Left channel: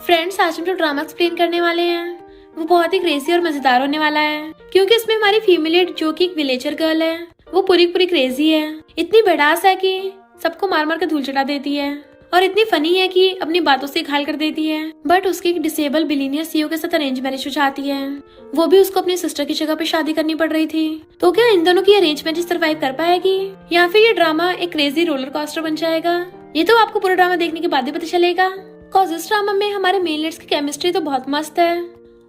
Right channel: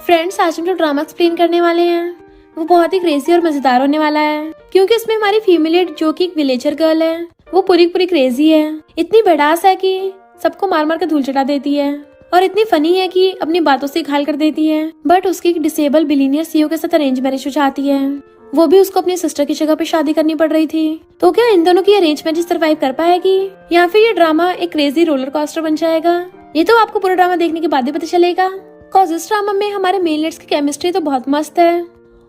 Friends, आज हम जो ड्रामा एक्सप्लेन करने वाले हैं वो बहुत ही क्रेजी और मजेदार होने वाला है, क्योंकि इसमें हमारी फीमेल लीड जो कि एक विलेजर गर्ल है वो पूरी पूरी क्रेजी है। इतनी भड़ास है कि सबको मार मार के धूल चटा देती है और इतनी फनी है कि अपनी बातों से घायल कर देती है। बट उसकी डिसेबल बिलीनियर सीईओ के साथ अरेंज मैरिज हो जाती है। वो भी उसको अपनी सिस्टर की जगह पे शादी करनी पड़ रही थी। तो क्या इन दोनों की अरेंज मैरिज सर्वाइव कर पाएगी या फिर ये ड्रामा एक क्रेजी रोलर कोस्टर बन जाएगा? ये तो आपको पूरा ड्रामा देखने के बाद ही पता चलेगा। कॉज इस ड्रामा में हमारे मेल लीड्स की केमिस्ट्री तो बहुत मस्त है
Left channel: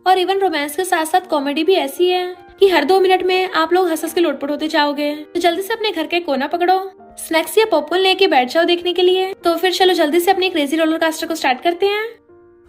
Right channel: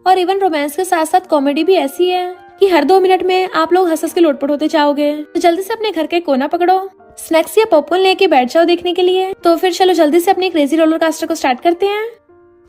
और इवन रोमांस के साथ साथ कॉमेडी भी ऐसी है कि हर 2 मिनट में आप लोग हंस के लोटपोट होते जाओगे। तो जल्दी से अपने घर के कोना पकड़ो, स्नैक्स या पॉपकॉर्न लेके बैठ जाओ देखने के लिए। तो फिर चलो जल्दी से अपने क्रेजी रोलर कोस्टर को स्टार्ट करते हैं।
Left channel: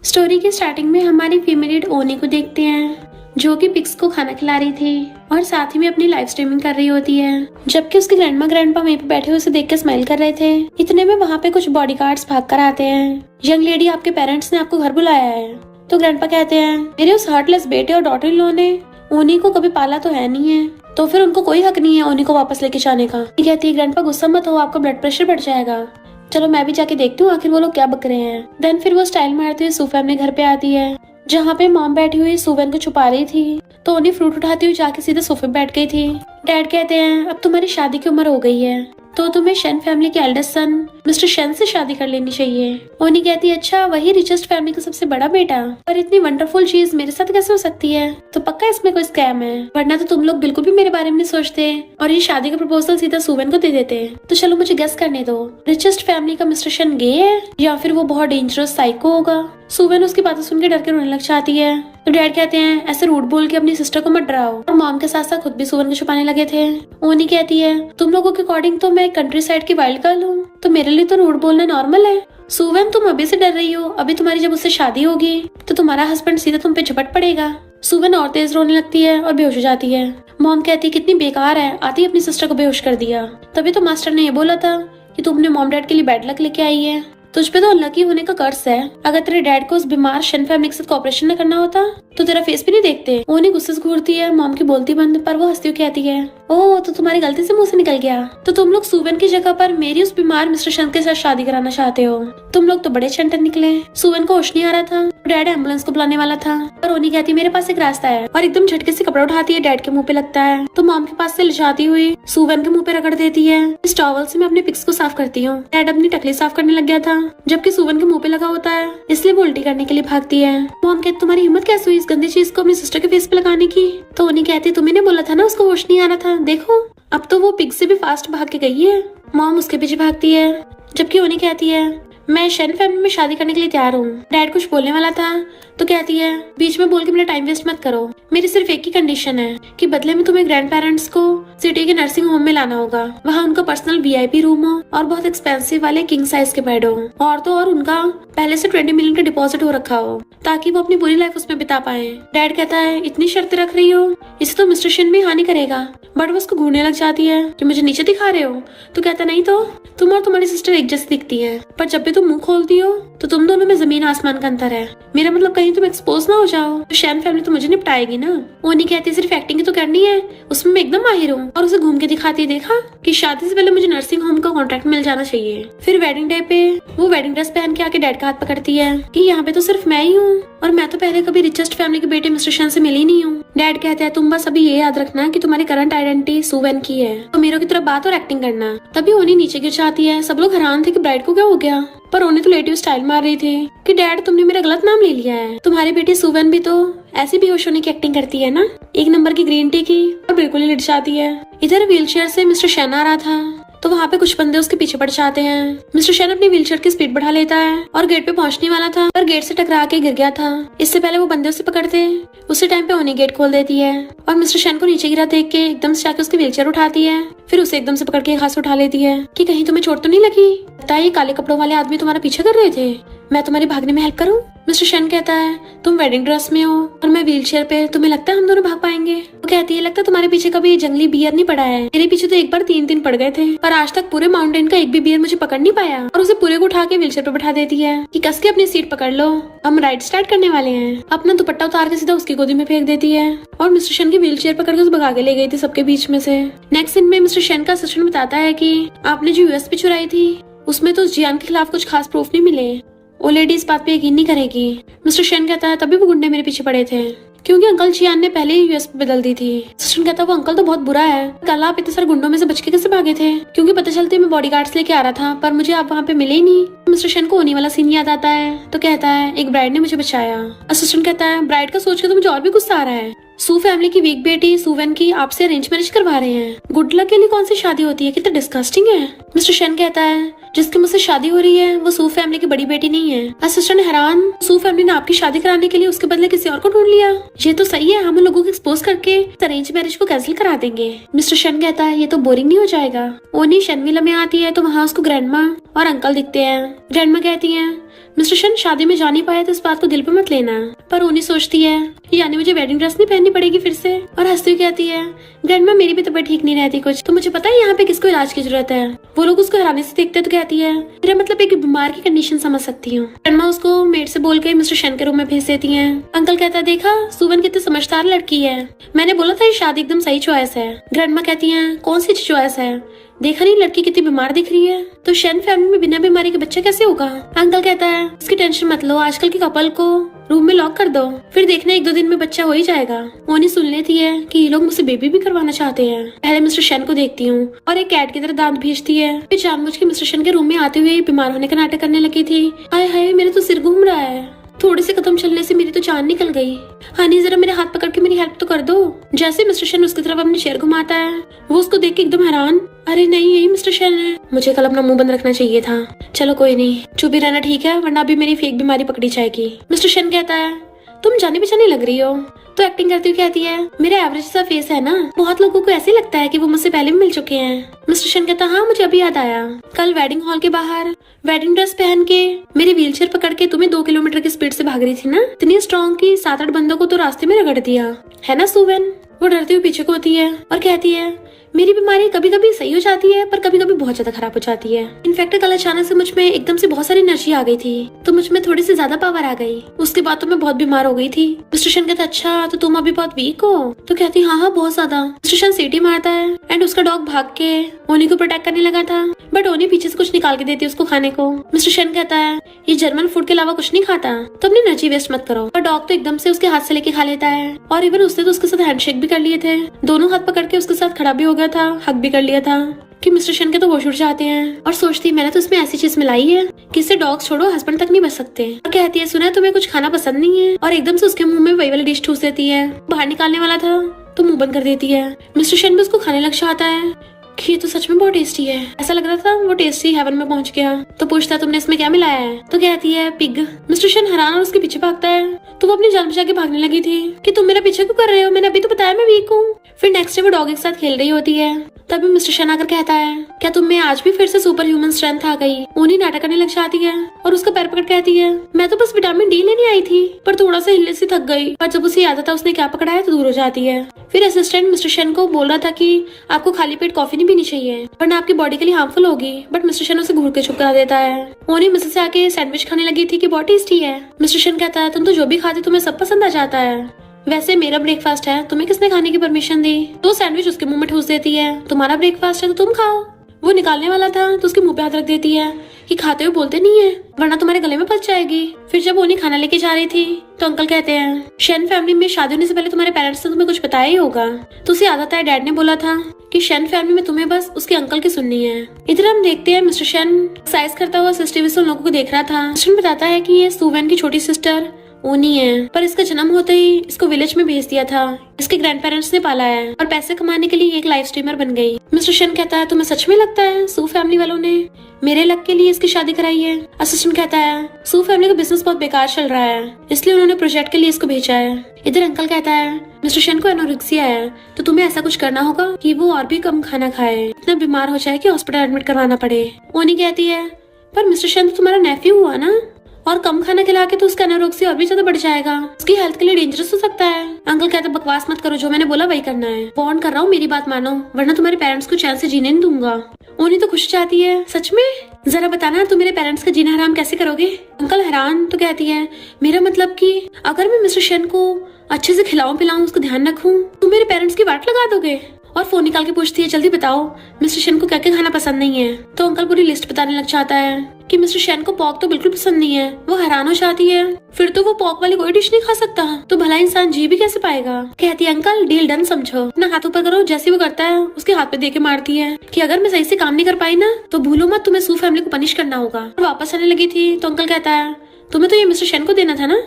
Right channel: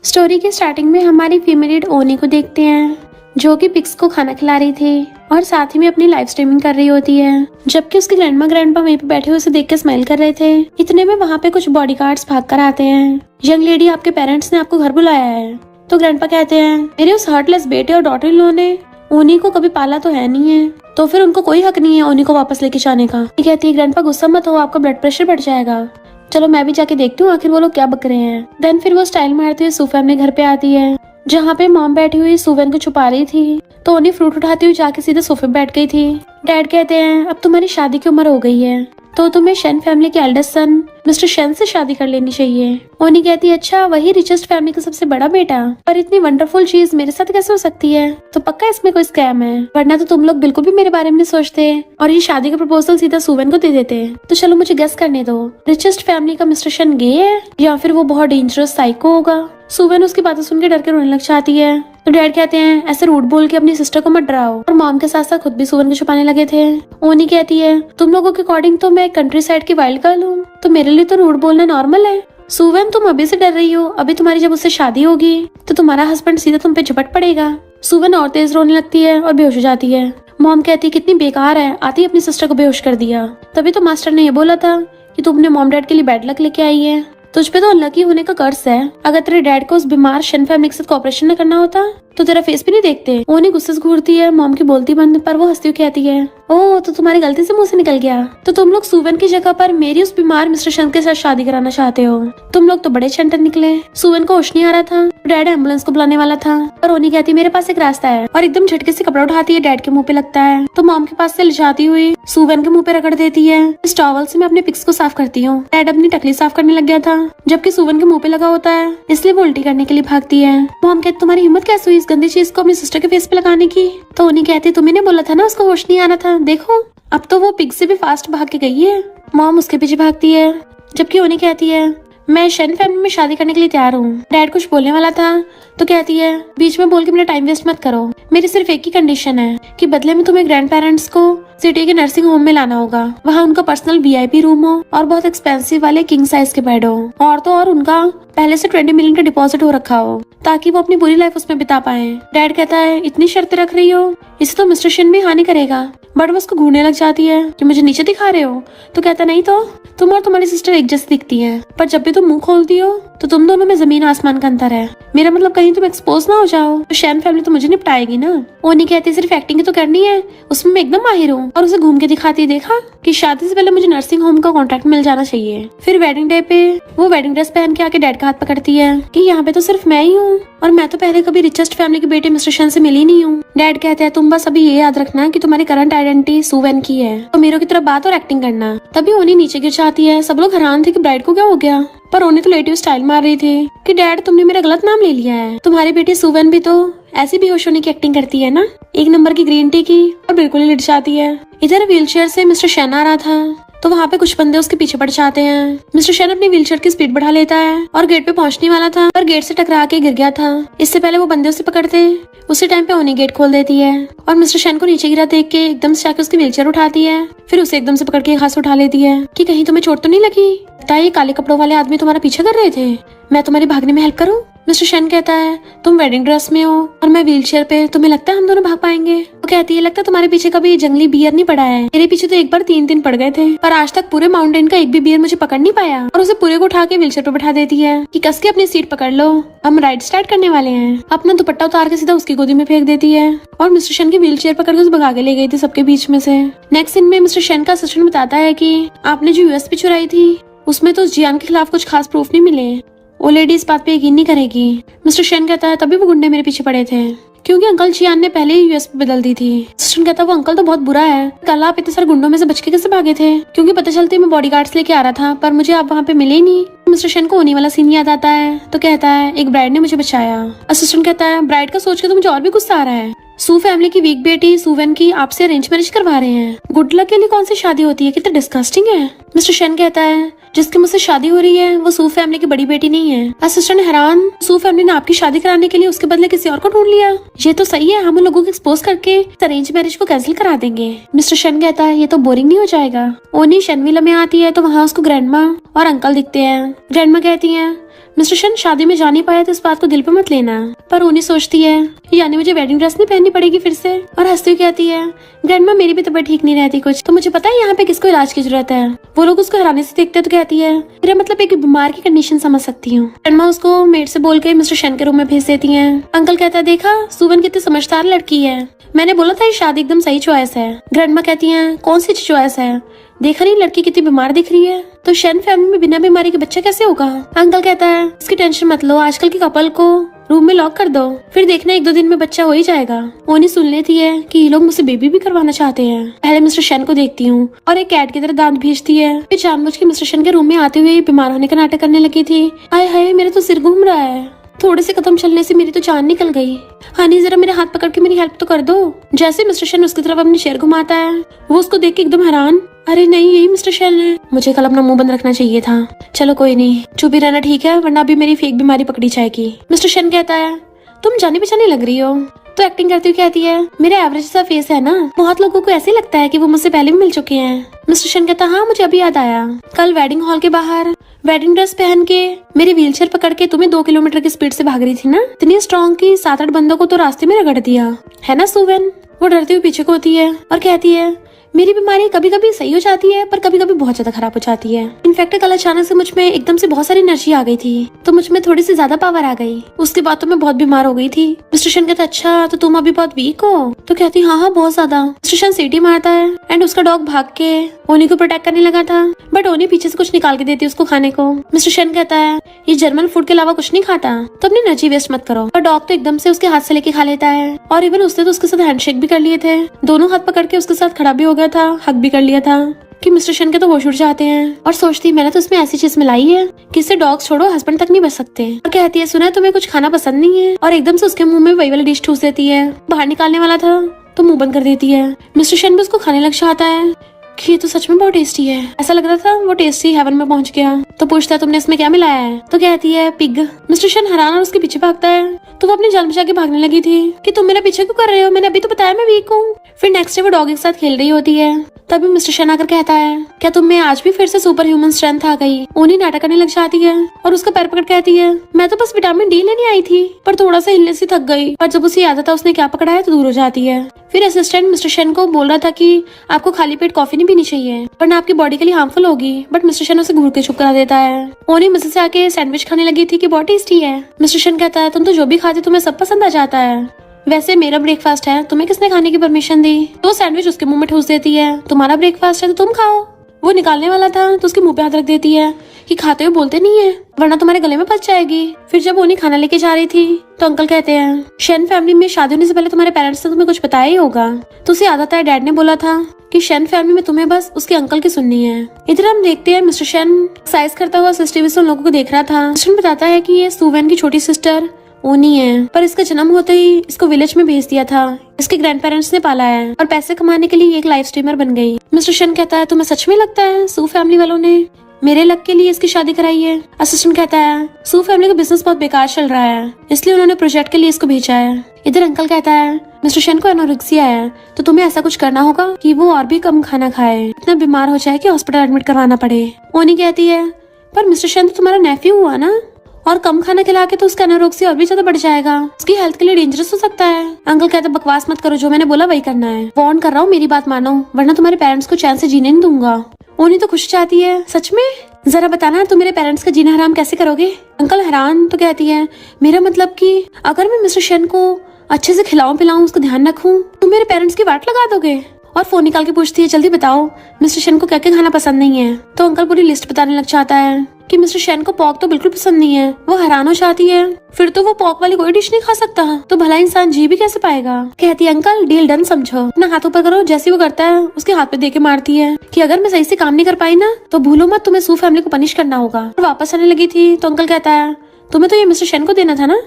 स्टोरी के स्टार्टिंग में हमारी फीमेल लीड ओनी को देखते हैं जो कि पिग्स को खाना खिला रही थी और साथ ही में अपनी लाइव स्ट्रीमिंग कर रही होती है, जबकि उसके ग्रैंडपा वहीं पे बैठे हुए उसे देख के स्माइल कर रहे थे। इतने में वहाँ पे कुछ बॉडीगार्ड्स भाग कर आते हैं। यंग लेडी, आपके पेरेंट्स ने आपको घर बुलाया है। तो ग्रैंडपा कहते हैं, मेरे उस हार्टलेस बेटे और डॉटर इन लॉ ने ओनी को कभी पाला तो है नहीं है, तो फिर उनको कोई हक नहीं है ओनी को वापस लेके जाने का। कहती है, ग्रैंडपा गुस्सा मत हो, आपका ब्लड प्रेशर बढ़ जाएगा। चलो मैं भी जाके देखती हूँ आखिर वो लोग क्या बक रहे हैं। देन फिर वो स्टाइल मारती हुई सूफा में घर पे आती है जहाँ पे मॉम बैठी हुई सुवन को छुपा रही थी। तो उन्हें फ्रूट उठाती हुई जाके सीधे सोफे पे बैठ गई थी। डैड कहते हैं, अब तुम्हारी शादी की उम्र हो गई है तो तुम्हें शेन फैमिली के एल्डेस्ट सन मिस्टर शेन से शादी कर लेनी चाहिए। ओनी कहती है, अच्छा वही रिचेस्ट फैमिली का सबसे बड़ा बेटा, पर इतनी वंडरफुल चीज मेरे साथ कैसे हो सकती है? तो पक्का इसमें कोई स्कैम है, वरना तो तुम लोग बिल्कुल भी मेरे बारे में सोचते और ये शादी का प्रपोजल सीधा सुवन को दे देते। तो चलो मुझे गेस करने दो, रिचेस्ट फैमिली का मिस्टर शेन गे है या फिर वो बहुत डेंजरस साइको होगा। सुवन उसकी बातें सुन के डर के रोने लग जाती है। तो डैड कहते हैं, ऐसे रूड बोल के अपनी सिस्टर को मत डराओ। और मॉम के साथ साथ खुद भी सुवन को छुपाने लगे थे। ओनी कहती है, तुम लोगों के अकॉर्डिंग तो मैं कंट्री साइड की वाइल्ड गर्ल हूँ, तो मेरे लिए तो रूड बोलना नॉर्मल है। सुवन, तुम अभी से डर रही हो, अभी तुम्हारी जब उससे शादी होगी तो तुम्हारा हस्बैंड सीधा तुम पे झपट पड़ेगा। सुवन और तेज रोने लगती है और बेहोश हो जाती है। मॉम कहती है, कितनी बेकार है, आती ही अपनी सिस्टर को बेहोश कर दिया। तभी तो मास्टर ने ये बोला था कि तुम अपने मॉम डैड के लिए बैड लक लेके आई है, तुझ पे तो अनलकी होने का कर्ज है। अगर तेरे डैड को उस बीमार शन फैमिली के साथ कॉपरेशन न करना होता तो तेरा फेस भी नहीं देखते। वो नहीं गुस्से से घूरती है, मॉम की बोलती बंद, पर वो हंसती हुई कहती है, ओह तो तुम्हारी गलती से मुंह से निकल गया, तो तुम लोग सुवन की जगह पर मेरी उस बीमार मिस्टर शन के साथ शादी कराना चाहते हो। तुम लोग तो बड़े चंटन निकले। सुवन को होश नहीं आ रहा था, डैड एम्बुलेंस को बुलाने वाला था, पर ओनी कहती, मेरे पास एक रास्ता है, और एकदम झटके से कपड़ा उठाती है, डैड के मुंह पे लगता है। तो मॉम के पास से ले जाती हुई सुवन के मुंह पे रगड़ देती है। इस टॉवल से मैं अपने पिक्स को साफ करती हूँ। डैड अपनी टकली साफ करने लग गया था, जबकि सुवन के मुंह पे लगा होता है, इसलिए वो उल्टी करने के लिए भागती है। मॉम कहती, तुम्हारी हिम्मत कैसे हुई इस गंदी चीज को अपनी सिस्टर के फेस पे लगाने की? तो उन्हीं कहती, तुम्हें बोला था ना उसको होश नहीं आना था, देखो अब तो वो पिग से भी फास्ट भाग के गई है। मॉम उसके पीछे भागती है, जबकि उन्हीं कहती है, मैं शेन फैमिली में शादी करने के लिए तैयार हूँ। डैड कुछ बोलने वाला था तो कहती है, बीच में बोल के मेरा टाइम वेस्ट मत करो, मेरी सिर्फ एक ही कंडीशन है कि बदले में तुम्हें ग्रैंड पेरेंट्स को सिटी के नर्सिंग होम में लाना होगा। वहाँ उनका पर्सनल वीआईपी रूम हो और बहुत एक्सपेंसिव वाले किंग साइज के बेड हो, और तो और उनका पहले से 20 मिलियन का डिपॉजिट हो रखा हो ताकि वो अपनी पूरी लाइफ उसमें बिता पाए। डैड कहता है, इतनी शर्त रख रही हो, इसे तो मिस्टर शेन भी हानि करेगा। बट वो उसको घूरने लग जाती है कि मुझे नीचे दिखा रहे हो। तो कहता, नहीं तो तुम और तुम्हारी सिस्टर एक जैसी दिखती है, पर जब भी तुम मुंह खोलती हो तो तुम दोनों में जमीन आसमान का अंतर है। मेरा मतलब कहीं तुम एक्सपोज ना हो जाओ तो शेन फैमिली तो मुझे निपटाएगी ना। वो नहीं कहती, सिर्फ एक्टिंग ही तो करनी है, उसमें मैं एकदम माहिर हूँ। और उसे घूम के दिखाती, देखा कि शादी से पहले मुझे नर्सिंग होम का कॉन्ट्रैक्ट मिल जाना चाहिए। फिर वेडिंग डे पे वो वेडिंग ड्रेस पहन के आके डैड का हाथ पकड़ती है कि यहाँ पे तो सिर्फ मैं ही हूँ और मैं तो पहले कभी रिचेस्ट फैमिली के बेटे मिस्टर शेन से मिली नहीं हूँ। डैड कहते हैं, तुम बस अभी ये याद रखना कि तुम्हारी करंट आइडेंटिटी सुवन की है, तो मेरे की तरह बात और एक्टिंग करना। तभी ओनी नीचे गिर जाती है। सब लोग हैरान थे कि ब्राइड को क्या हो गया, पर ओनी तो लेटी स्टाइल मार रही थी कि डैड तुमने मेरा गलत नाम ले लिया है, तुम्हारी बेटी सुवन भी तो ऐसी बेहोश होने की एक्टिंग करती है ना, एक नंबर की ग्रीन टी की, और बिल्कुल ही लिट जाती है। इधर व्हीलचेयर से मिस्टर शेन आ रहा था तो वहाँ पे कुछ बंदे उसके पीछे पड़ जाते हैं। मिस्टर शेन अपनी व्हीलचेयर की स्पीड बढ़ा लेता है और गेट पे पहुंचने वाला था, पर गेट से टकरा के गिर गया था। इससे पहले वो बंदे उसे पकड़ते, उसी टाइम पे ओनी गेट खोल देती है और मिस्टर शेन को नीचे गिरा देख के एकदम से जाकर उसकी व्हीलचेयर उठाती है। फिर उसे एकदम से पकड़ के घास उठा लेती है कि कहीं तुम्हें चोट तो नहीं लगी? लगता है ये काले कपड़ों वाले आदमी तुम्हारा पीछे कर रहे थे, मैं तुम्हारी भागने में हेल्प करूँ? मिस्टर शेन कहता है, तुम वेडिंग ड्रेस में हो और मैं व्हीलचेयर पे, तुम्हें लगता है हम दोनों भाग पाएंगे? वो कहती है, लगता है तुम्हारे पीछे कभी जंगली बियर नहीं पड़ा है, मेरे पीछे तो एक बार 3 पड़ गए थे, पर आज तक पूरे माउंटेन का एक भी बियर मुझे पकड़ नहीं पाया। और उसे पूरे को उठा के व्हीलचेयर पे बैठा देती है कि कस के अपनी सीट पकड़ लो, हम राइड स्टार्ट करने वाले हैं। अपना दुपट्टा उतार के सीधा उसकी गोदी में फेंक देती है और मिस्टर शेन की व्हीलचेयर पकड़ के उसे भगा के ले गई थी सबके बीच में से। नेक्स्ट सीन में मिस्टर शेन का असिस्टेंट बताता है कि आपने जो यूएसपी चुराई थी उसमें तो उस जियान के खिलाफ कुछ खास प्रूफ नहीं मिले। वो लेडी इस बात पे यकीन नहीं करेगी। मिस्टर शेन कहता है तभी वो गुंडे मेरे पीछे पड़े थे क्योंकि अंकल चियान ने पहले ही यूएस बदल दी थी। असिस्टेंट कहता है वो अंकल तो बहुत बुरा है, कल आप इतने सारे गुंडों में से बच के कैसे भागे थे? क्योंकि पता चलती मैं बॉडीगार्ड्स लेके आ रहा था पर मुझे आप वहाँ पे मिले ही नहीं। मिस्टर शेन को होने वाला सीन याद आता है तो कहता है एक ब्राइड ने मुझे बचाया। असिस्टेंट कहता है ब्राइड का सोच के तो मुझे और भी गुस्सा आ रहा है। सू फैमिली की वीक बेटी सुवेन की आपसे अरेंज मैरिज करवा रहे हैं। गुड लक के लिए कौन सी शादी होती है, कितना डिस्गस्टिंग है। मिस्टर शेन कहता है जिसकी मुझसे शादी हो रही है वो सू फैमिली की बड़ी बेटी नहीं है। असिस्टेंट हैरान, सू फैमिली ने आपकी शादी कराने के लिए उसके बदले किसी और को ढूंढ लिया। ये तो सही है, हम उन लोगों को एक्सपोज करके अरेंज मैरिज को कैंसिल करा देंगे। मिस्टर शेन कहता है ये तो बोरिंग नहीं हो जाएगा। ओनी शेनविला में आती है तो वहाँ उसको ग्रैंडमा और अंकल दिखते हैं। ग्रैंडमा कहती है मिस्टर शेन शादी में जा नहीं पाया तो इस बात को दिल पे मत लेना। पर ओनी सोचती है यानी मुझे वेडिंग ड्रेस नहीं पहननी पड़ेगी फिर से, और हंसती हुई कहती है ग्रैंडमा मेरी भी तबीयत ठीक नहीं रहती कुछ, तो मुझे पता है यहाँ पे किसको इलाज की जरूरत है। वो लोग उसको हैरानी से देखते तो कहती है मेरा मतलब एक बीमार की कंडीशन समझ सकती हूँ। ग्रैंडमा उसको मेड से बोल के मिस्टर शेन के रूम में भेज देती है। अंकल कहता है देखा सुवन कितनी समझदार लड़की है, मैंने बोला था ये शादी एकदम सही चॉइस है। ग्रैंडमा कहती है कौन सी चॉइस है, देखा नहीं लड़की कितनी बीमार दिख रही है, तो शेन फैमिली में बिना बीमारी के बच्चा कैसे होगा। अंकल कहता है इसकी टेंशन मत लो, आजकल के कपल को रूम में लॉक कर दो, फिर देखना 1-2 दिन में बच्चा हो ही जाएगा। ओनी सुन लेती है कि ये लोग मुझसे बेबी भी करवाना चाहते हैं। पहले मिस्टर शेन को देखती हूँ और एक कैट की तरह दांत भेजती है। फिर जानबूझ के मिस्टर शेन के रूम में आते हुए बीमार होने का नाटक करने लगी थी। हाय हाय मेरा तो सिर घूम रहा है, थोड़े से कदम चलने से मेरी तो जान निकल गई। हनी जरा मेरे हाथ पकड़ के मेरी हेल्प तो कर दो। जैसे मिस्टर शेन उसकी तरफ अपनी शेर घुमाता है वो उसको देख के एकदम हैरान, अरे नहीं यही मिस्टर शेन है, मुझे कल अपना मुंह बंद रखना चाहिए था। चलो कोई नहीं, चुप ही रहना ठीक है वरना अभी मेरी फेक बीमारी पकड़ी जाएगी। मिस्टर शेन कहता है तुम जाने पहचाने लग रही हो, तो एक्टिंग करती हुई कहती है मेरा एवरेज सा फेस है ना, बहुत लोगों को ऐसे लगता है कि वो मुझसे पहले भी मिल चुके हैं। मिस्टर शेन कहता हाँ मुझे अभी याद आया, कल वेडिंग हॉल के बाहर वेडिंग ड्रेस पहन के मेरी व्हीलचेयर पकड़ के तुम्हें 2 किलोमीटर की स्पीड से भाग रही थी ना, इतनी स्ट्रॉन्ग की 7-8 बंदों को तो रास्ते में रगड़ दिया है ना सुवेन। वो डरती हुई पीछे को होती है और कहती है मेरी बीमारी कभी कभी सही हो जाती है पर कभी कभी बहुत ज्यादा खराब हो जाती है। इनफैक्ट कल अचानक से मुझ में एकदम से बहुत सारी एनर्जी आ गई थी तो मुझ में थोड़ी सी ज्यादा पावर आ गई, उसके बाद तो मैं बहुत बीमार हो गई थी। मिस्टर शेन कहता अच्छा तो तुम अभी बहुत वीक हो, तो कहती हाँ बहुत ज्यादा। मिस्टर शेन सीटी मारता है एंड उसका डॉग भाग के ओनी को प्रोटेक्ट करने लगा था बट ओनी पीछे से कुछ निकाल के देती उसको खाने को। मिस्टर शेन कहता है ये जर्मन फूड के अलावा कुछ नहीं खाता तो अपनी एनर्जी वेस्ट मत करो, और डॉग तो एकदम से उसके हाथ से लेके खा लेता है। और इवन उसने तो उसके साथ हैंडशेक भी कर लिए थे, दोनों हाथ पकड़ के उसके साथ खड़ा भी हो गया था, हक भी कर लिया था कि मिस्टर शेन के तो होश उड़ जाते हैं और सोचती मैंने तो उसमें ऐसी चीज मिलाई है कि इससे डॉग छोड़ो हस्बैंड तक नहीं बच सकते। और कहती है सुना है तुम्हें कुछ खाना पसंद नहीं है, और एकदम से उसके मुंह में वही वाली डिश ठूस देती है। बाहर निकालने वाला था तो मुंह बंद कर देती है। मिस्टर शेन भी उसको खाने लग जाता है कि ये तो सच में बहुत टेस्टी है, ऐसा लग रहा था वो टेस्टी हेवन में पहुंच गया। तो पूछता है तुमने इसमें क्या मिलाया है, तो कहती है पिग। मिस्टर शेन हैरान और उसके पीछे भागता है तो वो अपनी जान बचा के भागने लगी थी कि तुम मेरे पीछे क्यों कर रहे हो, मैंने अभी तो बताया मैं वीक हूँ। फिर नेक्स्ट डे वो डॉग के साथ खेल रही होती है तभी मिस्टर शेन आकर कहता है क्या तुम में आज भी फिर से सुपर ह्यूमन स्ट्रेंथ आ गई। ओनी नाटक करने लग जाती है और उसका पैर पकड़ कहती है मैं तो बस विटामिन डी लेने आई थी पर थोड़ा सा हिलने से थक गई, और जब उसे याद आता उसने क्या पकड़ा है तो दूर हो जाती है। फिर असिस्टेंट मिस्टर शेन को बोल रहा था कि आपको खाली पेट कॉफी नहीं पीनी चाहिए वरना आपकी बॉडी के लिए हार्मफुल होगी, बट मिस्टर शेन उसे घूर के चुप करा देता है। ओनी मजे से आके सैंडविच खाने लगी थी कि बहुत टेस्टी है। मिस्टर शेन कहता है तुम तो जो भी खाते तुम्हें सब पसंद आ जाता है, वैसे मेरा ब्रेकफास्ट है, तुम्हें किसने खाने की परमिशन दी। तो सैंडविच उसके मुंह में ठूस देती है, तुम्हारा ब्रेकफास्ट है तो तुम खाओ। वो निकालने वाला था तो उसके मुंह पे हाथ रख देती है कि खाते हुए बोलते नहीं है वरना तुम्हारे गले में फंस जाएगी। फिर जब उन्हें खाना लेके जा रही थी तो अंकल कहते हैं शेन फैमिली में शादी होने से पहले तुम्हारे पेरेंट्स ने तुम्हें कुछ बताया ही होगा, तो उसे याद आता है डैड ने बोला था कि शेन फैमिली में तुम्हें बस उसके अंकल की सुननी है। इधर हम देखते हैं मिस्टर शेन एक्सरसाइज करता हुआ सीसीटीवी से लोगों को देख रहा था। शेन बताता है कि ये सुवेन की छोटी सिस्टर ओनी है, पर इसका जन्म होते ही इसको विलेज में भेज दिया था, इसके ग्रैंड पेरेंट्स ने पाला है और पैसे कमाने के लिए एक लाइव स्ट्रीमर बन गई। मिस्टर शेन कहता है तुम्हें सच में लगता है सू फैमिली वालों ने मेरे लक के लिए इसकी शादी कराई है। असिस्टेंट कहता है सू फैमिली का बिजनेस बहुत बेकार चल रहा है इसलिए उन्होंने प्रोजेक्ट के लिए इसको भेजा है। इधर अंकल कहता है मिस्टर शेन को एनोरेक्सिया है तो तुम्हें ऐसा कुछ करना होगा कि वो और भी कम खाना खाए, इतना बीमार हो जाए कि हॉस्पिटल एडमिट करवाना पड़े। ओनी कहती है पर मिस्टर शेन तो तुम्हारा नेफ्यू हुआ ना, और कम खाना खिला के तो उसका एनोरेक्सिया और भी ज्यादा बढ़ जाएगा, उसकी हेल्थ के लिए डेंजरस हो सकता है। अंकल कहता है बकवास मत करो, जो मैंने बोला वही करना है, वार्न कर रहा हूँ मेरी बात मानो वरना तुम्हारे पेरेंट्स को चैन से जीने नहीं दूंगा। ओनी तो खुश चाहती है सच में, जरा बताना तुम मेरे पेरेंट्स का जीना हराम कैसे करोगे। अंकल हैरान तो कहती है मेरा मतलब कि अगर मैं मिस्टर शेन को अच्छे से खिलाऊं पिलाऊं उसको ध्यान रखूं तो मेरे पेरेंट्स की वाट लगा दोगे। और फोन निकाल के पूछती है जल्दी बताओ मिस्टर शेन को क्या क्या खाना पसंद नहीं है। तो अंकल पूरी लिस्ट बताने लग जाता है कि मिस्टर शेन को पॉक तो बिल्कुल पसंद नहीं है। वो हैरान हो जाती है, फिर तो वो पॉक वाली कोई डिश नहीं खा सकता, तो भला इंसान जी भी कैसे पाएगा। कहती है अंकल डील डन समझो, अपना हाथ ऊपर करो। जैसे वो करता है उसके हाथ पे देके मारती है कि अगर मैं सही से काम नहीं कर पाई ना तो भूलो मत तुम्हें सू फैमिली को पनिश करना होगा। वापस आने लगी थी तो अंकल कहता है तुम्हें तो ये मिस्टर शेन को देना था ना।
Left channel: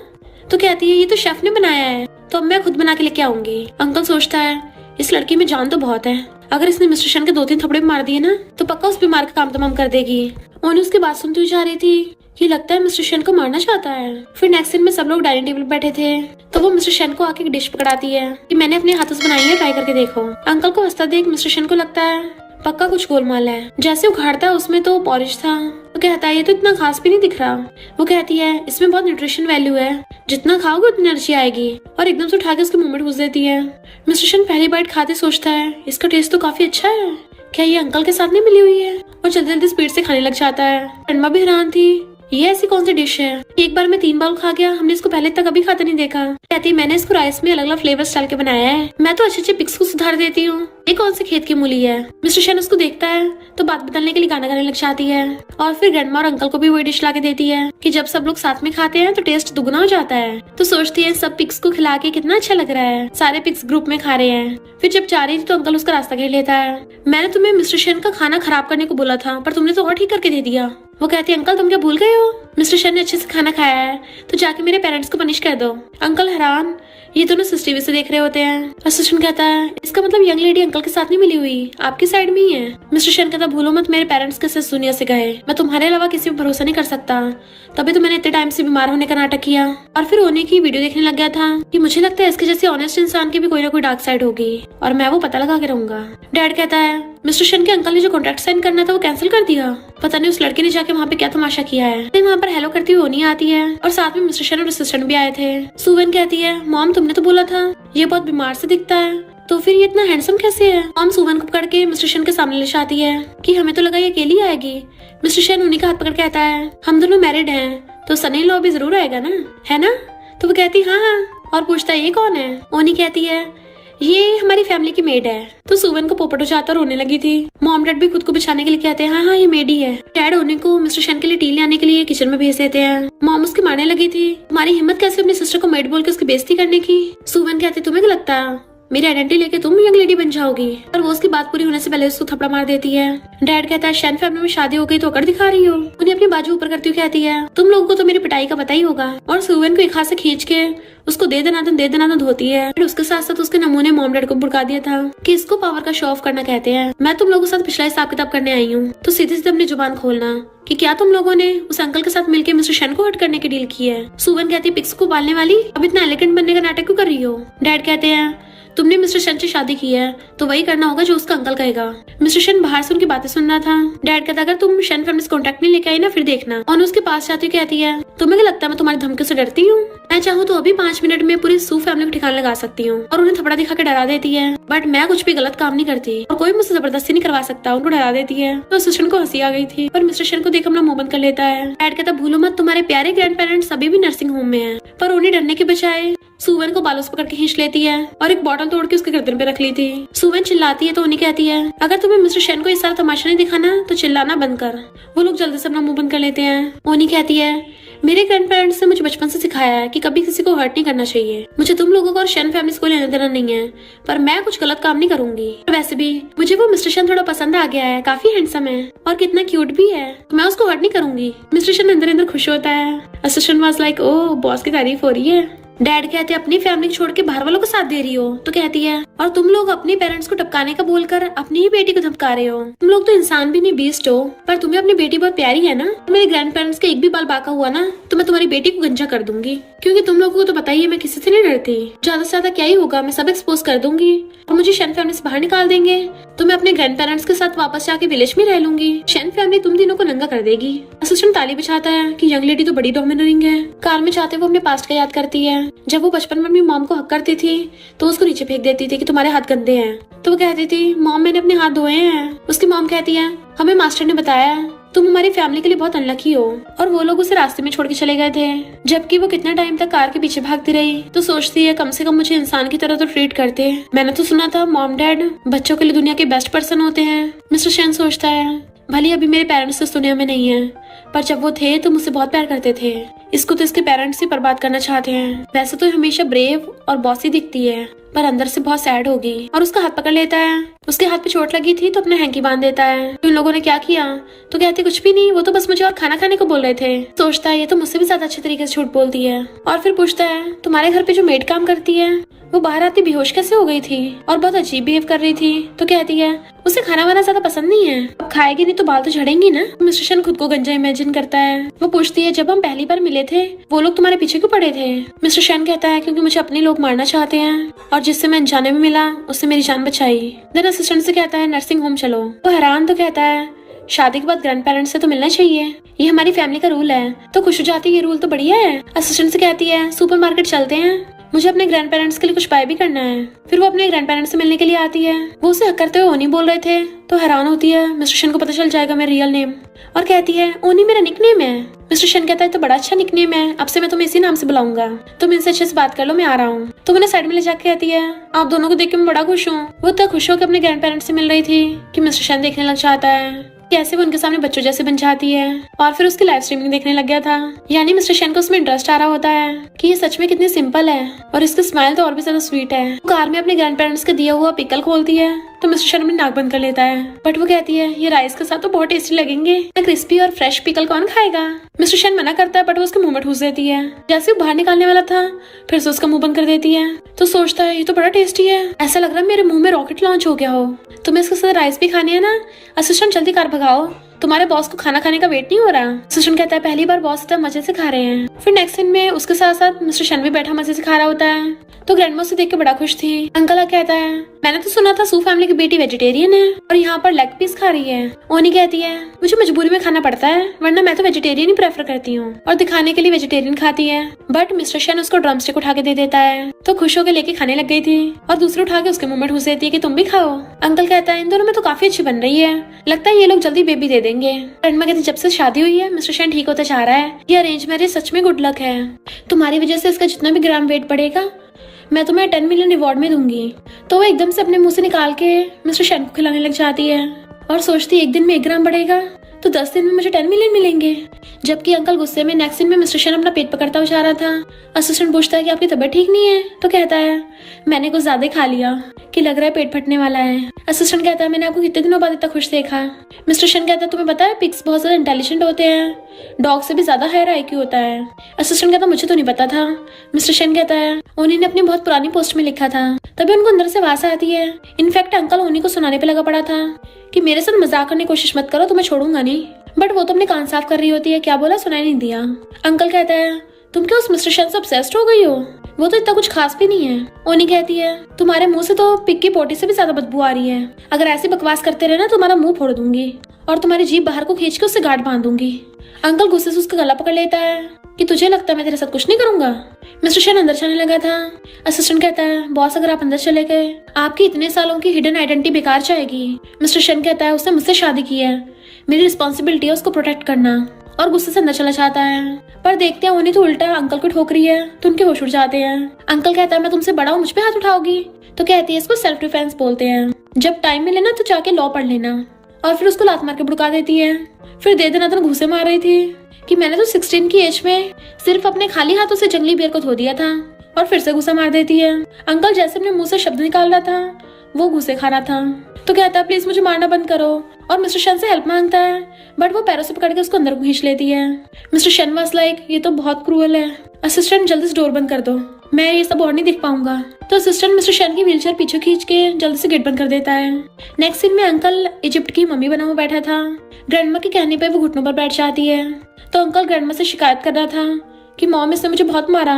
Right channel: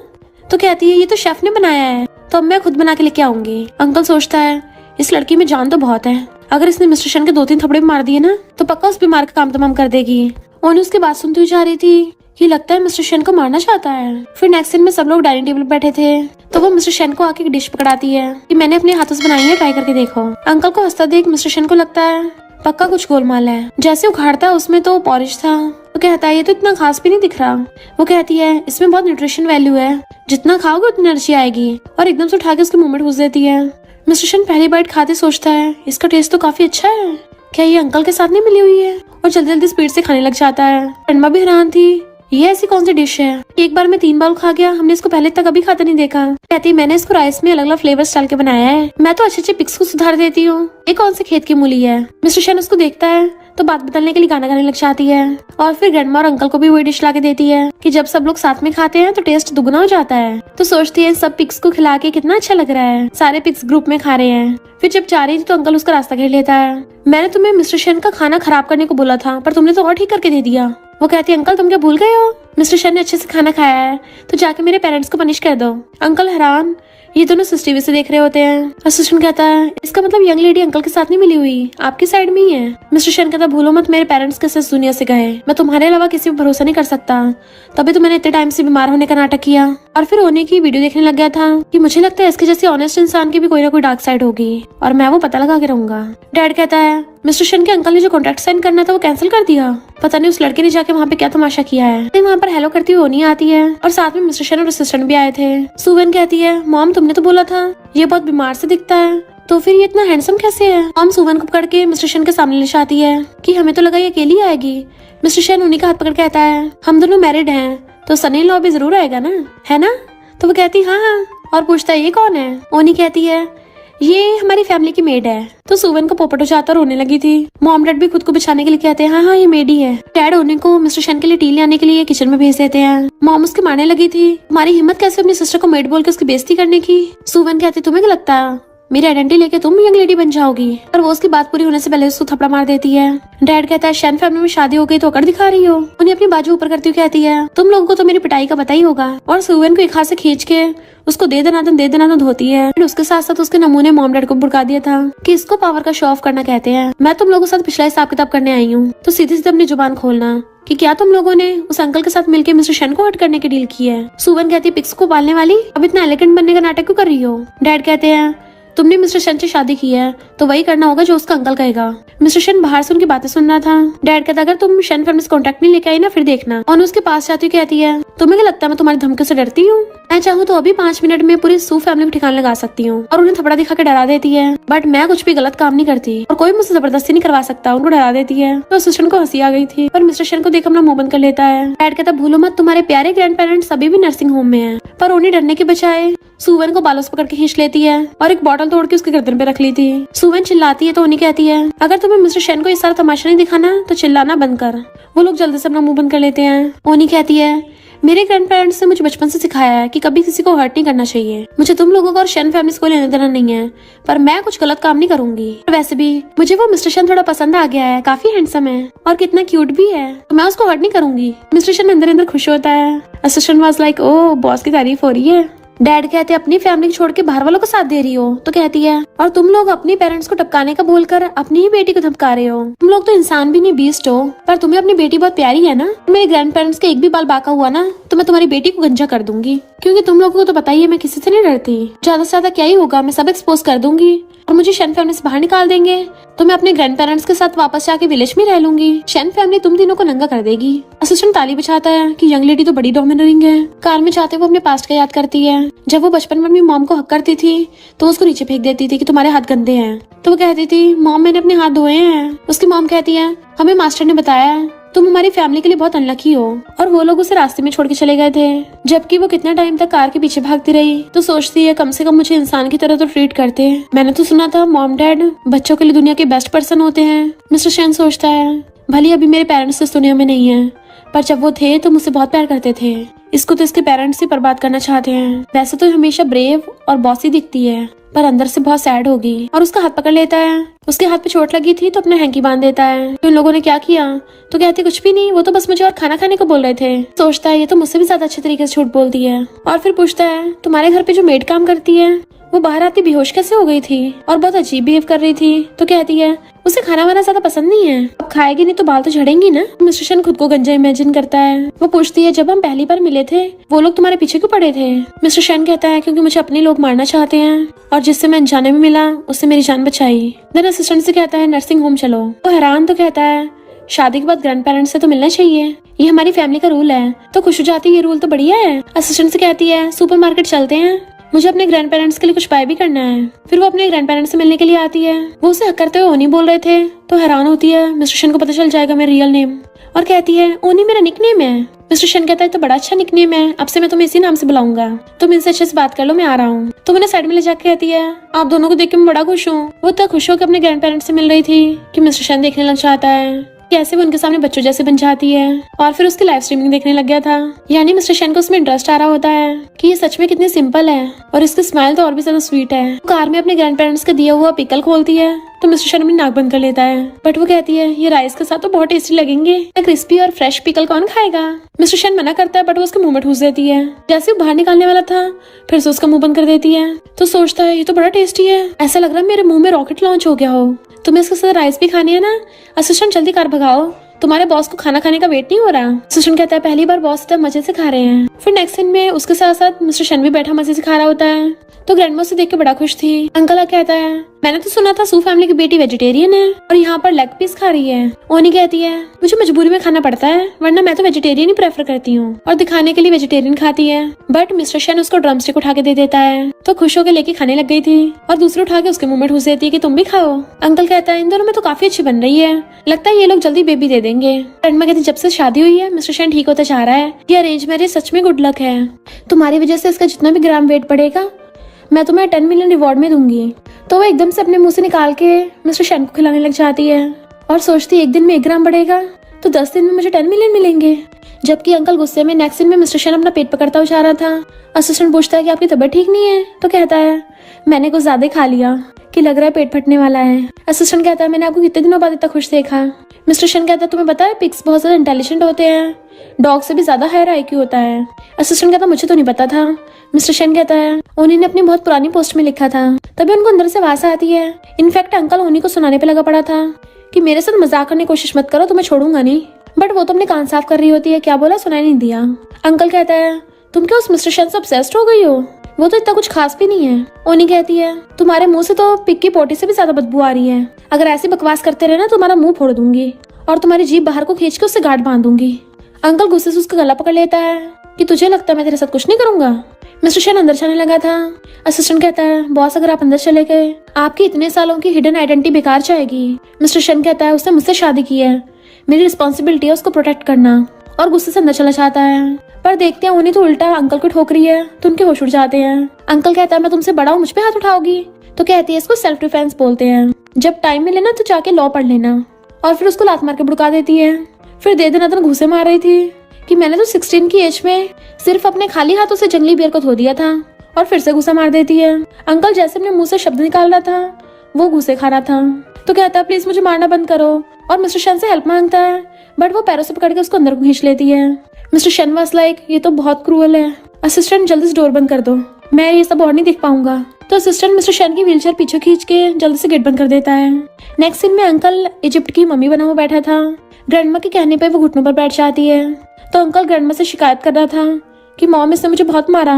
तो कहती है ये तो शेफ ने बनाया है, तो अब मैं खुद बना के लेके आऊंगी। अंकल सोचता है इस लड़की में जान तो बहुत है, अगर इसने मिस्टर शेन के 2-3 थप्पड़े मार दिए ना तो पक्का उस बीमार का काम तमाम कर देगी। ओनी उसकी बात सुनती हुई जा रही थी कि लगता है मिस्टर शेन को मारना चाहता है। फिर नेक्स्ट दिन में सब लोग डाइनिंग टेबल पर बैठे थे तो वो मिस्टर शेन को आके एक डिश पकड़ाती है कि मैंने अपने हाथों से बनाई है, ट्राई करके देखो। अंकल को हंसता देख मिस्टर शेन को लगता है पक्का कुछ गोलमाल है। जैसे उखाड़ता उसमें तो पॉरिश था। वो कहता है ये तो इतना खास भी नहीं दिख रहा। वो कहती है इसमें बहुत न्यूट्रिशन वैल्यू है, जितना खाओगे उतनी एनर्जी आएगी, और एकदम से उठा के उसके मुंह में ठूस देती है। मिस्टर शेन पहली बाइट खाते सोचता है इसका टेस्ट तो काफी अच्छा है, क्या ये अंकल के साथ नहीं मिली हुई है, और जल्दी जल्दी स्पीड से खाने लग जाता है। अम्मा भी हैरान थी ये ऐसी कौन सी डिश है, एक बार में 3 बार खा गया, हमने इसको पहले तक कभी खाते नहीं देखा। कहती मैंने इसको राइस में अलग अलग फ्लेवर्स डाल के बनाया है, मैं तो अच्छे अच्छे पिक्स को सुधार देती हूँ, ये कौन से खेत की मूली है। मिस्टर शेन उसको देखता है तो बात बदलने के लिए गाना गाने लग जाती है, और फिर ग्रैंडमा और अंकल को भी वही डिश ला के देती है कि जब सब लोग साथ में खाते हैं तो टेस्ट दुगना हो जाता है। तो सोचती है सब पिक्स को खिला के कितना अच्छा लग रहा है, सारे पिक्स ग्रुप में खा रहे हैं। फिर जब जा रही थी तो अंकल उसका रास्ता घेर लेता है। मैंने तुम्हें मिस्टर शेन का खाना खराब करने को बोला था पर तुमने तो और ठीक करके दे दिया। वो कहती है अंकल तुम क्या भूल गए हो, मिस्टर शेन ने अच्छे से खाना खाया है तो जाके मेरे पेरेंट्स को पनिश कर दो। अंकल हैरान, ये दोनों सीसीटीवी से देख रहे होते हैं। असिस्टेंट कहता है इसका मतलब यंग लेडी अंकल के साथ नहीं मिली हुई, आपकी साइड में ही है। मिस्टर शेन कहता भूलो मत मेरे पेरेंट्स कैसे इस दुनिया से गए, मैं तुम्हारे अलावा किसी पर भरोसा नहीं कर सकता, तभी तो मैंने इतने टाइम से बीमार होने का नाटक किया। और फिर होने की वीडियो देखने लग गया था कि मुझे लगता है इसके जैसे ऑनेस्ट इंसान की भी कोई ना कोई डार्क साइड होगी और मैं वो पता लगा के रहूंगा। डैड कहता है मिस्टर शेन के अंकल ने जो कॉन्ट्रैक्ट साइन करना था वो कैंसिल कर दिया, पता नहीं उस लड़के ने जाके वहाँ पे क्या तमाशा किया है। फिर वहाँ पर हेलो करती हुई ओनी आती है और साथ में मिस्टर शेन और असिस्टेंट भी आए थे। सुवन कहती है मॉम तुमने तो बोला था ये बहुत बीमार से दिखता है, तो फिर ये इतना हैंडसम कैसे है। मॉम सुवन को पकड़ के मिस्टर शेन के सामने ले जाती है कि हमें तो लगा ये अकेली आएगी। मिस्टर शेन उन्हीं का हाथ पकड़ के कहता है हम दोनों मैरिड हैं तो सनी लॉ भी जरूर आएगा ना, है ना। तो वो कहती हाँ हाँ, और पूछता है ये कौन है। ओनी कहती है ये हमारी फैमिली की मेड है। तो सुवन को पोपट हो जाता और रोने लगी थी। मॉम डैड भी खुद को बचाने के लिए कहते हैं हाँ हाँ ये मेड ही है। डैड ओनी को मिस्टर शेन के लिए टी लाने के लिए किचन में भेज देते हैं। मॉम उसके मारने लगी थी, तुम्हारी हिम्मत कैसे अपनी सिस्टर को मेड बोल के उसकी बेइज्जती करने की। सुवन कहती तुम्हें क्या लगता है मेरी आइडेंटिटी लेके तुम यंग लेडी बन जाओगी, और वो उसकी बात पूरी होने से पहले उसको थप्पड़ मार देती है। डैड कहता है शेन फैमिली में शादी हो गई तो अकड़ दिखा रही हो। उन्हें अपनी बाजू ऊपर करती हुई कहती है तुम लोगों को तो मेरी पिटाई का पता ही होगा, और सुवन को एक हाथ से खींच के उसको दे देना होती है। उसके साथ साथ उसके नमूने मॉम डैड को भड़का दिया था कि इसको पावर का शो ऑफ करना कहते हैं। मैं तुम लोगों के साथ पिछला हिसाब किताब करने आई हूँ, तो सीधे सीधे अपनी जुबान खोलना कि क्या तुम लोगों ने उस अंकल के साथ मिलकर मिस्टर शेन को हर्ट करने की डील की है। सुवन कहती पिक्स को पालने वाली अब इतना एलिगेंट बनने का नाटक क्यों कर रही हो। डैड कहते हैं तुमने मिस्टर शेन से शादी की है तो वही करना होगा जो उसका अंकल कहेगा। मिस्टर शेन बाहर से उनकी बातें सुन रहा था। डैड कहता अगर तुम शेन फैमिली से कॉन्टेक्ट नहीं लेकर आई ना फिर देखना। और उसके पास जाती कहती है तुम्हें क्या लगता है मैं तुम्हारी धमकी से डरती हूँ, मैं चाहूँ तो अभी 5 मिनट में पूरी सू फैमिली को ठिकाने लगा सकती हूँ। और उन्हें थपड़ा दिखा के डरा देती है, बट मैं कुछ भी गलत काम नहीं करती और कोई मुझसे जबरदस्ती नहीं करवा सकता, उनको डरा देती है। तो असिस्टेंट को हंसी आ गई थी और मिस्टर शेन को देख अपना मुंह बंद कर लेता है। डैड कहता भूलो मत तुम्हारे प्यारे ग्रैंड पेरेंट्स अभी भी नर्सिंग होम में है। पर उन्हें डरने के बजाय सुवन को बालों से पकड़ के खींच लेती है और एक बॉटल तोड़ के उसके गर्दन पे रख ली थी। सुवन चिल्लाती है तो उन्हें कहती है अगर तुम्हें मिस्टर शेन को ये सारा तमाशा नहीं दिखाना तो चिल्लाना बंद कर। वो लोग जल्दी से अपना मुंह बंद कर लेते हैं। ओनी कहती है मेरे ग्रैंड पेरेंट्स ने मुझे बचपन से सिखाया है कि कभी किसी को हर्ट नहीं करना चाहिए। मुझे तुम लोगों को और शेन फैमिली को लेने देना नहीं है, पर मैं कुछ गलत काम नहीं करूंगी। वैसे भी मुझे वो मिस्टर शेन थोड़ा पसंद आ गया है, काफी हैंडसम है और कितना क्यूट भी है, तो मैं उसको हर्ट नहीं करूंगी। मिस्टर शेन अंदर अंदर खुश होता है। Assistant was like oh boss की तारीफ हो रही है। डैड कहते हैं अपनी फैमिली छोड़ के बाहर वालों को साथ दे रही हो। तो कहती है और तुम लोग अपनी पेरेंट्स को टपकाने का बोलकर अपनी ही बेटी को धमका रहे हो। तुम लोग तो इंसान भी नहीं बीस्ट हो, पर तुम्हें अपनी बेटी बहुत प्यारी है ना। मेरे ग्रैंड पेरेंट्स का एक भी बाल बाका हुआ ना तो मैं तुम्हारी बेटी को गंजा कर दूंगी, क्योंकि तुम लोगों को तो पता ही है मैं किसी से नहीं डरती। ज्यादा से ज्यादा क्या ही होगा, मैं सब एक्सपोज कर दूंगी और मुझे शेन फैमिली से बाहर निकाल देंगे तो मैं अपने ग्रैंड पेरेंट्स के साथ वापस जाके विलेज में रह लूंगी। शेन फैमिली तुम तीनों को नंगा कर देगी। असिस्टेंट ताली बजाता है कि यंग लेडी तो बड़ी डोमिनेटिंग है। कार में जाते वो अपने पास्ट का याद करती है। जब वो बचपन में अपनी मॉम को हक करती थी तो उसको नीचे फेंक देती थी कि तुम्हारे हाथ गंदे हैं। तो वो कहती थी मॉम मैंने अपने हाथ धोए हैं। उसकी मॉम कहती है हमें मास्टर ने बताया तुम हमारी फैमिली के लिए बहुत अनलकी हो, और वो लोग उसे रास्ते में छोड़ के चले गए थे। जबकि वो कितना टाइम तक कार के पीछे भागती रही। तो सोचती है कम से कम मुझे इंसान की तरह तो ट्रीट करते। मैंने तो सुना था मॉम डैड बच्चों के लिए दुनिया के बेस्ट पर्सन होते हैं। मिस्टर शेन सोचता है भले अभी मेरे पेरेंट्स इस दुनिया में नहीं है, पर जब वो थे तो मुझसे बहुत प्यार करते थे। इसको तो इसके पेरेंट्स ही बर्बाद करना चाहते हैं। वैसे तो हमेशा ब्रेव और बॉसी दिखती है, पर अंदर से बहुत सैड होगी। और उसका हाथ पकड़ लेता है। उसके हाथ पे चोट लगी थी तो अपने हैंकी बांध देता है। तो इन लोगों ने क्या किया? तो कहते कुछ भी नहीं, वो तो बस मुझे और खाना खाने को बोल रहे थे। सोचता है ये तो मुझसे भी ज्यादा अच्छे तरीके से झूठ बोलती है। और फिर पूछता है तुम्हारे घर पे जो मेड काम करती है वो बाहर आती बेहोश कैसे हो गई थी और बहुत अजीब बिहेव कर रही थी। तो कहती है उसे खाना वाना ज्यादा पसंद नहीं है, अब खाएगी नहीं तो बाल तो झड़ेंगी ना। मिस्टर शन खुद को गंजा इमेजिन करता है। वो पूछती है जब हम पहली बार मिले थे वो लोग तुम्हारे पीछे क्यों पड़े थे? मिस्टर शन कहता है क्योंकि मुझे अपने लोग मारना चाहते हैं और जिससे मैं अनजाने में मिला उससे मेरी जान बचाई। देन असिस्टेंट से कहता है नर्सिंग होम चलो। तो हैरान तो कहता है शादी के बाद ग्रैंड पेरेंट्स से तो मिलना चाहिए, ये हमारी फैमिली का रूल है। तो खुश हो जाती है ये रूल तो बढ़िया है। असिस्टेंट से कहती है सुपरमार्केट चलते हैं, मुझे अपने ग्रैंड पेरेंट्स के लिए कुछ बाय भी करना है। फिर वो अपने ग्रैंड पेरेंट्स से मिलने के लिए आती है। वो उसे हक करते हुए ओनी बोल रहे थे तो हैरान होती है मिस्टर शन को पता चल जाएगा मेरा रियल नेम, और कहती है ओनी मेरा निकनेम है। मिस्टर शन कहता है तो बड़ा अच्छा निकनेम है, अब से मैं तुम्हें इसी नाम से बुलाऊंगा, तुम इनसे अच्छे से बात कर लो, मैं आ रहा हूँ। तो उन्हें साइड में ले जाके कहती है आप दोनों को देख के मैं बड़ा खुश हूँ। वो इतना खुश हो कि अपने ग्रैंड पेरेंट्स से मिल रही थी कि मिस्टर शन देखने लग जाता है कैसे वो उनके सामने बच्चों जैसे बन जाती है। और फिर उसकी लाइव स्ट्रीमिंग देखने लग गया था। यानी मिस्टर शन को उसमें इंटरेस्ट आ रहा होता है कि ये सच में कितनी सिंपल है और इसकी स्माइल तो और भी ज्यादा स्वीट है। कार में अपने ग्रैंड पेरेंट्स का दिया हुआ पिकल खोलती है तो मिस्टर शन अपनी नाक बंद कर लेता है। बट वो कहती है ये राइस के साथ तो बहुत टेस्टी लगेंगे, क्रिस्पी और फ्रेश पिकल कौन खाएगा? मिस्टर शन मना करता है बट वो उसके मुंह में ठूस देती है। जैसे वो बाहर निकालने वाला था फिर से उसका मुंह बंद कर देती है। तो सोचता है ये तो बड़ा टेस्टी है, ऐसा लग रहा है मेरे मुंह में रॉकेट लॉन्च हो गया हो। तुम्हें इसके साथ राइस भी खानी है ना? असिस्टेंट जल्दी कार भगाओ, तुम्हारे बॉस को खाना खाने का वेट नहीं हो रहा। असिस्टेंट कहता है पहली बार बॉस इतना मजे से खा रहे हैं। फिर नेक्स्ट सीन में उसके साथ साथ मिस्टर शन भी बैठा मजे से खा रहा होता है। तो ग्रैंडमा से देख के बड़ा खुश थी। अंकल कहता है मैंने तो सुना था सू फैमिली की बेटी वेजिटेरियन है और यहाँ पर लेग पीस खा रही है। ओनी कहती है मुझे मजबूरी में खाना पड़ता है वरना मैं तो वेजिटेरियन ही प्रेफर करती हूँ, और दिखाने के लिए वेजिटेरियन खाती है। बट मिस्टर शन उसको ड्रम स्टिक उठा के दे देता है तो खुश होकर लेके खाने लग गई थी और दूसरे उठा के उसके मुंह में ठूस देती है कि तुम भी खाओ। अंकल कहता है इन दोनों में तो काफी अच्छी बन रही है, लगता है ये लोग जल्दी बेबी दे देंगे। ग्रैंडमा कहती जब से शादी हुई है मिस्टर शन ठीक होता जा रहा है, ये अरेंज मैरिज सच में गुड लक है। तुम्हारी वजह से इसका जितना भी ग्राम वेट बढ़ेगा मैं तुम्हें 10 मिलियन रिवॉर्ड में दूंगी। तो वो एकदम से अपने मुंह से निकाल के मिस्टर शन को खिलाने लग जाती है और सोचती है 1 दिन में 1 ग्राम बढ़ेगा तो 10 दिन में मुझे 10 मिलियन मिलेंगे। जबकि अंकल गुस्से में नेक्स्ट दिन में मिस्टर शन अपना पेट पकड़ता हुआ जा रहा था। असिस्टेंट पूछता है कि आपकी तबीयत ठीक नहीं है? तो कहता है मैंने कुछ ज्यादा खा लिया कि लग रहा है पेट फटने वाला है। असिस्टेंट कहता है मैंने आपको कितने दिनों बाद इतना खुश देखा। मिस्टर शन कहता है तुम्हें पता है पिग्स बहुत ज्यादा इंटेलिजेंट होते हैं, डॉग से भी ज्यादा हायर आईक्यू होता है। असिस्टेंट कहता मुझे तो नहीं पता था। मिस्टर शन कहता है ओनी ने अपनी बहुत पुरानी पोस्ट में लिखा था, तभी उनको अंदर से आवाज आती है। इनफैक्ट अंकल ओनी को सुनाने पे लगा पड़ा था कि मेरे साथ मजाक करने की कोशिश मत करो तो मैं छोड़ूंगा नहीं। बट वो तो अपने कान साफ कर रही होती है, क्या बोला सुनाई नहीं दिया। अंकल कहता है तुम क्या उस मिस्टर शन से ऑब्सेस्ड हो गई हो? वो तो इतना कुछ खास भी नहीं है। ओनी कहती है तुम्हारे मुंह से तो पिग की पोटी से भी ज्यादा बदबू आ रही है, अगर ऐसी बकवास करते रहे ना तुम्हारा मुंह फोड़ दूंगी और तुम्हारी जीभ बाहर को खींच के उससे गांठ बांध दूंगी। अंकल गुस्से से उसका गला पकड़ लेता है कि तुझे लगता है मैं तेरे साथ कुछ नहीं करूंगा। मिस्टर शन अंदर चलने लगा था। असिस्टेंट कहता है बॉस अगर आप अंदर चले गए आपकी इतने सालों की हिडन आइडेंटिटी बेकार जाएगी। मिस्टर शन कहता है उसने मुझसे शादी की है, मेरी रिस्पॉन्सिबिलिटी है उसको प्रोटेक्ट करना, और गुस्से से अंदर चला जाता है। पर देखते हैं उन्हें तो उल्टा अंकल को ठोक रही है तो उनके होश उड़ जाते हैं। अंकल कहता है मैं तुमसे बड़ा हूँ मुझ पे हाथ उठाओगी? तो कहती है इसको सेल्फ डिफेंस बोलते हैं, जब टाइम मिले ना तो जाके लॉ पढ़ लेना। और फिर उसको लात मार के भुड़का देती है। फिर दे दनादन घूसे मार रही थी कि मैंने तो 16 की एज में सिर्फ अपने खाली हाथों से जंगली बियर को धो दिया था, और फिर से गुस्सा मार देती है। अंकल जैसे अपने मुंह से शब्द निकाल रहा था वो घूसे खा रहा था तो कहता है प्लीज मुझे मारना बंद करो, और मिस्टर शन से हेल्प मांगता है बट वो पैरों से पकड़ के उसको अंदर खींच लेती है। मिस्टर शन वाज लाइक ये तो बहुत क्रूअल है, असिस्टेंट जल्दी से डोर बंद कर दो, मैं ये सब और नहीं देख पाऊंगा। तो असिस्टेंट मिस्टर शन की व्हीलचेयर पीछे खींच के जल्दी से गेट बंद कर देता है। नेक्स्ट सीन में अंकल इजिप्ट की मम्मी बना हुआ बैठा था। ग्रैंडमा के कहने पर वो घुटनों पर बैठ जाती है तो अंकल ग्रैंडमा से शिकायत कर रहा था कि मॉम इसने मुझे बहुत मारा,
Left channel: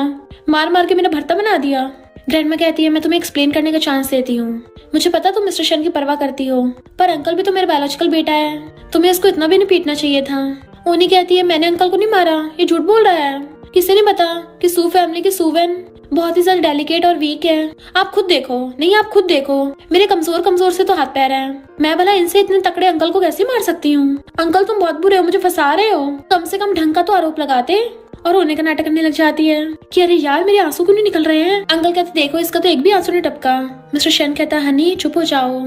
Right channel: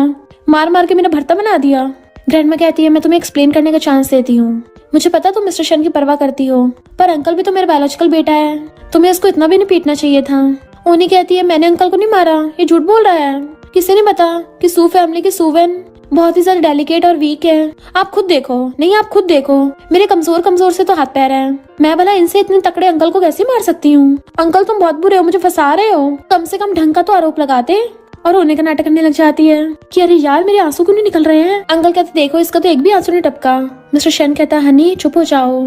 मार मार के मेरा भरता बना दिया। ग्रैंडमा कहती है मैं तुम्हें एक्सप्लेन करने का चांस देती हूँ, मुझे पता तुम मिस्टर शन की परवाह करती हो पर अंकल भी तो मेरा बायोलॉजिकल बेटा है, तुम्हें इसको इतना भी नहीं पीटना चाहिए था। ओनी कहती है मैंने अंकल को नहीं मारा, ये झूठ बोल रहा है, किसी ने पता कि सू फैमिली की सूवन बहुत ही ज्यादा डेलिकेट और वीक है, आप खुद देखो। नहीं आप खुद देखो, मेरे कमजोर कमजोर से तो हाथ पैर है, मैं भला इनसे इतने तकड़े अंकल को कैसे मार सकती हूँ? अंकल तुम बहुत बुरे हो, मुझे फंसा रहे हो, कम से कम ढंग का तो आरोप लगाते। और रोने का नाटक करने लग जाती है कि अरे यार मेरे आंसू क्यों नहीं निकल रहे हैं। अंकल कहते देखो इसका तो एक भी आंसू नहीं टपका। मिस्टर शन कहता हनी चुप हो जाओ,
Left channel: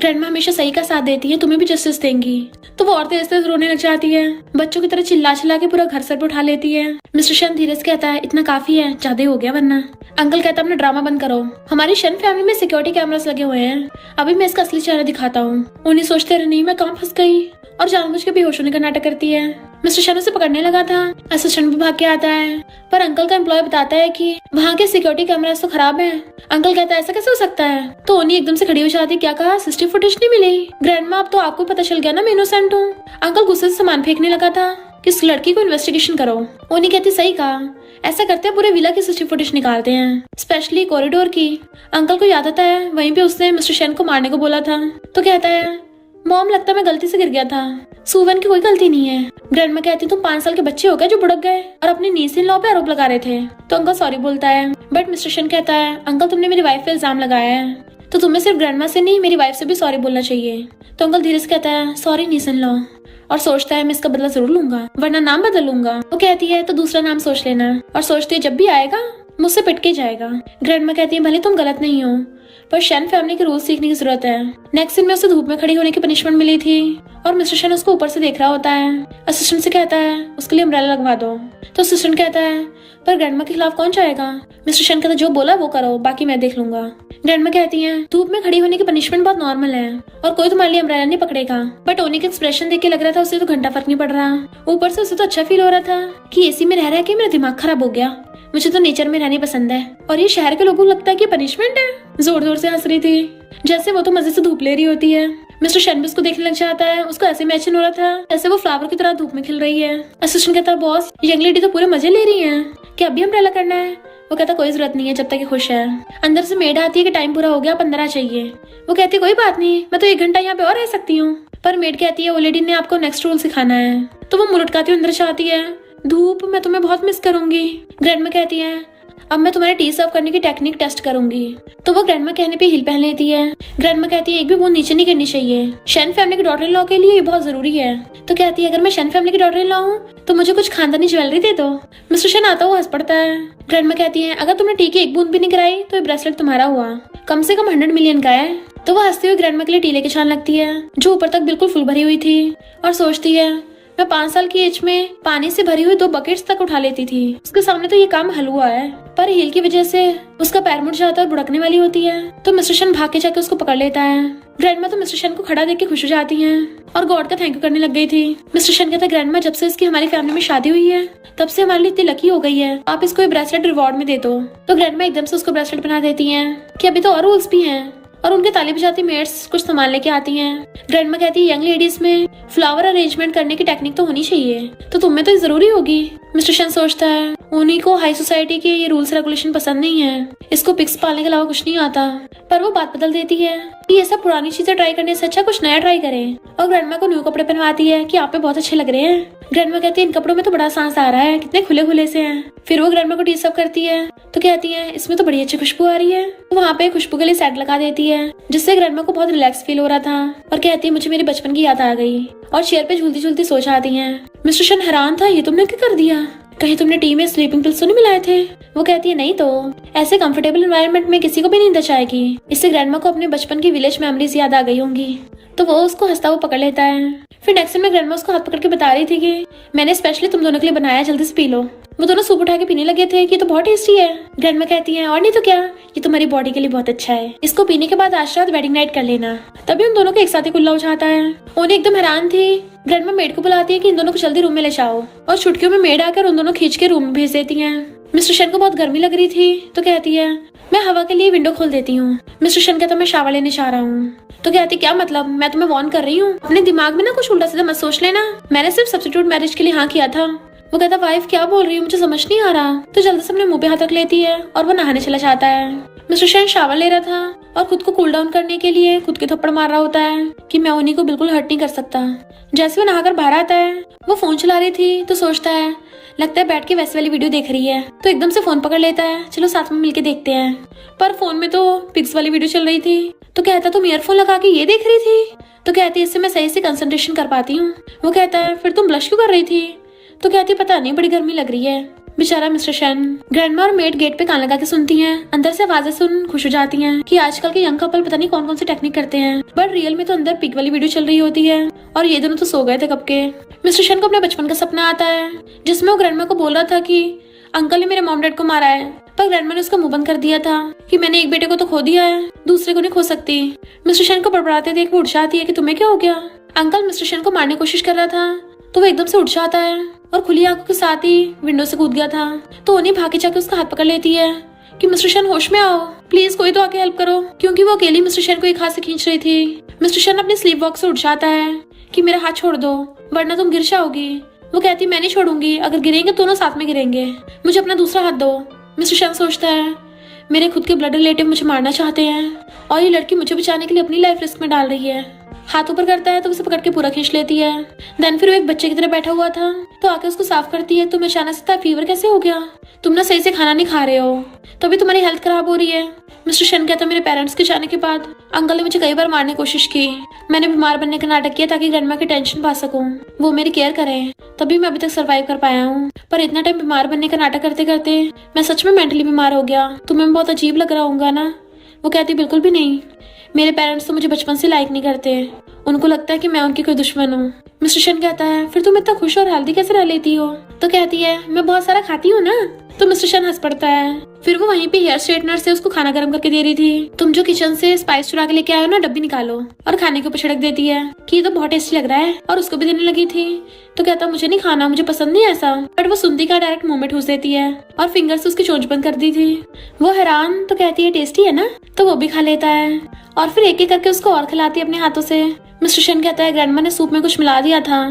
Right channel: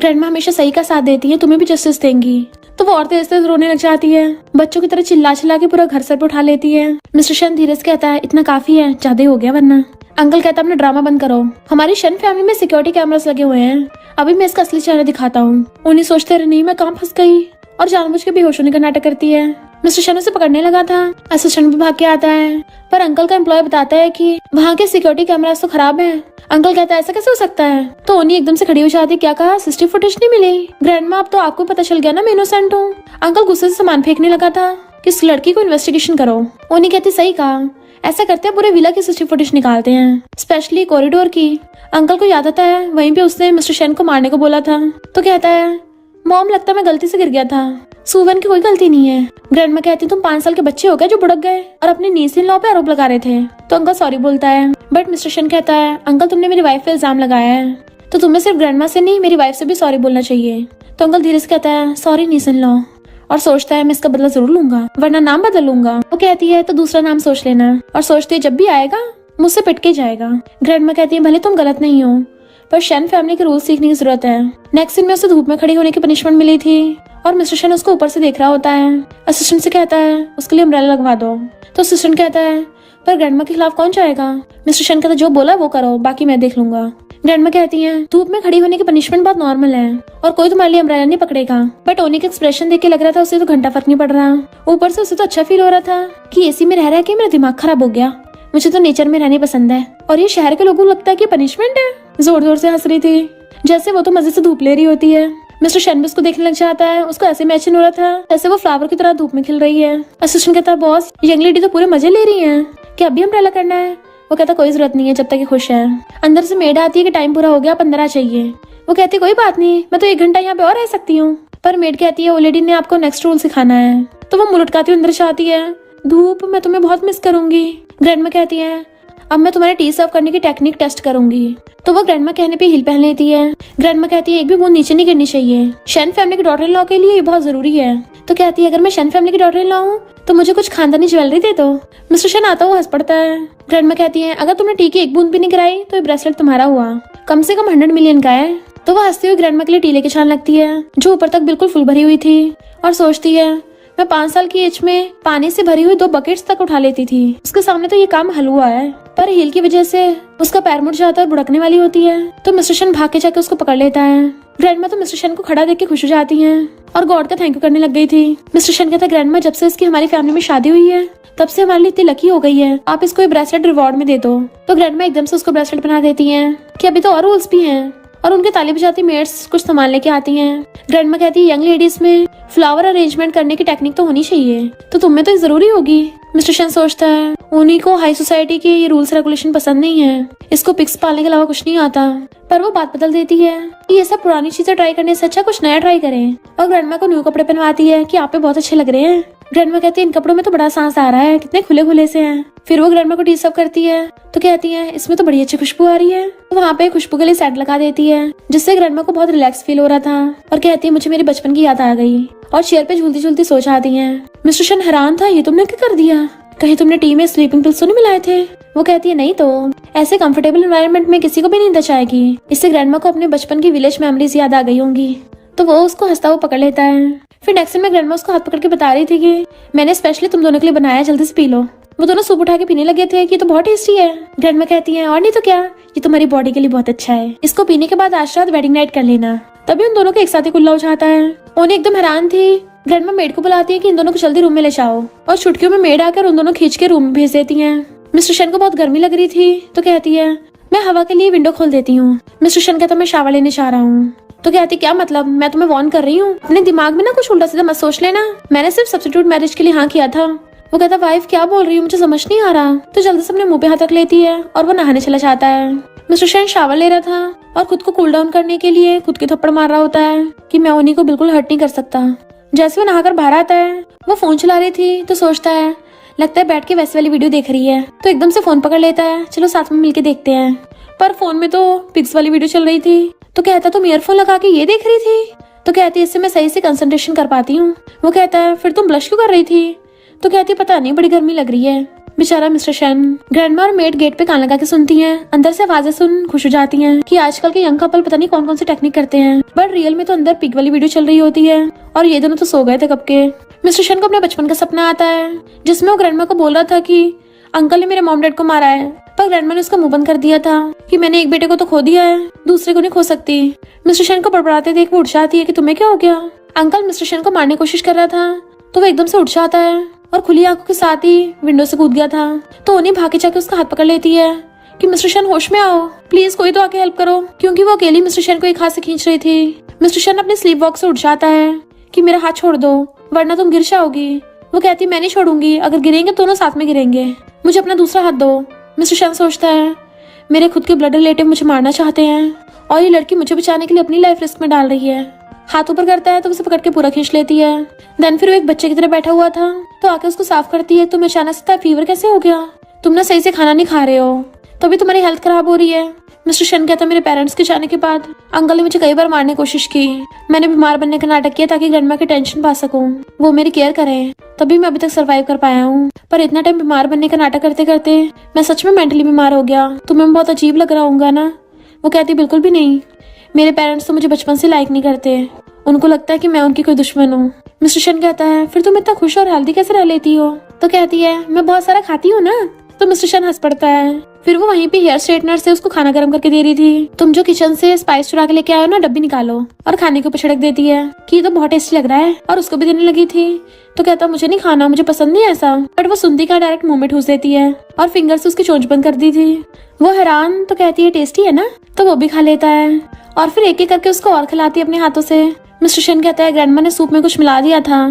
ग्रैंडमा हमेशा सही का साथ देती है, तुम्हें भी जस्टिस देंगी। तो वो और तेज तेज रोने लग जाती है, बच्चों की तरह चिल्ला चिल्ला के पूरा घर सर पे उठा लेती है। मिस्टर शन धीरे से कहता है, इतना काफी है, ज्यादा हो गया वरना। अंकल कहता है, अपना ड्रामा बंद करो, हमारी शन फैमिली में सिक्योरिटी कैमरास लगे हुए हैं, अभी मैं इसका असली चेहरा दिखाता हूँ। उन्हीं सोचते रहे, नहीं मैं कहाँ फंस गई, और जानबूझ के बेहोश होने का नाटक करती है। मिस्टर शन उसे पकड़ने लगा था, असिस्टेंट भी भाग के आता है, पर अंकल का एम्प्लॉय बताता है कि वहाँ के सिक्योरिटी कैमरास तो खराब है। अंकल कहता है, ऐसा कैसे हो सकता है? तो ओनी एकदम से खड़ी हो जाती है, क्या कहा, सीसीटीवी फुटेज नहीं मिली? ग्रैंडमा अब तो आपको पता चल गया ना मैं इनोसेंट हूँ। अंकल गुस्से से सामान फेंकने लगा था कि इस लड़की को इन्वेस्टिगेशन करो। ओनी कहती, सही कहा, ऐसा करते हैं पूरे विला की सीसीटीवी फुटेज निकालते हैं, स्पेशली कॉरिडोर की। अंकल को याद आता है वहीं पे उसने मिस्टर शन को मारने को बोला था। तो कहता है, मॉम लगता है मैं गलती से गिर गया था, सुवन की कोई गलती नहीं है। ग्रैंडमा कहती, तुम 5 साल के बच्चे हो गए जो बुड़क गए और अपने नीस इन लॉ पे आरोप लगा रहे थे। तो अंकल सॉरी बोलता है, बट मिस्टर शन कहता है, अंकल तुमने मेरी वाइफ पे इल्जाम लगाया है, तो तुम्हें सिर्फ ग्रैंडमा से नहीं मेरी वाइफ से भी सॉरी बोलना चाहिए। तो अंकल धीरे से कहता है, सॉरी नीस इन लॉ, और सोचता है मैं इसका बदला जरूर लूंगा, वरना नाम बदल लूंगा। वो कहती है, तो दूसरा नाम सोच लेना, और सोचती है जब भी आएगा मुझसे पिट के जाएगा। ग्रैंडमा कहती है, भले तुम गलत नहीं हो, पर शन फैमिली के रूल सीखने की जरूरत है। नेक्स्ट दिन में उसे धूप में खड़ी होने की पनिशमेंट मिली थी, और मिस्टर शन उसको ऊपर से देख रहा होता है। असिस्टेंट से कहता है, उसके लिए अम्ब्रेला लगवा दो। तो असिस्टेंट कहता है, पर ग्रैंडमा के खिलाफ कौन जाएगा? मिस्टर शन कहता, जो बोला वो करो, बाकी मैं देख लूंगा। ग्रैंडमा कहती है, धूप में खड़ी होने की पनिशमेंट बहुत नॉर्मल है, और कोई तुम्हारे लिए अम्ब्रेला नहीं पकड़ेगा। बट ओनी का एक्सप्रेशन देख के लग रहा था उसे तो घंटा फर्क नहीं पड़ रहा। ऊपर से उसे तो अच्छा फील हो रहा था कि एसी में रह रहा है कि मेरा दिमाग खराब हो गया, मुझे तो नेचर में रहने पसंद है, और ये शहर के लोगों को लगता है कि पनिशमेंट है। जोर जोर से हंस रही थी, जैसे वो तो मजे से धूप ले रही होती है। मिस्टर शन भी उसको देखने लग जाता है, उसको ऐसे इमेजिन हो रहा था जैसे वो फ्लावर की तरह धूप में खिल रही है। असिस्टेंट कहता है, बॉस यंग लेडी तो पूरे मजे ले रही है, क्या अभी अम्ब्रेला करना है? वो कहता, कोई जरूरत नहीं है जब तक ये खुश है। अंदर से मेड आती है कि टाइम पूरा हो गया, 15 चाहिए। वो कहती, कोई बात नहीं, मैं तो 1 घंटा यहाँ पे और रह सकती हूँ। पर मेड कहती है, वो लेडी ने आपको नेक्स्ट रूल सिखाना है। तो वो मुंह लटकाती अंदर से आती है, धूप मैं तुम्हें बहुत मिस करूंगी। ग्रैंडमा कहती है, अब मैं तुम्हारे टी सर्व करने की टेक्निक टेस्ट करूंगी। तो वो ग्रैंडमा कहने पे हिल पहन लेती है। ग्रैंडमा कहती है, एक भी बूंद नीचे नहीं गिरनी चाहिए, शन फैमिली की डॉटर इन लॉ के लिए ये बहुत जरूरी है। तो कहती है, अगर मैं शन फैमिली की डॉटर इन लॉ हूँ तो मुझे कुछ खानदानी ज्वेलरी दे दो। मिस्टर शन आता हुआ हंस पड़ता है। ग्रैंडमा कहती है, अगर तुमने टी की 1 बूंद भी नहीं गिराई तो ये ब्रेसलेट तुम्हारा हुआ, कम से कम 100 मिलियन का है। तो वो हंसती हुई ग्रैंडमा के लिए टी लेके छान लगती है, जो ऊपर तक बिल्कुल फुल भरी हुई थी, और सोचती है, मैं 5 साल की एज में पानी से भरी हुई 2 बकेट्स तक उठा लेती थी, उसके सामने तो ये काम हलवा है। पर हील की वजह से उसका पैर मुड़ जाता है, बुड़कने वाली होती है। तो मिस्टर शन भाग के जाके उसको पकड़ लेता है। ग्रैंडमा तो मिस्टर शन को खड़ा देख के खुश हो जाती है, और गॉड का थैंक यू करने लग गई थी। मिस्टर शन कहता है, ग्रैंडमा जब से इसकी हमारी फैमिली में शादी हुई है तब से हमारे लिए इतनी लकी हो गई है, आप इसको ब्रेसलेट रिवॉर्ड में दे दो। तो ग्रैंडमा एकदम से उसको ब्रेसलेट बना देती है कि अभी तो और रूल्स भी हैं, और उनके ताली बजाती मेड्स कुछ सामान लेके आती हैं। ग्रैंडमा कहती है, यंग लेडीज में फ्लावर अरेंजमेंट करने की टेक्निक तो होनी चाहिए, तो तुम्हें तो जरूरी होगी। मिस्टर शन सोचता है, उन्हीं को हाई सोसाइटी के ये रूल्स रेगुलेशन पसंद नहीं है, इसको पिक्स पालने के अलावा कुछ नहीं आता। पर वो बात बदल देती है कि ये सब पुरानी चीजें ट्राई करने से अच्छा कुछ नया ट्राई करें, और ग्रैंडमा को न्यू कपड़े पहनवाती है कि आप पे बहुत अच्छे लग रहे हैं। ग्रैंडमा कहती है, इन कपड़ों में तो बड़ा सांस आ रहा है, कितने खुले खुले से हैं। फिर वो ग्रैंडमा को टी सर्व करती है, तो कहती है, इसमें तो बड़ी अच्छी खुशबू आ रही है। तो वहाँ पे खुशबू के लिए सेट लगा देती है, जिससे ग्रैंडमा को बहुत रिलैक्स फील हो रहा था, और कहती है, मुझे मेरे बचपन की याद आ गई, और चेयर पे झूलती झूलती सो जाती है। मिस्टर शन हैरान था, ये तुमने क्या कर दिया, कहीं तुमने टी में स्लीपिंग पिल्स तो नहीं मिलाए थे? वो कहती है, नहीं तो, ऐसे कंफर्टेबल एनवायरनमेंट में किसी को भी नींद आएगी। इससे ग्रैंडमा को अपने बचपन की विलेज मेमोरीज याद आ गई होंगी। तो वो उसको हंसता हुआ पकड़ लेता है। फिर नेक्स्ट में ग्रैंडमा उसको हाथ पकड़ के बता रही थी कि मैंने स्पेशली तुम दोनों के लिए बनाया, जल्दी से पी लो। वो दोनों सूप उठा के पीने लगे थे कि तो बहुत टेस्टी है। ग्रैंडमा कहती है, और नहीं तो क्या, ये तुम्हारी बॉडी के लिए बहुत अच्छा है, इसको पीने के बाद आज रात वेडिंग नाइट कर लेना। तभी उन दोनों को एक साथ ही कुल्ला हो जाता है। ओनी एकदम हैरान थी। ग्रैंडमा मेड को बुलाती है कि इन दोनों को जल्दी रूम में ले जाओ, और चुटकियों में मेड आकर उन दोनों खींच के रूम में भेज देती है। मिस्टर शन को बहुत गर्मी लग रही थी, तो कहती है, मैं हवा के लिए विंडो खोल देती हूँ। मिस्टर शन कहता, मैं शावर लेने जा रहा हूँ। तो कहती, क्या मतलब, मैं तुम्हें वार्न कर रही हूँ, अपने दिमाग में ना कुछ उल्टा सीधा मत सोच लेना, मैंने सिर्फ सब्स्टिट्यूट मैरिज के लिए हाँ किया था। वो कहता, वाइफ क्या बोल रही हूँ, मुझे समझ नहीं आ रहा। तो जल्दी से अपने मुंह पे हाथ रख लेती है, और वो नहाने चला जाता है। मिस्टर शन शावर ले रहा था, और खुद को कूल डाउन करने के लिए खुद के थप्पड़ मार रहा होता है कि मैं उन्हीं को बिल्कुल हर्ट नहीं कर सकता। जैसे वो नहाकर बाहर आता है, वो फोन चला रही थी, तो सोचता है, लगता है बैठ के वैसे वाली वीडियो देख रही है। तो एकदम से फोन पकड़ लेता है, चलो साथ में मिलके देखते हैं। पर फोन में तो पिक्स वाली वीडियो चल रही थी। तो कहता, तुम ईयरफोन लगा के ये देख रही थी? तो कहती, इससे मैं सही से कंसंट्रेशन कर पाती हूँ। वो कहता है, फिर तुम ब्लश क्यों कर रही थी? तो कहती, पता नहीं, बड़ी गर्मी लग रही है। बेचारा मिस्टर शन। ग्रैंडमा और मेड गेट पे कान लगा के सुनती हैं। अंदर से आवाजें सुन खुश हो जाती हैं कि आजकल के यंग कपल पता नहीं कौन कौन से टेक्निक करते हैं, बट रियल में तो अंदर पिक वाली वीडियो चल रही होती है और ये दोनों तो सो गए थे कब के। मिस्टर शन को अपने बचपन का सपना आता है जिसमें वो ग्रैंडमा को बोल रहा था कि अंकल ने मेरे मॉम डैड को मारा है, पर ग्रैंडमा ने उसका मुंह बंद कर दिया था कि मैंने एक बेटे को तो खो दिया है, दूसरे को नहीं खो सकती। मिस्टर शन को बड़बड़ाते देख वो उठ जाती है कि तुम्हें क्या हो गया। अंकल मिस्टर शन को मारने की कोशिश कर रहा था तो वो एकदम से उठ जाता है और खुली आंखों के साथ ही विंडो से कूद गया था। तो उन्हें भागे जाकर उसका हाथ पकड़ लेती है कि मिस्टर शन होश में आओ, प्लीज कोई तो आके हेल्प करो, क्योंकि वो अकेली मिस्टर शन को एक हाथ से खींच रही थी। मिस्टर शन अपने स्लीप वॉक से उठ जाता है कि मेरा हाथ छोड़ दो वरना तुम गिर जाओगी। वो कहती है मैं नहीं छोड़ूंगी, अगर गिरेंगे दोनों साथ में गिरेंगे, मुझे अपना दूसरा हाथ दो। मिस्टर शन सोचता है मेरे खुद के ब्लड रिलेटिव मुझे मारना चाहते हैं और ये लड़की मुझे बचाने के लिए अपनी लाइफ रिस्क में डाल रही है। हाथ ऊपर करता है तो उसे पकड़ के पूरा खींच लेती है। देन फिर वो एक बच्चे की तरह बैठा हुआ था तो आके उसको साफ करती है। तुम्हें अचानक से फीवर कैसे हो गया, तुम ना सही से खाना नहीं खा रहे हो तभी तुम्हारी हेल्थ खराब हो रही है। मिस्टर शन कहता मेरे पेरेंट्स के जाने के बाद अंकल ने मुझे कई बार मारने की कोशिश की, मैंने बीमार बनने का नाटक किया ताकि ग्रैंडमा की टेंशन पा सकूं, वो मेरी केयर करें, तभी मैं अभी तक सरवाइव कर पाया हूँ। पर इतना टाइम बीमार बनने का नाटक करते करते मैं सच में मेंटली बीमार हो गया। तुम्हें बहुत अजीब लग रहा होगा ना। वो कहती बिल्कुल भी नहीं, मेरे पेरेंट्स तो मुझे बचपन से लाइक नहीं करते, उनको लगता है कि मैं उनकी कोई दुश्मन हूँ। मिस्टर शन कहता है फिर तुम इतना खुश और हेल्दी कैसे रह लेती हो। तो कहती है मैं बहुत सारा खाती हूँ ना। तो मिस्टर शन हंस पड़ता है। फिर वो वहीं पे हेयर स्ट्रेटनर से उसको खाना गर्म करके दे रही थी। तुम जो किचन से स्पाइस चुरा के लेके आए हो ना, डब्बी निकालो, और खाने के ऊपर छिड़क देती है कि ये तो बहुत टेस्टी लग रहा है और उसको भी देने लगी थी। तो कहता मुझे नहीं खाना, मुझे पसंद नहीं ऐसा, बट वो सुनती का डायरेक्ट मुंह में ठूस देती है और फिंगर से उसकी चोंच बंद कर दी थी। वो हैरान तो कहती है टेस्टी है ना, तो वो भी खा लेता है और फिर एक एक करके उसको और खिलाती है अपने हाथों से। मिस्टर शन कहता है ग्रैंडमा ने सूप में कुछ मिला दिया था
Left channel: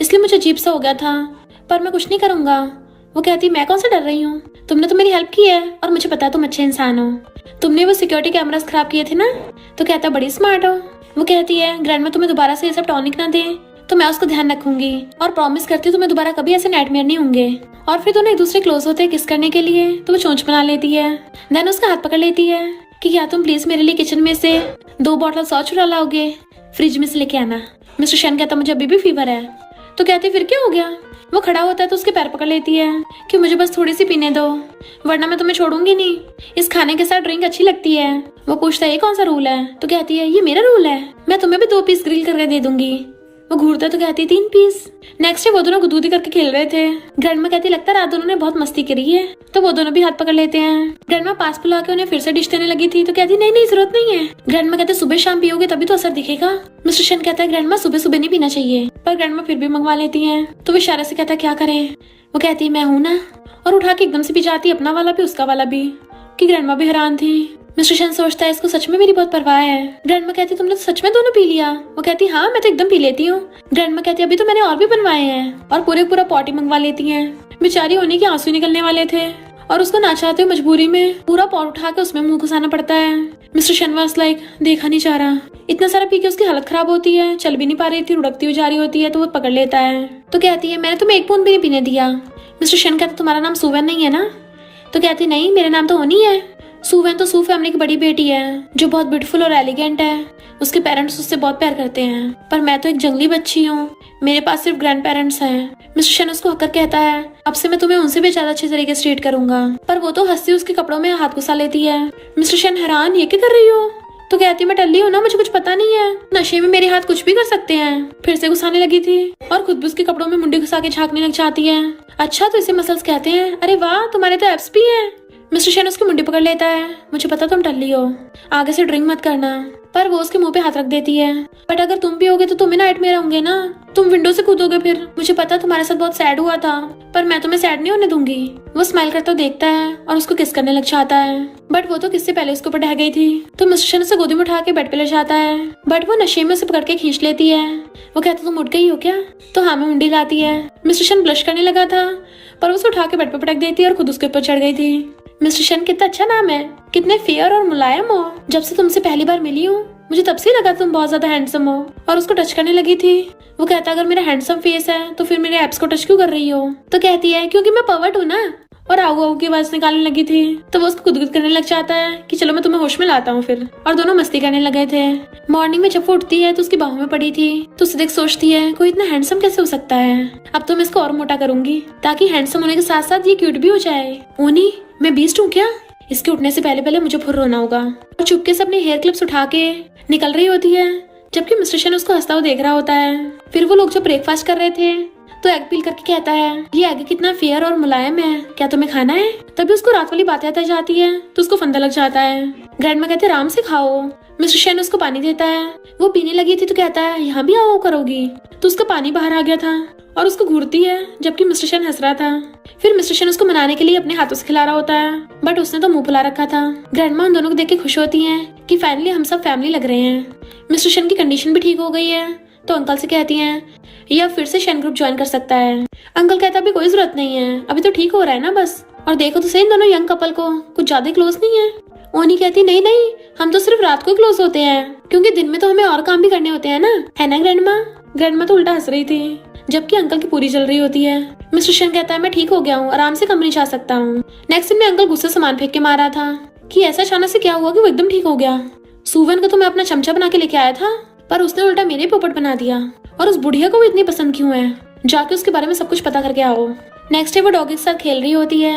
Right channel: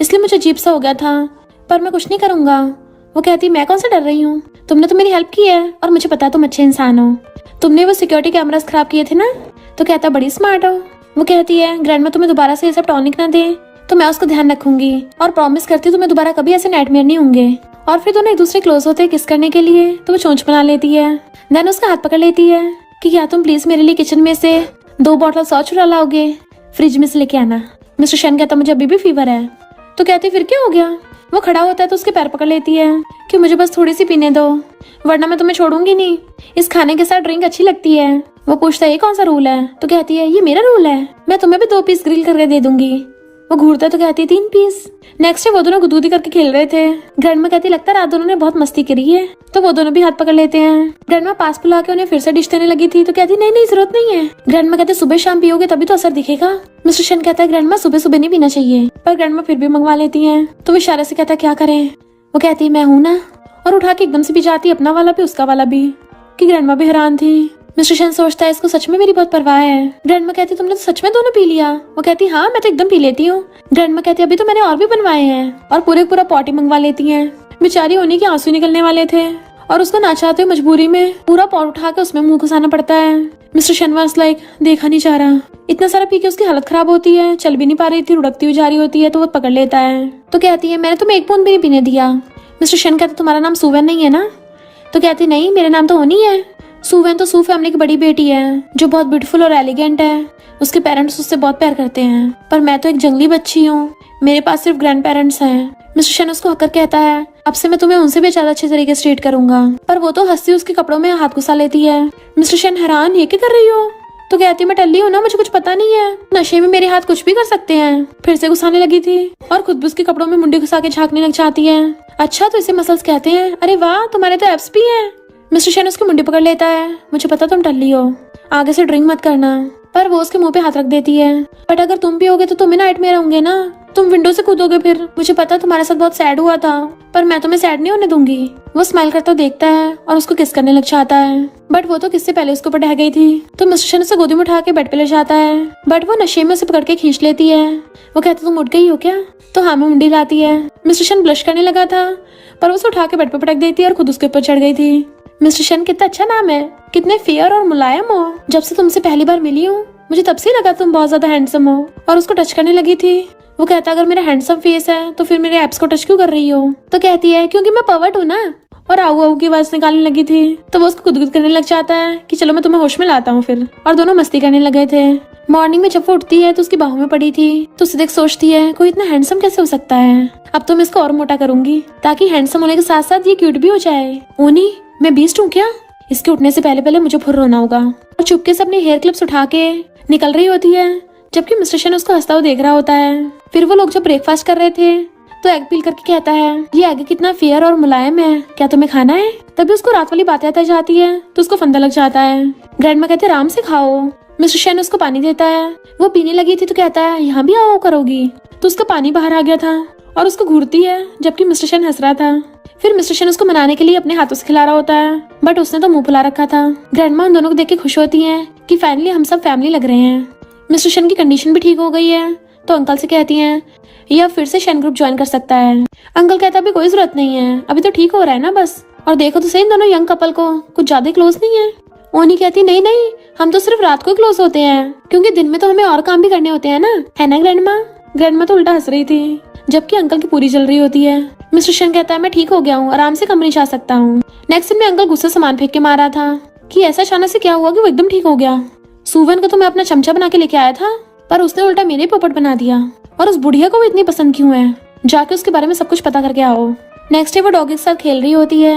इसलिए मुझे अजीब सा हो गया था, पर मैं कुछ नहीं करूंगा। वो कहती मैं कौन सा डर रही हूँ, तुमने तो मेरी हेल्प की है और मुझे पता है तुम अच्छे इंसान हो, तुमने वो सिक्योरिटी कैमरास खराब किए थे ना। तो कहता बड़ी स्मार्ट हो। वो कहती है ग्रैंडमा तुम्हें दोबारा से ये सब टॉनिक ना दे तो मैं उसको ध्यान रखूंगी और प्रॉमिस करती हूँ तुम्हें दोबारा कभी ऐसे नाइटमेयर नहीं होंगे। और फिर दोनों एक दूसरे क्लोज होते किस करने के लिए तो वो चोंच बना लेती है। देन उसका हाथ पकड़ लेती है कि क्या तुम प्लीज मेरे लिए किचन में से 2 बॉटल सॉस चुरा लाओगे, फ्रिज में से लेके आना। मिस्टर शन कहता मुझे अभी भी फीवर है। तो कहती फिर क्या हो गया। वो खड़ा होता है तो उसके पैर पकड़ लेती है कि मुझे बस थोड़ी सी पीने दो वरना मैं तुम्हें छोड़ूंगी नहीं, इस खाने के साथ ड्रिंक अच्छी लगती है। वो पूछता है ये कौन सा रूल है। तो कहती है ये मेरा रूल है, मैं तुम्हें भी 2 पीस ग्रिल करके दे दूंगी। वो घूरता तो कहती है 3 पीस। नेक्स्ट डे वो दोनों गुदगुदी करके खेल रहे थे। ग्रैंडमा कहती लगता है रात दोनों ने बहुत मस्ती करी है। तो वो दोनों भी हाथ पकड़ लेते हैं। ग्रैंडमा पास बुला के उन्हें फिर से डिश देने लगी थी तो कहती नहीं नहीं जरूरत नहीं है। ग्रैंडमा कहते सुबह शाम पियोगे तभी तो असर दिखेगा। मिस्टर शन कहता है ग्रैंडमा सुबह सुबह नहीं पीना चाहिए, पर ग्रैंडमा फिर भी मंगवा लेती है। तो वो इशारे से कहता क्या करे। वो कहती मैं हूँ ना, और उठा के एकदम से पी जाती अपना वाला भी उसका वाला भी, कि ग्रैंडमा भी हैरान थी। मिस्टर शन सोचता है इसको सच में मेरी बहुत परवाह है। ग्रैंडमा कहती तुमने तो सच में दोनों पी लिया। वो कहती हाँ मैं तो एकदम पी लेती हूँ। ग्रैंडमा कहती अभी तो मैंने और भी बनवाए हैं, और पूरा पॉटी मंगवा लेती है। बेचारी उन्हीं के आंसू निकलने वाले थे और उसको ना चाहते हुए मजबूरी में पूरा पॉट उठा के उसमें मुंह घुसाना पड़ता है। मिस्टर शन वाज लाइक देखा नहीं जा रहा, इतना सारा पी के उसकी हालत खराब होती है, चल भी नहीं पा रही थी, लुढ़कती हुई जा रही होती है। तो वो पकड़ लेता है। तो कहती है मैंने तुम्हें 1 बूंद भी नहीं पीने दिया। मिस्टर शन कहता तुम्हारा नाम सुवेन नहीं है ना। तो कहती नहीं मेरा नाम तो होनी है। सुवेन तो सू फैमिली की बड़ी बेटी है जो बहुत ब्यूटीफुल और एलिगेंट है, उसके पेरेंट्स उससे बहुत प्यार करते हैं, पर मैं तो एक जंगली बच्ची हूँ, मेरे पास सिर्फ ग्रैंड पेरेंट्स हैं। मिस्टर शन उसको हककर कहता है अब से मैं तुम्हें उनसे भी ज्यादा अच्छे तरीके से ट्रीट करूंगा, पर वो तो हंसती उसके कपड़ों में हाथ घुसा लेती है। मिस्टर शन हैरान ये क्या कर रही हो। तो कहती मैं टल्ली हूँ ना, मुझे कुछ पता नहीं है, नशे में मेरे हाथ कुछ भी कर सकते हैं। फिर से घुसाने लगी थी और खुद भी उसके कपड़ों में मुंडी घुसा के झांकने लग जाती है। अच्छा तो इसे मसल्स कहते हैं, अरे वाह तुम्हारे तो एब्स भी हैं। मिस्टर शन उसकी मुंडी पकड़ लेता है। मुझे पता तुम टल्ली हो, आगे से ड्रिंक मत करना, पर वो उसके मुंह पे हाथ रख देती है। बट अगर तुम भी होगे तो तुम्हें नाइटमेयर होंगे ना, तुम विंडो से कूदोगे फिर। मुझे पता तुम्हारे साथ बहुत सैड हुआ था, पर मैं तुम्हें सैड नहीं होने दूंगी। वो स्माइल करता देखता है और उसको किस करने लग जाता है, बट वो तो किससे पहले उसके ऊपर ढह गई थी। तो मिस्टर शन उसे गोदी में उठा के बेड पे ले जाता है, बट वो नशे में उसे पकड़ के खींच लेती है। वो कहती तुम उठ गई हो क्या। तो हाँ में मुंडी लाती है। मिस्टर शन ब्लश करने लगा था, पर उसे उठा के बेड पे पटक देती है और खुद उसके ऊपर चढ़ गई थी। मिस्टर शन कितना अच्छा नाम है, कितने फेयर और मुलायम हो। जब से तुमसे पहली बार मिली हूँ मुझे तब से लगा तुम बहुत ज्यादा हैंडसम हो, और उसको टच करने लगी थी। वो कहता अगर मेरा हैंडसम फेस है तो फिर मेरे एब्स को टच क्यों कर रही हो। तो कहती है क्योंकि मैं पर्वर्ट हूँ ना, और आऊ आऊ की आवाज निकालने लगी थी, तो वो उसको गुदगुद करने लग जाता है कि चलो मैं तुम्हें होश में लाता हूँ फिर। और दोनों मस्ती करने लगे थे। मॉर्निंग में जब वो उठती है तो उसकी बाहों में पड़ी थी, तो उसे देख सोचती है कोई इतना हैंडसम कैसे हो सकता है। अब तो मैं इसको और मोटा करूंगी ताकि हैंडसम होने के साथ साथ ये क्यूट भी हो जाए। ओनी, मैं बीस्ट हूँ क्या? इसके उठने से पहले पहले मुझे फुर्र होना होगा। और चुपके से अपने हेयर क्लिप्स उठा के निकल रही होती है, जबकि मिस्टर शन उसको हंसता हुआ देख रहा होता है। फिर वो लोग जब ब्रेकफास्ट कर रहे थे तो एग पील करके कहता है ये एग कितना फेयर और मुलायम है, क्या तुम्हें खाना है? तभी उसको रात वाली बातें आता जाती है तो उसको फंदा लग जाता है। ग्रैंडमा कहते आराम से खाओ। मिस्टर शन उसको पानी देता है, वो पीने लगी थी तो कहता है यहाँ भी आओ करोगी, तो उसका पानी बाहर आ गया था और उसको घूरती है, जबकि मिस्टर शन हंस रहा था। फिर मिस्टर शन उसको मनाने के लिए अपने हाथों से खिला रहा होता है, बट उसने तो मुंह फुला रखा था। ग्रैंडमा उन दोनों को देख के खुश होती है कि फाइनली हम सब फैमिली लग रहे हैं। मिस्टर शन की कंडीशन भी ठीक हो गई है, तो अंकल से कहती हैं यह फिर से शन ग्रुप ज्वाइन कर सकता है। अंकल कहता अभी कोई जरूरत नहीं है, अभी तो ठीक हो रहा है ना बस। और देखो तो सही, इन दोनों यंग कपल को कुछ ज्यादा क्लोज नहीं है। ओनी कहती नहीं नहीं, हम तो सिर्फ रात को क्लोज होते हैं, क्योंकि दिन में तो हमें और काम भी करने होते हैं ना, है ना ग्रैंडमा? ग्रैंडमा तो उल्टा हंस रही थी, जबकि अंकल की पूरी चल रही होती है। मिस्टर शन कहता है मैं ठीक हो गया हूँ, आराम से कमरे जा सकता हूँ। नेक्स्ट दिन में अंकल गुस्से से सामान फेंक के मारा था कि ऐसा अचानक से क्या हुआ कि वो एकदम ठीक हो गया। सुवन को तो मैं अपना चमचा बना के लेके आया था, पर उसने उल्टा मेरे पोपट बना दिया। और उस बुढ़िया को वो इतनी पसंद क्यों है? जाके उसके बारे में सब कुछ पता करके आओ। नेक्स्ट डे वो डॉगी के साथ खेल रही होती है,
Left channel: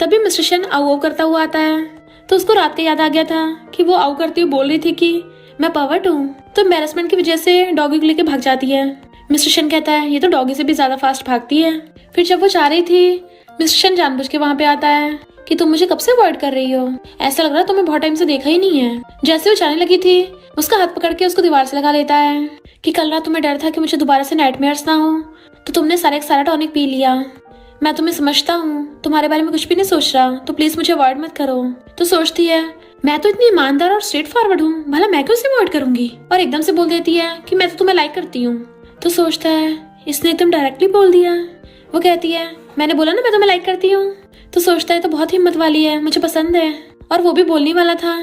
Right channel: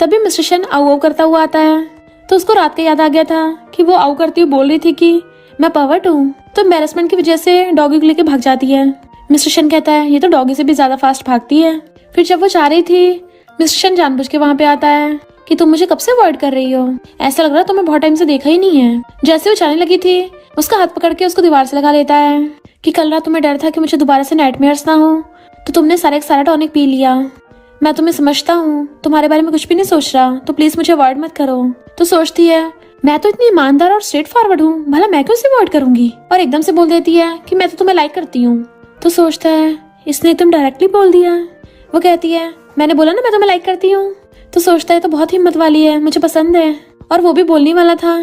तभी मिस्टर शन आऊ आऊ करता हुआ आता है, तो उसको रात के याद आ गया था कि वो आऊ करती हुई बोल रही थी कि मैं पर्वर्ट हूँ, तो एम्बैरेसमेंट की वजह से डॉगी को लेके भाग जाती है। मिस्टर शन कहता है ये तो डॉगी से भी ज्यादा फास्ट भागती है। फिर जब वो जा रही थी, मिस्टर शन जानबूझ के वहाँ पे आता है कि तुम मुझे कब से अवॉइड कर रही हो, ऐसा लग रहा है तुम्हें बहुत टाइम से देखा ही नहीं है। जैसे वो जाने लगी थी, उसका हाथ पकड़ के उसको दीवार से लगा लेता है कि कल रात तुम्हें डर था कि मुझे दोबारा से नाइटमेयर्स ना हो, तो तुमने सारा टॉनिक पी लिया। मैं तुम्हें समझता हूँ, तुम्हारे बारे में कुछ भी नहीं सोच रहा, तो प्लीज मुझे अवॉइड मत करो। तो सोचती है मैं तो इतनी ईमानदार और स्ट्रेट फॉरवर्ड हूँ, भला मैं क्यों उसे अवॉइड करूंगी? और एकदम से बोल देती है कि मैं तो तुम्हें लाइक करती हूँ। तो सोचता है इसने तुम डायरेक्टली बोल दिया। वो कहती है मैंने बोला ना मैं तुम्हें लाइक करती हूँ। तो सोचता है तो बहुत हिम्मत वाली है, मुझे पसंद है। और वो भी बोलने वाला था,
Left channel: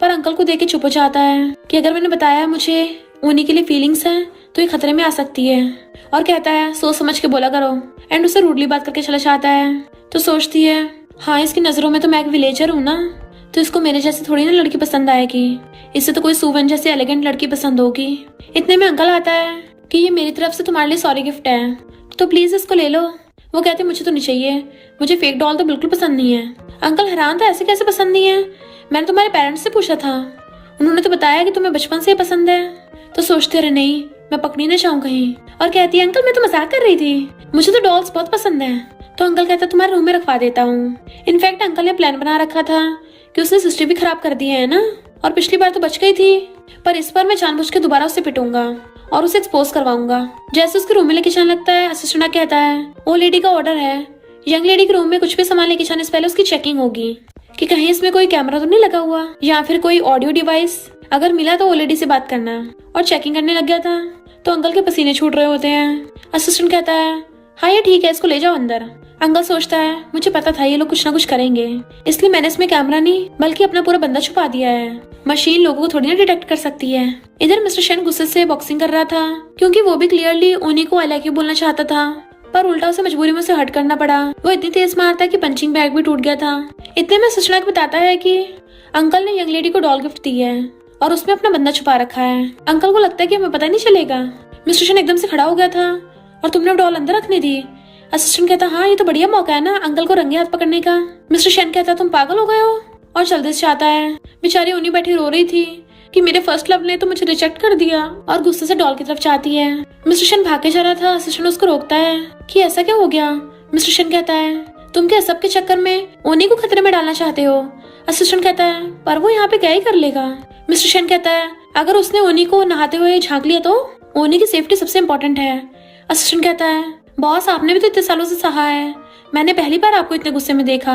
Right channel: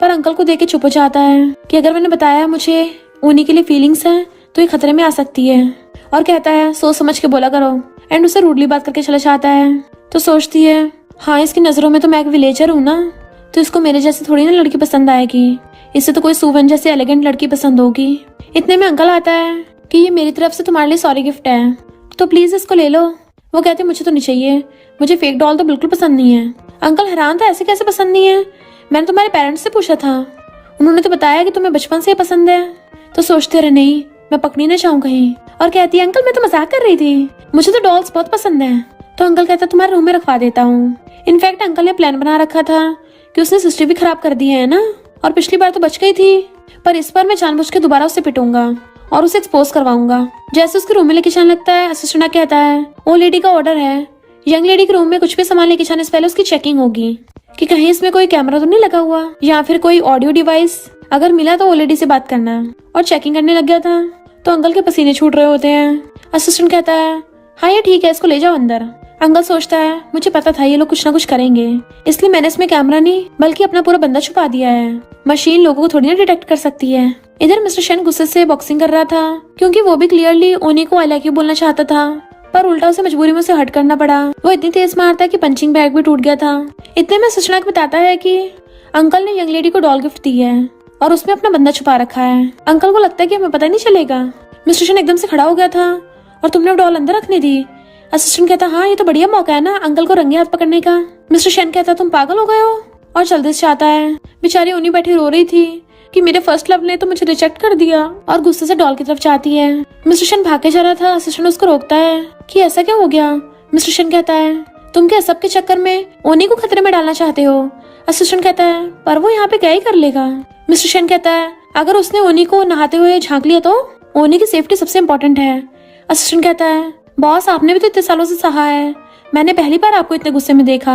पर अंकल को देख के चुप हो जाता है कि अगर मैंने बताया मुझे ओनी के लिए फीलिंग्स है तो ये खतरे में आ सकती है। और कहता है सोच समझ के बोला करो, एंड उसे रूडली बात करके चला जाता है। तो सोचती है हाँ इसकी नजरों में तो मैं एक विलेजर हूँ ना, तो इसको मेरे जैसे थोड़ी ना लड़की पसंद आएगी, इससे तो कोई सुवन जैसी एलिगेंट लड़की पसंद होगी। इतने में अंकल आता है कि ये मेरी तरफ से तुम्हारे लिए सॉरी गिफ्ट है, तो प्लीज इसको ले लो। वो कहते मुझे तो नहीं चाहिए, मुझे फेक डॉल तो बिल्कुल पसंद नहीं है। अंकल हैरान था ऐसे कैसे पसंद नहीं है, मैंने तुम्हारे पेरेंट्स से पूछा था, उन्होंने तो बताया कि तुम्हें बचपन से पसंद है। तो सोचते रहे नहीं मैं पकड़ी ना जाऊं कहीं। और कहती है अंकल मैं तो मजाक कर रही थी, मुझे तो डॉल्स बहुत पसंद है। तो अंकल कहता तुम्हारे रूम में रखवा देता हूँ। इनफैक्ट अंकल ने प्लान बना रखा था कि उसने सिस्टर भी खराब कर दी है ना, और पिछली बार तो बच गई थी, पर इस बार मैं जानबूझ के दोबारा उसे पिटूंगा और उसे एक्सपोज करवाऊंगा। जैसे उसके रूम में लेके जाने लगता है, असिस्टेंट कहता है ओ लेडी का ऑर्डर है, यंग लेडी के रूम में कुछ भी सामान लेके जाने से पहले उसकी चेकिंग होगी कि कहीं इसमें कोई कैमरा तो नहीं लगा हुआ या फिर कोई ऑडियो डिवाइस, अगर मिला तो ओ लेडी से बात करना। और चेकिंग करने लग गया था, तो अंकल के पसीने छूट रहे होते हैं। असिस्टेंट कहता है हाँ ये ठीक है, इसको ले जाओ अंदर। अंकल सोचता है मुझे पता था ये लोग कुछ ना कुछ करेंगे, इसलिए मैंने इसमें कैमरा नहीं बल्कि अपना पूरा बंदा छुपा दिया है, मशीन लोगों को थोड़ी ना डिटेक्ट कर सकती है। इधर मिस्टर शन गुस्से से बॉक्सिंग कर रहा था, क्योंकि वो भी क्लियरली ओनी को आई लाइक यू बोलना चाहता था, पर उल्टा उसे मजबूरी में उसे हट करना पड़ा। वो इतनी तेज मारता कि पंचिंग बैग भी टूट गया था। इतने में सचनाक बताता है कि अंकल ने यंग लेडी को डॉल गिफ्ट दी है और उसमें अपना बंदा छुपा रखा है। अंकल को लगता है कि हमें पता नहीं चलेगा। मिस्टर शन एकदम से खड़ा हो गया था और तुमने डॉल अंदर रखने दी। असिस्टेंट कहता हाँ ये तो बढ़िया मौका है ना अंकल को रंगे हाथ पकड़ने का। मिस्टर शन कहता तुम पागल हो गए हो, और जल्दी से आता है। बेचारी ओनी बैठी रो रही थी कि मेरे फर्स्ट लव ने तो मुझे रिजेक्ट कर दिया, और गुस्से से डॉल की तरफ जाती है। मिस्टर शन भाग के जा रहा था, असिस्टेंट उसको रोकता है कि ऐसा क्या हो गया। मिस्टर शन कहता है तुम क्या सबके चक्कर में ओनी को खतरे में डालना चाहते हो। असिस्टेंट कहता है पर वो यहाँ पे क्या ही कर लेगा। मिस्टर शन कहता है अगर उसने ओनी को नहाते हुए झांक लिया तो ओनी की सेफ्टी सबसे इम्पोर्टेंट है। असिस्टेंट कहता है बॉस आपने भी तो इतने सालों से सहा है, मैंने पहली बार आपको इतने गुस्से में देखा।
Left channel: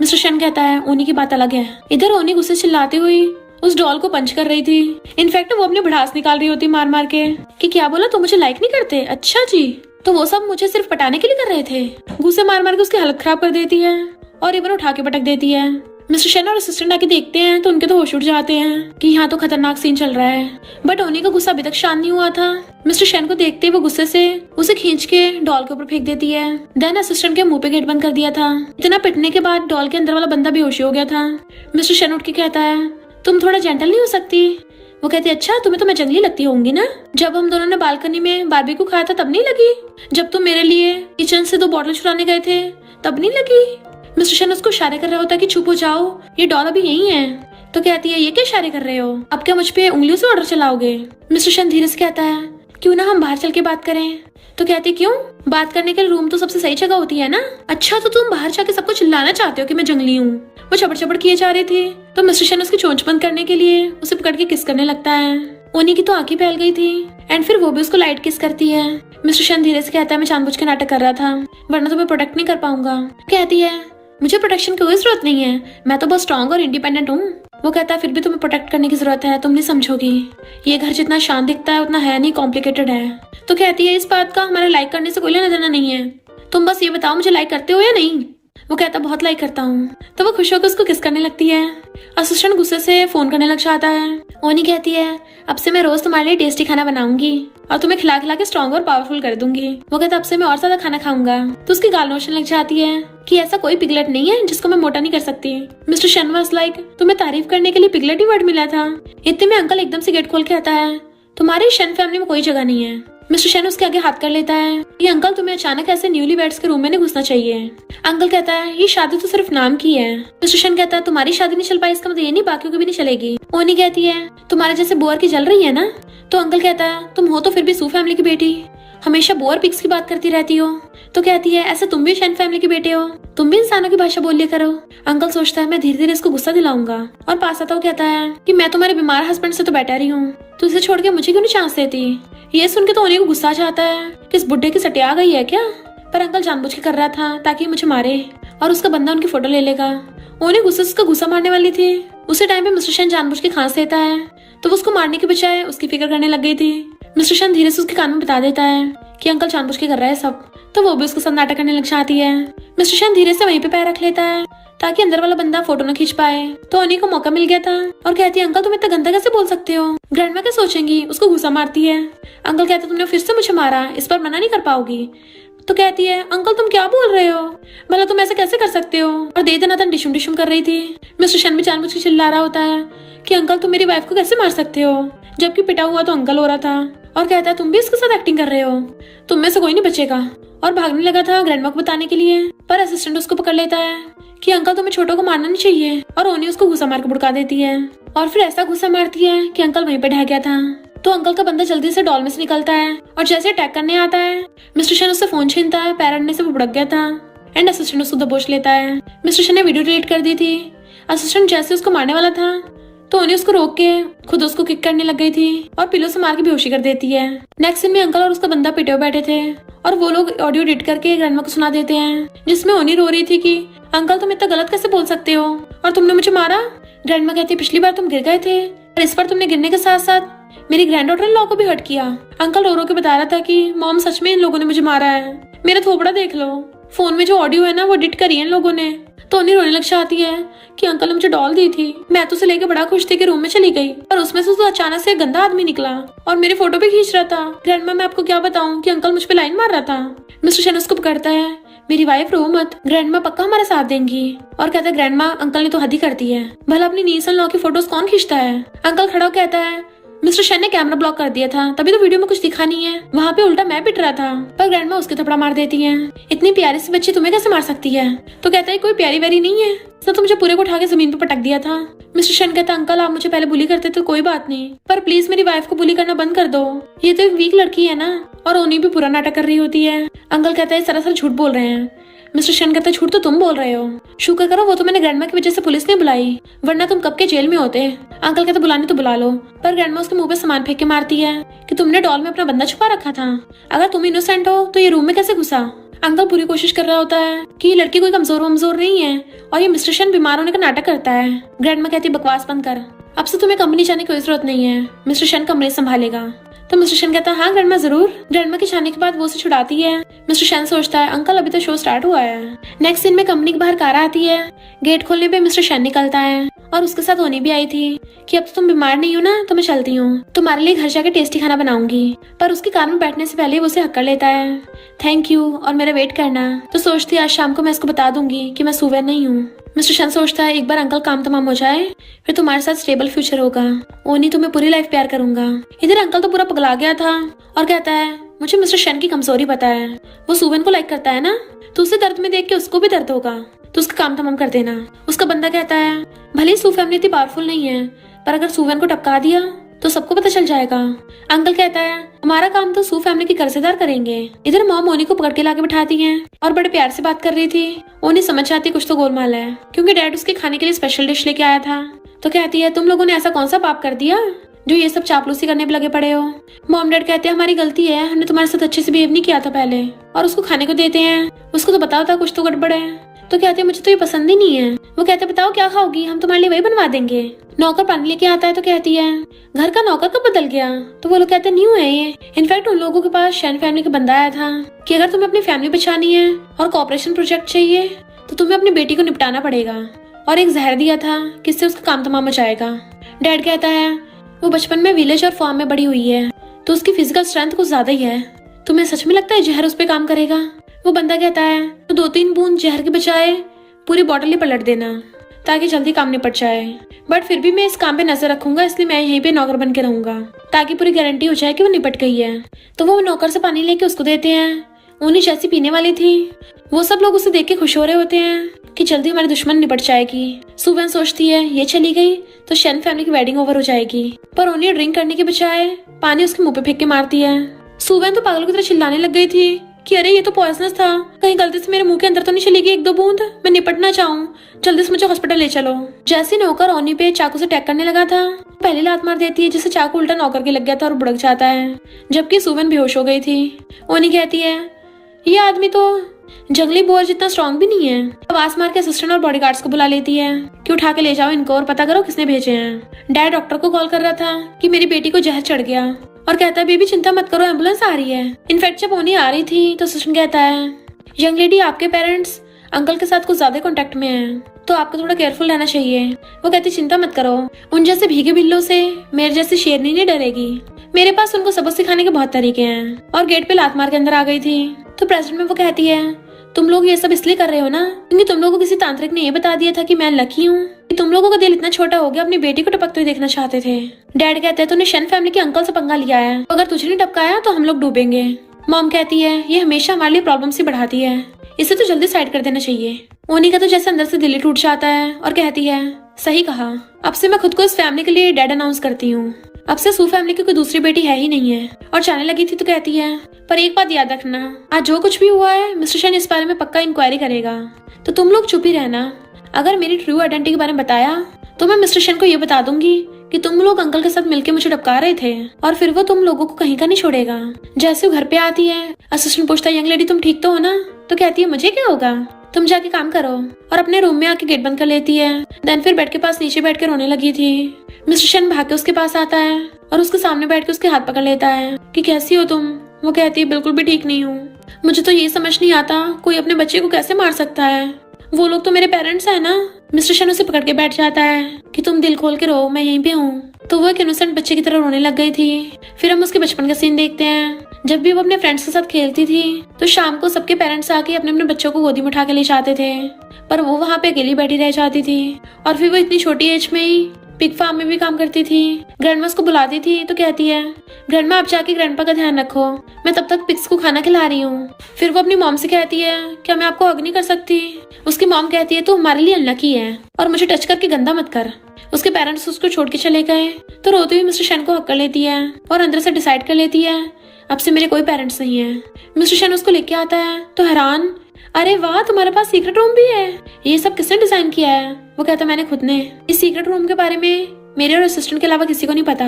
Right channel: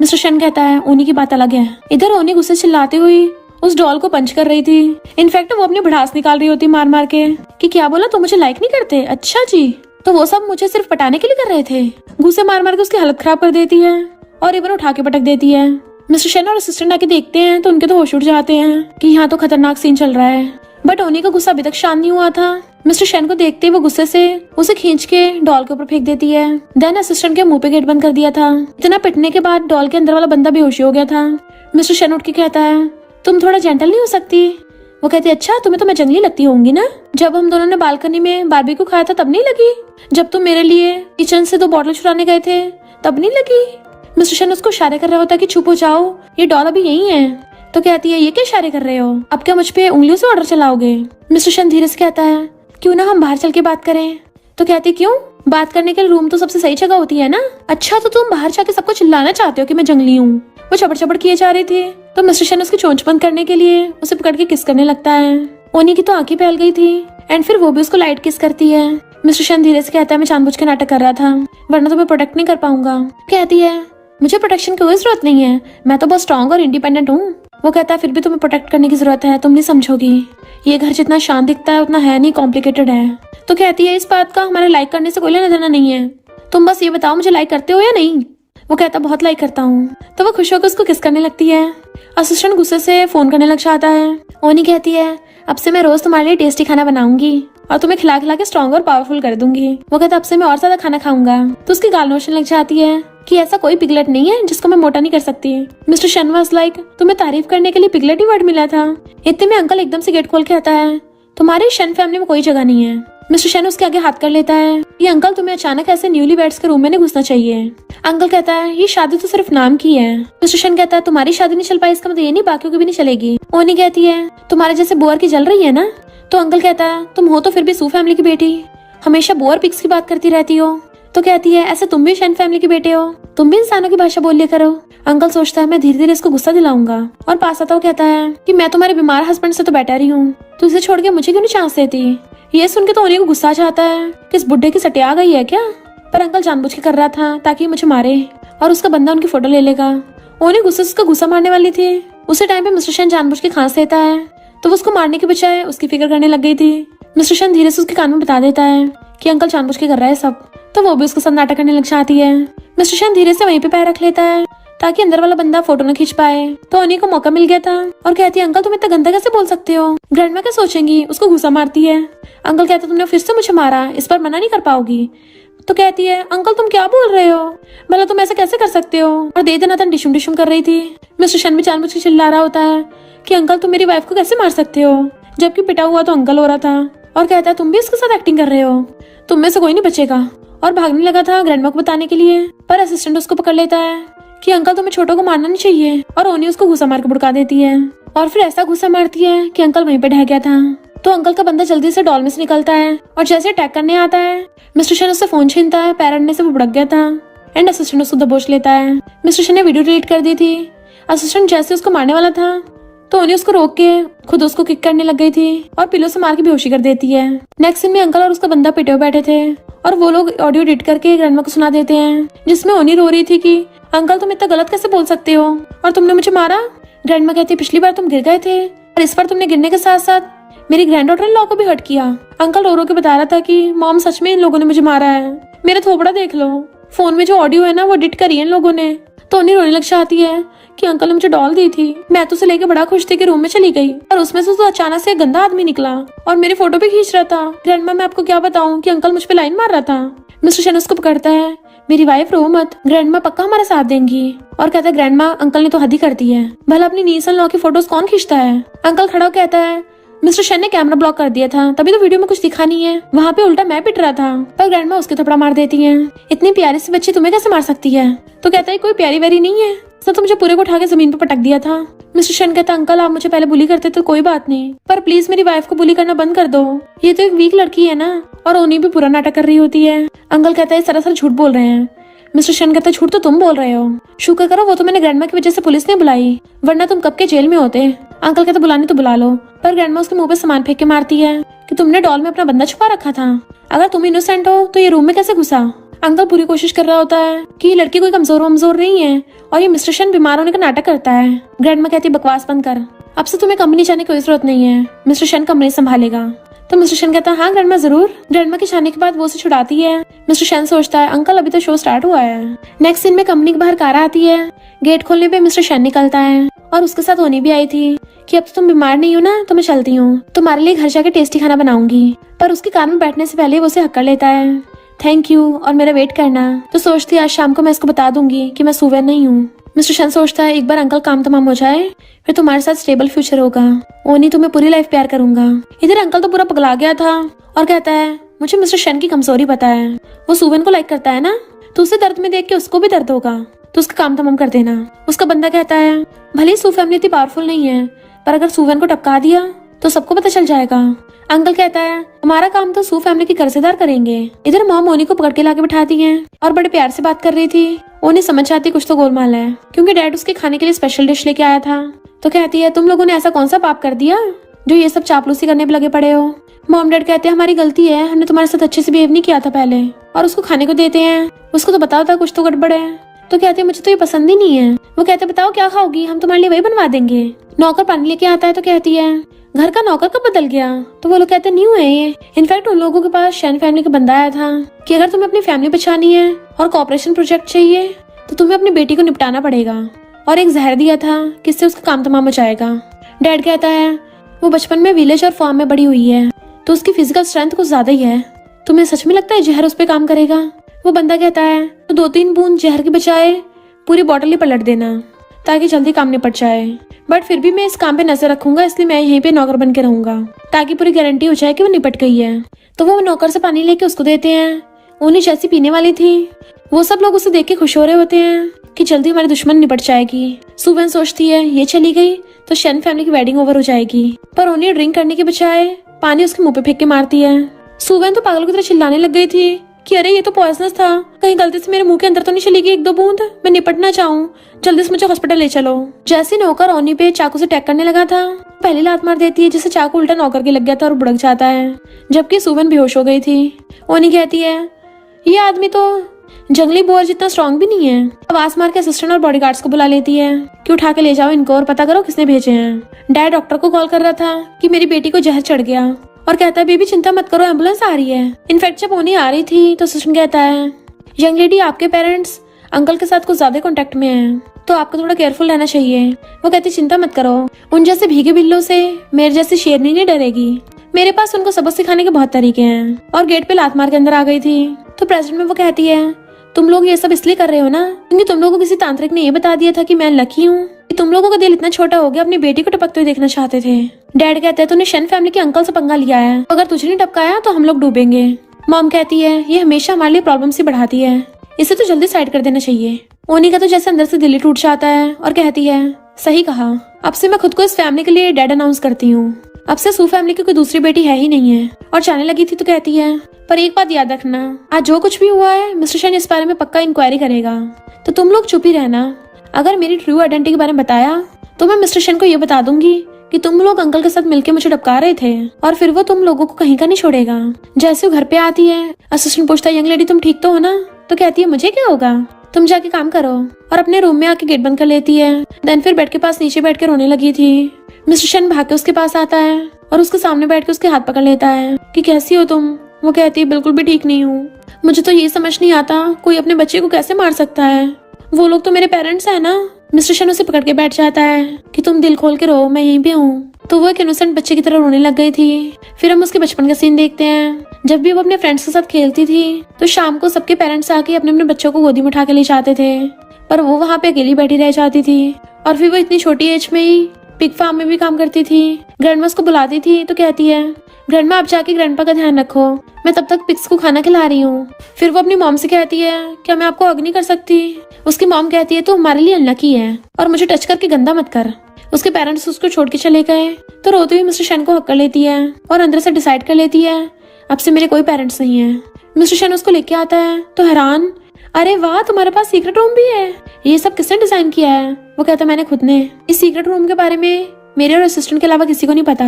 मिस्टर शन कहता है ओनी की बात अलग है। इधर ओनी गुस्से चिल्लाते हुई उस डॉल को पंच कर रही थी। इनफैक्ट वो अपनी भड़ास निकाल रही होती मार मार के कि क्या बोला तुम मुझे लाइक नहीं करते, अच्छा जी, तो वो सब मुझे सिर्फ पटाने के लिए कर रहे थे। गुस्से मार मार के उसकी हालत खराब कर देती है और इवन उठा के पटक देती है। मिस्टर शन और असिस्टेंट आके देखते हैं तो उनके तो होश उड़ जाते हैं कि यहाँ तो खतरनाक सीन चल रहा है। बट ओनी का गुस्सा अभी तक शांत नहीं हुआ था। मिस्टर शन को देखते ही वो गुस्से से उसे खींच के डॉल के ऊपर फेंक देती है। देन असिस्टेंट के मुंह पे गेट बंद कर दिया था। इतना पिटने के बाद डॉल के अंदर वाला बंदा बेहोश हो गया था। मिस्टर शन उठ के कहता है, तुम थोड़ा जेंटल नहीं हो सकती? वो कहती है, अच्छा तुम्हें तो मैं जंगली लगती होंगी ना? जब हम दोनों ने बालकनी में बारबी को खाया था तब नहीं लगी? जब तुम मेरे लिए किचन से 2 बॉटल चुराने गए थे तब नहीं लगी? मिस्टर शन उसको इशारे कर रहा होता कि चुप हो जाओ, ये डॉल अभी यही है। तो कहती है, ये क्या इशारे कर रहे हो? अब क्या मुझ पे उंगलियों से ऑर्डर चलाओगे? मिस्टर शन धीरे से कहता है, क्यों ना हम बाहर चल के बात करें? तो कहती, क्यों? बात करने के लिए रूम तो सबसे सही जगह होती है ना? अच्छा तो तुम बाहर जाके सबको चिल्लाना चाहते हो कि मैं जंगली हूँ? वो चबड़ चबड़ किए जा रही थी तो मिस्टर शन उसकी चोंच बंद करने के लिए उसे पकड़ के किस करने लगता है। ओनी की तो आंखें फैल गई थी एंड फिर वो भी उसको लाइट किस करती है। मिस्टर शन धीरे से कहता है, मैं जानबूझ के नाटक कर रहा था, वरना तो मैं प्रोटेक्ट नहीं कर पाऊंगा। कहती है, मुझे प्रोटेक्शन की कोई जरूरत नहीं है, मैं तो बहुत स्ट्रॉन्ग और इंडिपेंडेंट हूँ। वो कहता है, फिर भी तुम्हें प्रोटेक्ट करने की जरूरत है, तुम नहीं समझोगी। ये घर जितना शांत दिखता है उतना है नहीं, कॉम्प्लिकेटेड है। तो कहती है, इस बात का हमारे लाइक करने से कोई लेना देना नहीं है, तुम बस ये बताओ मुझे लाइक करते हो या नहीं? वो कहता, बहुत लाइक करता हूँ। तो वो खुश होकर उसको किस करने लगती है। असिस्टेंट गुस्से से फोन करने लग जाता है। ओनी कहती है, अब से मैं रोज तुम्हारे लिए टेस्टी खाना बनाऊंगी और तुम्हें खिला खिला के स्ट्रॉन्ग और पावरफुल कर दूंगी। वो कहता, अब से मैं और ज्यादा खाना खाऊंगा। तो उसकी गाल नोचने लग जाती है कि ऐसा कोई पिगलेट नहीं है जिसको मैं मोटा नहीं कर सकती। मिस्टर शन वाज लाइक, तुम्हें तारीफ करने के लिए पिगलेट ही वर्ड मिला था? इतने में अंकल एकदम से गेट खोल के आता है, तुम्हारी शन फैमिली में कोई जगह नहीं है। मिस्टर शन उसके आगे हाथ कर लेता है, ये अंकल तुम्हें अचानक ऐसे न्यूली वेड्स के रूम में नहीं घुसना चाहिए। अंकल कहता है, ये शादी तो सिर्फ नाम की है। मिस्टर शन कहता है, तुम्हारी शादी नहीं चल पाई इसका मतलब ये नहीं बाकियों की भी नहीं चलेगी। ओनी कहती है, तुम्हारे जैसे बोअर की जल रही है ना? तो अंकल कहता है, तुम हो तो फिर भी सू फैमिली की बेटी, हमेशा बोअर पिग्स की बात करती रहती हो। तो कहती है, ऐसे तुम भी शन फैमिली के बेटे हो, तुम भी इंसानों की भाषा बोल लिया करो। अंकल सोचता है, मैं धीरे धीरे इसको गुस्सा दिलाऊंगा और पास आता वो कहता है कि मैं तुम्हारे बीमार हस्बैंड से तो बेटर ही हूँ, तू इसे छोड़ के मुझे क्यों नहीं चांस देती? ये सुन के तो ओनी को गुस्सा आ जाता है कि इस बुढ़े की सटिया आ गई है क्या? पर अंकल जानबूझ के कर रहा था ताकि मुझे मारे और उसका बंदा उनकी फोटो ले लेगा। ओनी गुस्से से उसका गुस्सा मारने वाली थी, उसी टाइम पे मिस्टर शन जानबूझ के खांस देता है तो वो उसको मारने के बजाय उसकी फिक्र करने लग गई थी। मिस्टर शन धीरे से उसके कान में बता देता है कि अंकल जानबूझ के कर रहा है सब, तो वो भी उसके साथ नाटक करने लग जाती है। मिस्टर शन धीरे से वहीं पे पैर रख लेता है ताकि अंदर वाला बंदा फोटो न खींच पाए। तो ओनी को मौका मिल गया था और कहती है, अंकल तुम इतना गंदा कैसे बोल सकते हो? ग्रैंडमा क्या सोचेंगी? उसको गुस्सा मारती है। अंकल कहते, तुमने फिर से मुझे मारा, इस बार मना नहीं कर पाओगी। तो कहती है, अंकल तुम क्या बोल रहे हो? भला तुम ऐसे कैसे कर सकते हो? और दे देना डिशुम डिशुम कर रही थी। मिस्टर शन भी जानबूझ के चिल्ला रहा होता है कि अंकल तुम मेरी वाइफ को कैसे मार सकते हो, जबकि पिटा हुआ तो अंकल हो रहा था। और कहता है, तुम भी इसके साथ एक्टिंग कर रहे हो, तुम में से कोई नहीं बचेगा। और भागने लगा था ग्रैंडमा को बताने के लिए, पर असिस्टेंट उसको पकड़ लेता है कि अंकल तुम्हें छोटों को मारना नहीं चाहिए, और ओनी उसको घुसा मार के भुड़का देती है और फिर ऐसा घुसा मारती है कि अंकल वहीं पे ढह गया था। तो अंकल का बंदा जल्दी से डॉल में से निकलता है और जैसे अटैक करने आता है मिस्टर शन उससे फोन छीनता है, पैर अड़ने से वो भुड़क गया था एंड असिस्टेंट उसको दबोच लेता है। मिस्टर शन ने वीडियो डिलीट कर दी थी। असिस्टेंट जैसे उसको मारने वाला था तो ओनी उसको रोक के खुद उसको किक करने लग गई थी और पिलो से मार के बेहोशी कर देती है। नेक्स्ट सीन में अंकल और उसका बंदा पिटे हुए बैठे थे और वो लोग ऑडियो एडिट करके ग्रैंडमा को सुना देते हैं, जिसमें ओनी रो रही थी कि अंकल तुम इतना गलत कैसे बोल सकते हो और तुमने मुझे मारा। ग्रैंडमा कहती है, पिछली बार तुम गिर गए थे और इस बार तुमने गिरने के साथ साथ मेरी ग्रैंड डॉटर इन लोगों को भी हर्ट किया। अंकल रो रो के बता रहा था कि मॉम सच में इन लोगों ने मुझे मारा है, मेरा थोपड़ा देख लो, फोन में जो ऑडियो है ना वो एडिट करी है इन लोगों ने। तो ओनी रोने लग जाती है कि अंकल ने मुझे डॉल दी थी, मैं तो उसे लेके बड़ा खुश थी कि रूम में चली गई और उसमें से तो अचानक से एक गंदा आदमी निकला और मेरी फोटो भी खींच रहा था। ग्रैंडमा मैं आपको क्या बताऊं कि अंकल मुझ पे लाइन मार रहा था। मिस्टर शन उसको पकड़ता है, मेरी वाइफ रो मत, ग्रैंडमा पक्का हमारा साथ देंगी। और कहता है, ग्रैंडमा अंकल ने तो हद ही कर दी है, भला अपनी नीस एंड लॉ की फोटोज कौन खींचता है? अंकल खड़ा होकर कहता है, मिस्टर शन ने कैमरा ब्लॉक कर दिया था तभी तो वीडियो में कुछ दिखा नहीं है, वहाँ पे उल्टा मैं पिट रहा था। पर ग्रैंडमा उसके थप्पड़ मार देती है, इतनी प्यारी सी बच्ची तुम्हें कैसे मार सकती है? तो कहता है, कोई प्यारी वेरी नहीं है, तो मुझे पूरे को उठा के जमीन पे पटक दिया था। मिस्टर शन कहता, अंकल आप मुझे पहले बुली करते तो कोई बात नहीं, पर प्लीज मेरी वाइफ को बुली करना बंद कर दो, ये तो एक वीक लड़की है ना। और ओनी भी पूरा नाटक कर रही होती है। अंकल कहता है, सरासर झूठ बोल रहे हैं। मिस्टर शन कहता है, झूठ तो तुम बोल रहे हो, शुक्र करो वो तो मैंने ग्रैंडमा की वजह से पुलिस नहीं बुलाई, वरना तुम कब के जेल में होते। अंकल कहता, बुलाने तो बुला लो, पर ग्रैंडमा उसके मुंह पे सामान फेंक के मारती है कि तुमने डॉल में अपना बंदा छुपा रखा था, अगर तुम इनोसेंट हो तो ये रूम में कैसे घुसा। अंकल पूरी कोशिश कर रहा होता है कि ये लड़की कोई कमजोर नहीं है और ये मिस्टर शन बीमार होने का नाटक करता है। ग्रैंडमा कहती है, बकवास बंद कर, अब से तुम्हें कंपनी जाने की कोई जरूरत नहीं है, मिस्टर शन कमरे संभालेगा। तो मिस्टर शन कहता है, हाँ ग्रैंडमा जरूर। ग्रैंडमा के जाने के बाद वो उसे छुड़ाती है। मिस्टर शन सोचता है, अंकल अभी तो शो स्टार्ट हुआ है। नेक्स्ट सीन में कंपनी के बाहर कार आती है गेट खोलने पे मिस्टर शन निकलता है और उसके साथ होनी भी आई थी कि अब तो तुम बीमार नहीं हो ना, तो मैं चलती हूँ, तुम्हारे लिए घर जाके टेस्टी खाना बनाऊंगी। पर उसके कान में बैठने से पहले वो उसे हक्कर लेता है, थैंक यू और मेरा वेट करना। तो सोचती है आज शाम को मैं इसको बता दूंगी कि मैं सुवेन नहीं हूँ। मिस्टर शन सोचता है एक बार अंकल काम तमाम हो जाए फिर तुम्हारे साथ स्टेबल फ्यूचर होगा, ओनी तुम्हें पूरी लाइफ प्यार करूंगा। इधर अंकल तो पूरा पगला गया था और कहता है मुझे मिस्टर शन की कमजोरी पता है, वो सुवेन को लाइक करता है ना, तो उसे दर्द में देख के उसको भी दर्द होगा, तो उसका काम तमाम कर देना। उसका बंदा कहता है भले सू फैमिली इतनी पावरफुल नहीं है पर अगर सुवेन को टपका दिया तो सबको पता चल जाएगा। अंकल कहता है हमारा काम तो सू फैमिली के कर्जदार करेंगे। इधर मॉम ओनी को पकड़ के लाके बिठाती है और बड़े प्यार से बात कर रही थी। ओनी समझ जाती कुछ तो गोलमाल है क्योंकि डैड उसके खाने के लिए स्पेशल डिश लेके आया था। तो कहती है तुम लोगों ने ऐसा कौन सा पाप कर दिया जो ये सब चापलूसी करने पे लगे पड़े हो। मॉम डैड कहते हैं हमारी गलती है, हमने तुम्हारे साथ अच्छे से बिहेव नहीं किया था पहले। और उसको खाने को देते हैं, उसको तो पता होता कुछ तो गड़बड़ है। तो कहते हैं मुझे तो ये पसंद ही नहीं है। वो कहते हैं बताओ क्या खाओगी, हम तुम्हारे लिए वही बनवा देंगे। नौकर पानी लेके आता है तो कहती है घर का नौकर कब बदल गया। तो वो लोग कहते हैं न्यू है ये। इनफैक्ट उन लोगों के पास शन फैमिली का बंदा आया था कि अगर तुम्हें अपनी फैमिली बचानी है और कॉपरेशन प्रोजेक्ट चाहिए तो तुम्हें अपनी बेटी को निपटाना पड़ेगा, और एक जहर दिया था किससे उसका काम तमाम हो जाएगा। डैड कहता है वो बचपन में विलेज और फार्म में बड़ी हुई है तो उसकी फिजिकल स्ट्रेंथ कुछ ज्यादा ही है, तुम्हें सच में लगता है जहर उस पे काम करेगा। वो बंदा कहता है तो 2-3 बूंद जहर के बजाय पूरी बॉटल ही पलट देना ताकि जल्दी काम निपट जाए, बट फिर भी मैं इस काम पे नजर रखूंगा, इसलिए मैं यहीं पे नौकर बन के रहूंगा ताकि पूरी गारंटी हो जाए कि वो निपट गई है। तो वो नौकर से पानी लेके उसको देते हैं। उन्हें जैसी पीने वाली थी वो सब लोग उसे देख के खुश हो रहे होते हैं कि जल्दी हमारी दुश्मन निपट जाएगी। सुवेन सोचती है ये चली गई तो शन फैमिली की वेडिंग ओवर हो जाएगी, पर उन्हें ड्रिंक करने के बजाय पानी उसके मुंह पे फेंक के मारती है। सुवेन तो पागल की तरह चिल्लाने लग गई थी कि अरे ये तो पॉइजनस था, कहीं गलती से मेरे मुंह के अंदर तो नहीं चली गई 1-2 बूंद, मैं निपटना चाहूँ, जल्दी से मुझे हॉस्पिटल ले चलो। जैसे नौकर ओनी पे चाकू से अटैक करने लगा था पहली लात मार देती है जिससे चाकू उल्टा नौकर के लग गया था और बुड़क जाता है, जबकि सुवेन बेहोश हो गई थी। ओनी कहती है ये आदमी तो जंगली बोअर जितना स्ट्रॉन्ग भी नहीं है। आवाज मार के असिस्टेंट और बॉडीगार्ड्स को बुला लेती है कि उठा के ले जाओ इनको और पता करो किसने भेजे हैं। डैड डॉक्टर को कॉल कर रहा था कि मेरी बेटी को जहर चढ़ गया और कहता है बेबी चिंता मत करो एम्बुलेंस आ रही है। इनफैक्ट जब ओनी आ रही थी तो असिस्टेंट कहता है यंग लेडी आपके पेरेंट्स अंकल के साथ कुछ ज्यादा कॉन्टेक्ट में है तो आपको थोड़ा केयरफुल रहना चाहिए। वो कहती चिंता मत करो, उन जैसे भीगे बिल्लों से मेरे जैसी शेरनी नहीं डरेगी, मेरे पास उनको सबक सिखाने के बहुत तरीके हैं। और गेट पे लात मार के अंदर आ गई थी। तो प्रेसिडेंट में वो कहती है तुम लोग ये सब इसलिए कर रहे हो ना क्योंकि तुम लोगों को किसी तांत्रिक ने ये बता दिया था कि मैं लकी हूँ, कि तुम लोगों का दिल इतना छोटा हो गया अपनी बेटी को टपकते हुए देखना चाहते थे। डैड कहते हैं तूने शन फैमिली के अंकल से पंगा लिया है, अगर तुझे नहीं टपकाया तो हम लोग डूबेंगे। मॉम कहती है ये हमेशा हमारे लिए प्रॉब्लम ही बढ़ाती है, इसे तो जल्दी साइड कर देना चाहिए। ओनी का तो जैसे अंदर से दिल ही टूट जाता है और कहती है सही कहा, अब से मैं खुद को इस फैमिली के लिए डैड अनाउंस करती हूँ, अब से सू फैमिली की कोई दूसरी बेटी है ही नहीं है। और जाने लगी थी तो कहती है पर एक बात याद रखना, आज जो कुछ भी हुआ है मिस्टर शन इस बारे में पक्का इंक्वायरी करेगा, तो तुम लोग चुप ही रहना। अगर मेरी ट्रू आइडेंटिटी के बारे में बताया तो मैं मिस्टर शन को ये बता दूंगी कि तुम लोग अंकल के साथ मिलकर मुझे टपका रहे थे, और फिर वो तुम लोगों को कहीं का नहीं छोड़ेगा। जैसे वो घर पे आती है असिस्टेंट पूछता है यंग लेडी तुम ठीक तो हो ना, तो कहती है मुझे क्या होगा, तुम जाके काम करो, और अपने रूम में आके गेट बंद कर लेती है। देन फिर बेड के पास नीचे बैठ के रोने लगी थी। मिस्टर शन भाग के उसके पास आता है और उसके सामने बैठ के उसके हाथ पकड़ लेता है कि कैसी हो तुम। वो कहती है बिल्कुल भी ठीक नहीं हूँ, मुझे तो ये समझ नहीं आता कोई अपने बच्चे को कैसे मार सकता है, वो लोग तो मेरे पेरेंट्स है ना। मिस्टर शन उसे पकड़ के बैठ जाता है कि तुम दिल खोल के रो, मैं यहीं पे हूँ। तो वो एक इनोसेंट बच्चे की तरह रोने लग गई थी। फिर हम उसके बचपन का सीन देखते हैं, जब भी वो अपने फ्रेंड्स के साथ खेलती थी तो शाम को सबके पेरेंट्स आके अपने अपने बच्चों को गोदी में उठा के ले जाते थे, पर वो वहाँ पे अकेली बैठी रह जाती थी। और फिर वो इतनी छोटी एज में ही पिग फार्म में भी काम करती थी। ग्रैंडमा को बुलाती थी तो कहती है ग्रैंडमा आप जाके ग्रैंडपा का ध्यान रखो, मैं तब तक पिग्स को खाना खिला रही हूँ। फिर वो अपनी मॉम से कहती है क्या मैं आपको हग नहीं कर सकती। उसकी मॉम कहती है तो हमारे लिए अनलकी है और मुझे टच करके गंदा मत कर। उसके पेरेंट्स उसको छोड़ के चले गए तो रोते हुए मिस्टर शन को हक कर लेती है और अंदर से डिसाइड कर लेती है अब से मेरे कोई पेरेंट्स नहीं है। मिस्टर शन उसको लेके आता है तो हैरान, अरे वाह तुम्हारे पास सीक्रेट रूम भी है, ये सब किसने डिजाइन किया है। वो कहता मैंने खुद ने। इस सीक्रेट रूम के बारे में मेरे और असिस्टेंट के अलावा किसी को नहीं पता।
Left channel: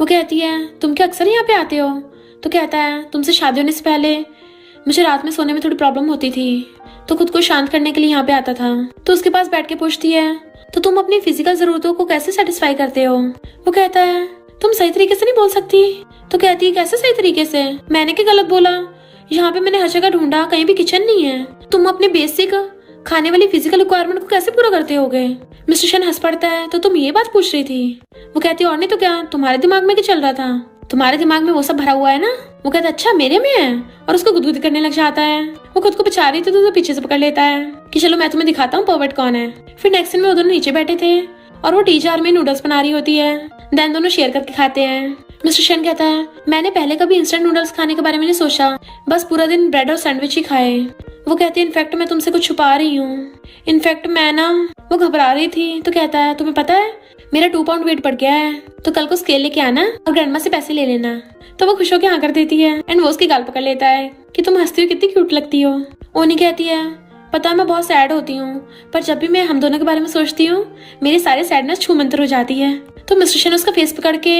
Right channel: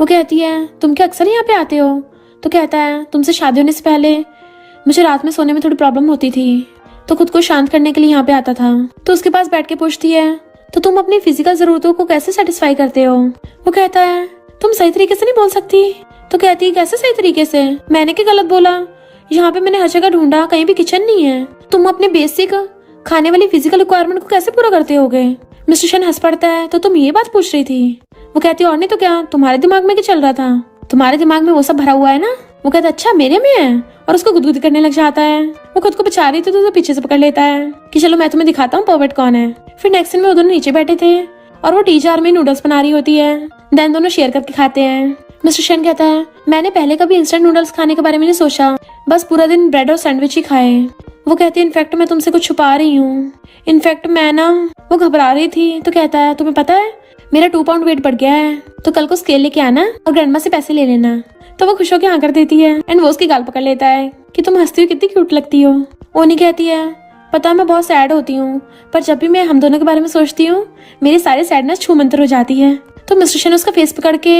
वो कहती है तुम क्या अक्सर यहाँ पे आते हो। तो कहता है तुमसे शादी होने से पहले मुझे रात में सोने में थोड़ी प्रॉब्लम होती थी तो खुद को शांत करने के लिए यहाँ पे आता था। तो उसके पास बैठ के पूछती है तो तुम अपनी फिजिकल जरूरतों को कैसे सेटिस्फाई करते हो। वो कहता है तुम सही तरीके से नहीं बोल सकती। तो कहती है कैसे सही तरीके से, मैंने क्या गलत बोला, यहाँ पे मैंने हर जगह ढूंढा कहीं भी किचन नहीं है। तुम अपने बेसिक खाने वाली फिजिकल रिक्वायरमेंट को कैसे पूरा करते होगे? मिस्टर शन हंस पड़ता है, तो तुम ये बात पूछ रही थी? वो कहती है और नहीं तो क्या, तुम्हारे दिमाग में क्या चल रहा था? तुम्हारे दिमाग में वो सब भरा हुआ है ना? वो कहता है अच्छा मेरे में है, और उसको गुदगुदी करने लग जाता है। वो खुद को बचा रही थी तो उसे पीछे से पकड़ लेता है कि चलो मैं तुम्हें दिखाता हूँ पर्वर्ट कौन है। फिर नेक्स्ट सीन में वो दोनों नीचे बैठे थे और वो टी जार में नूडल्स बना रही होती है। देन दोनों शेयर करके खाते हैं। मिस्टर शन कहता है मैंने पहले कभी इंस्टेंट नूडल्स खाने के बारे में नहीं सोचा, बस पूरा दिन ब्रेड और सैंडविच ही खाए। वो कहती है इनफैक्ट मैं तुमसे कुछ छुपा रही हूँ। इनफैक्ट मैं ना, वो घबरा रही थी तो कहता है तुम्हें पता है मेरा 2 पाउंड वेट बढ़ गया है, तो कल को स्केल लेके आना और ग्रैंडमा से पैसे ले लेना। तो वो खुश होकर हाँ कर देती है एंड वो उसकी गाल पकड़ लेता है कि तुम हंसती हो कितनी क्यूट लगती हो। ओनी कहती है पता है मैं बहुत सैड होती हूँ, पर जब भी मैं हम दोनों के बारे में सोचती हूँ मेरी सारी सैडनेस छूमंतर हो जाती है। तो मिस्टर शन उसका फेस पकड़ के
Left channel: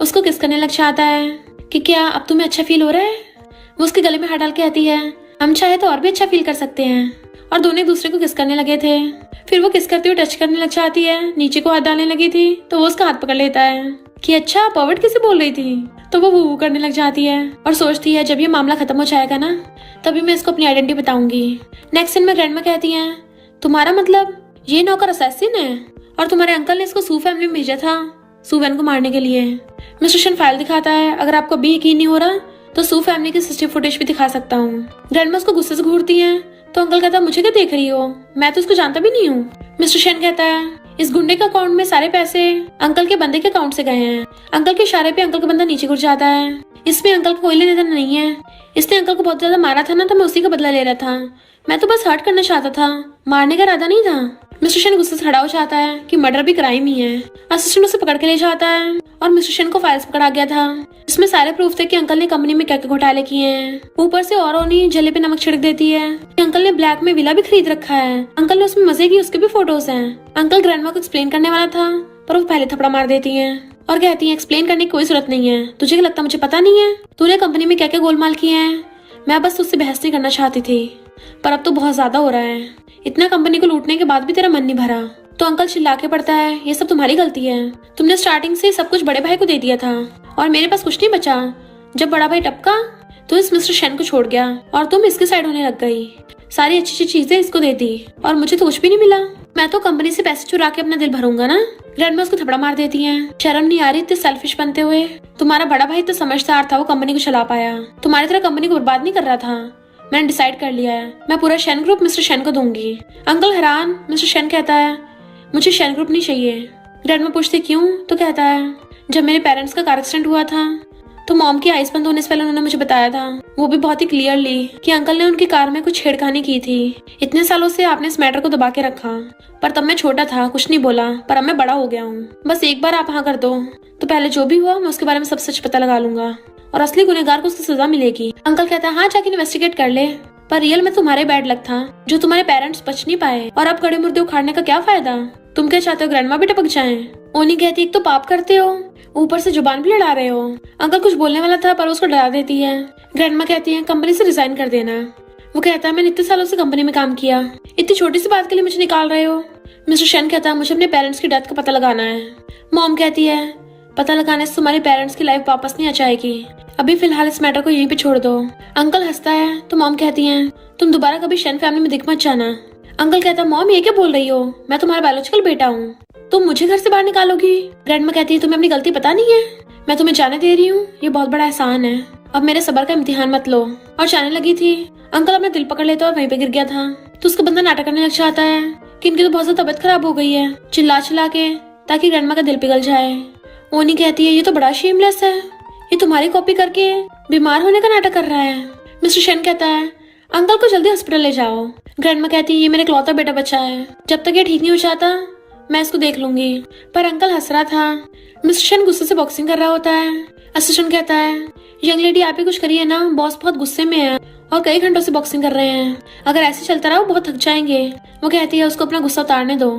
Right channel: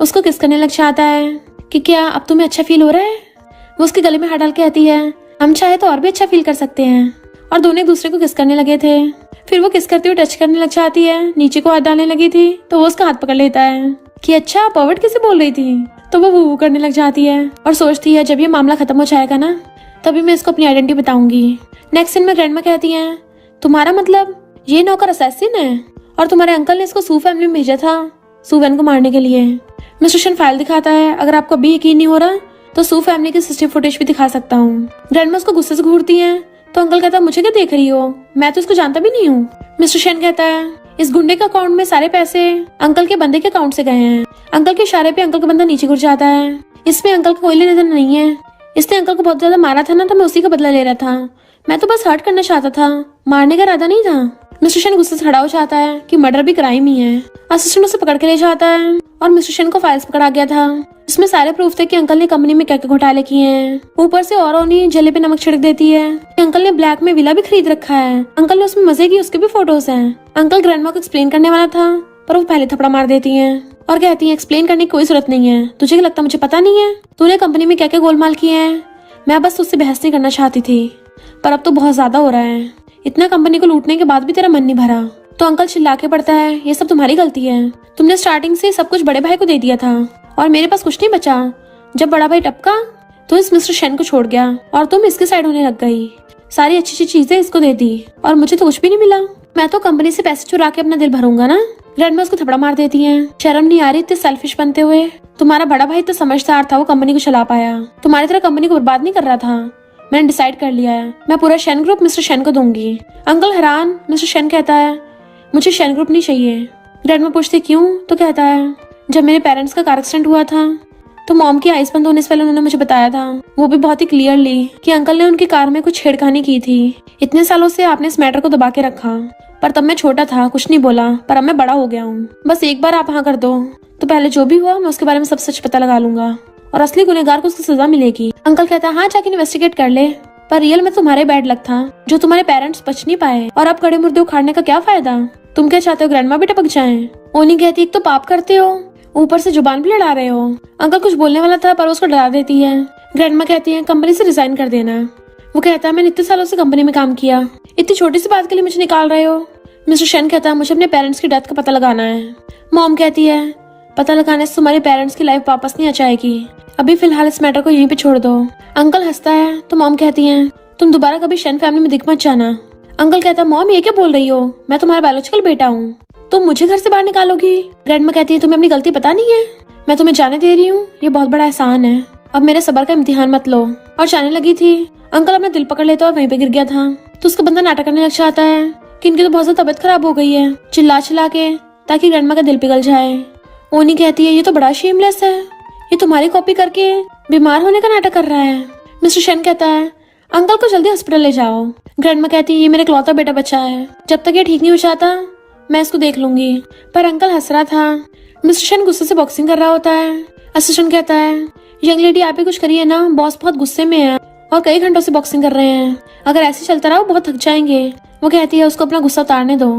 उसको किस करने लग जाता है कि क्या अब तुम्हें अच्छा फील हो रहा है? वो उसके गले में हाथ डाल के कहती है हम चाहे तो और भी अच्छा फील कर सकते हैं। और दोनों एक दूसरे को किस करने लगे थे। फिर वो किस करते हुए टच करने लग जाती है, नीचे को हाथ डालने लगी थी तो वो उसका हाथ पकड़ लेता है कि अच्छा पर्वर्ट किसे बोल रही थी। तो वो वो करने लग जाती है और सोचती है जब ये मामला खत्म हो जाएगा ना तभी मैं इसको अपनी आइडेंटिटी बताऊंगी। नेक्स्ट सीन में ग्रैंडमा कहती है तुम्हारा मतलब ये नौकर असैसिन है और तुम्हारे अंकल ने इसको सू फैमिली में भेजा था सुवेन को मारने के लिए। मिस्टर शन फाइल दिखाता है, अगर आपको अभी यकीन नहीं हो रहा तो सू फैमिली की सीसीटीवी फुटेज भी दिखा सकता हूँ। ग्रैंडमा उसको गुस्से से घूरती है तो अंकल कहता है मुझे क्या देख रही हो, मैं तो इसको जानता भी नहीं हूँ। मिस्टर शन कहता है इस गुंडे के अकाउंट में सारे पैसे अंकल के बंदे के अकाउंट से गए हैं। अंकल के इशारे पे अंकल का बंदा नीचे गिर जाता है। इसमें अंकल को कोई लेना देना नहीं है। इसने अंकल को बहुत ज्यादा मारा था ना, तो मैं उसी का बदला ले रहा था। मैं तो बस हर्ट करना चाहता था, मारने का इरादा नहीं था। मिस्टर शन गुस्से से खड़ा हो जाता है कि मर्डर भी क्राइम ही है। असिस्टेंट उसे पकड़ के ले जाता है और मिस्टर शन को फाइल्स पकड़ा गया था। इसमें सारे प्रूफ थे कि अंकल ने कंपनी में क्या क्या घोटाले किए हैं। ऊपर से और उन्हीं जले पे नमक छिड़क देती है कि अंकल ने ब्लैक में विला भी खरीद रखा है। अंकल ने उसमें मजे की उसके भी फोटोज हैं। अंकल ग्रैंडमा को एक्सप्लेन करने वाला था पर वो पहले थपड़ा मार देती है और कहती है एक्सप्लेन करने की कोई जरूरत नहीं है, तुझे क्या लगता मुझे पता नहीं है तूने कंपनी में क्या क्या गोलमाल किए हैं? मैं बस तुझसे बहस नहीं करना चाहती थी, पर अब तो बहुत ज्यादा हो रहा है। इतना कंपनी को लूटने के बाद भी तेरा मन नहीं भरा। तो अंकल चिल्ला के पड़ता है ये सब तुम्हारी गलती है, तुमने स्टार्टिंग से सब कुछ बड़े भाई को दे दिया था और मेरे पास कुछ नहीं बचा। जब बड़ा भाई टपका तो इस मिस्टर शन को छोड़ गया और तुम इसके साइड होने लग गई। सारी अच्छी अच्छी चीजें इसको दे दी और मुझे तो कुछ भी नहीं मिला। मैं तो कंपनी से पैसे चुरा के अपना दिल भरूंगा ना। ग्रैंडमा उसको थपड़ा मार देती है, शर्म नहीं आ रही इतने सेल्फिश बनते हुए? तुम्हारा बड़ा भाई तो समझदार था, वो कंपनी को चला पाया, तुम्हारी तरह कंपनी को बर्बाद नहीं कर रहा था। मैंने डिसाइड कर लिया है, मैं पूरा शन ग्रुप मिस्टर शन को दूंगी। अंकल हैरान। मिस्टर शन कहता है मुझे शन ग्रुप नहीं चाहिए। ग्रैंडमा पूछती क्यों? तो कहता है जब मेरे पेरेंट्स का कार एक्सीडेंट हुआ था तो मॉम की आइस बंद होने से पहले उन्होंने मुझे बताया था, वो भी बहुत ही क्लियरली, कि अंकल ने उनकी कार में कुछ छेड़खानी की थी। इतने सालों से आपने इस मैटर को दबा के रखा, पर तब मैं छोटा था, कुछ नहीं बोला, पर अब मैं बड़ा हो गया हूँ। बस एक बार आप हाँ कर दो तो पहले जो भी हुआ मैं उसके बारे में सब सच पता लगा लूंगा और असली गुनहगार को उसकी सजा मिलेगी। अंकल कहता है हाँ जाके इन्वेस्टिगेट कर ले, पर रियल में तुम्हारे बैड लक था जो तुम्हारे पेरेंट्स बच नहीं पाए, और अब कड़े मुर्दे उखाड़ने का क्या फायदा? तुम क्या चाहते हो ग्रैंडमा भी टपक जाएं? ओनी कहती एक तो पाप करते हो, ऊपर से जुबान भी लड़ा रहे हो। अंकल कुछ बोलने वाला था पर उसको डरा देती है। ग्रैंडमा कहती है कंपनी से रिजाइन कर देना। वो कहता है मैंने इतने सालों से कंपनी में काम किया, इतनी छोटी सी बात के लिए मुझे निकाल रहे हो? मिस्टर शन कहता है मुझे अपने पेरेंट्स की डेथ का पता लगाना है। मॉम कहती है पता लगाने से तुम्हारे पेरेंट्स की लाइफ वापस नहीं आ जाएगी, अभी फिलहाल इस मैटर को यहीं पे छोड़ दो। अंकल हंसता है तो मॉम कहती है तुम दोबारा कभी शन फैमिली में दिख मत जाना। अंकल कहता है मॉम ये क्या बोल रही हो, मैं तुम्हारा बायोलॉजिकल बेटा हूँ, तुम मुझे घर से बाहर निकालोगी? ग्रैंडमा कहती है तुम्हें अपनी गलती पता नहीं है, मैं तुम्हें जाने दे रही हूँ, ये बहुत बड़ा एहसान है, अब मेरे सब्र का इम्तिहान मत लो। और जाने लगी थी, अंकल अपना दिल पकड़ लेता और वहीं पे गिर गया था। तो उसका बंदा नाटक करने लग जाता है कि इनकी तो बहुत ज्यादा तबीयत खराब हो गई है, चिल्ला चिल्ला के, ताकि ग्रैंडमा का दिल पिघल जाए। ओनी कहती है ये तो बड़ा शेमलेस है, ये तुम्हारी कॉपी करके बीमार होने का नाटक कर रहा है। मिस्टर शन कहता है अंकल को जल्दी हॉस्पिटल ले जाओ। ग्रैंडमा कहती है ये मेरे इकलौता बेटा बच्चा है, जब तक ये ठीक नहीं हो जाता मैं इसको देख लूंगी। पर अंकल हंस रहा था। मिस्टर शन गुस्से से बॉक्सिंग कर रहा होता है। असिस्टेंट कहता है यंग लेडी आप ही कुछ करिए ना, बॉस बहुत गुस्से में है और कई घंटों से बॉक्सिंग कर रहे हैं, अगर ऐसे चलता रहा बहुत थक जाएंगे। वो कहती है उसको अपना गुस्सा उतारने दो,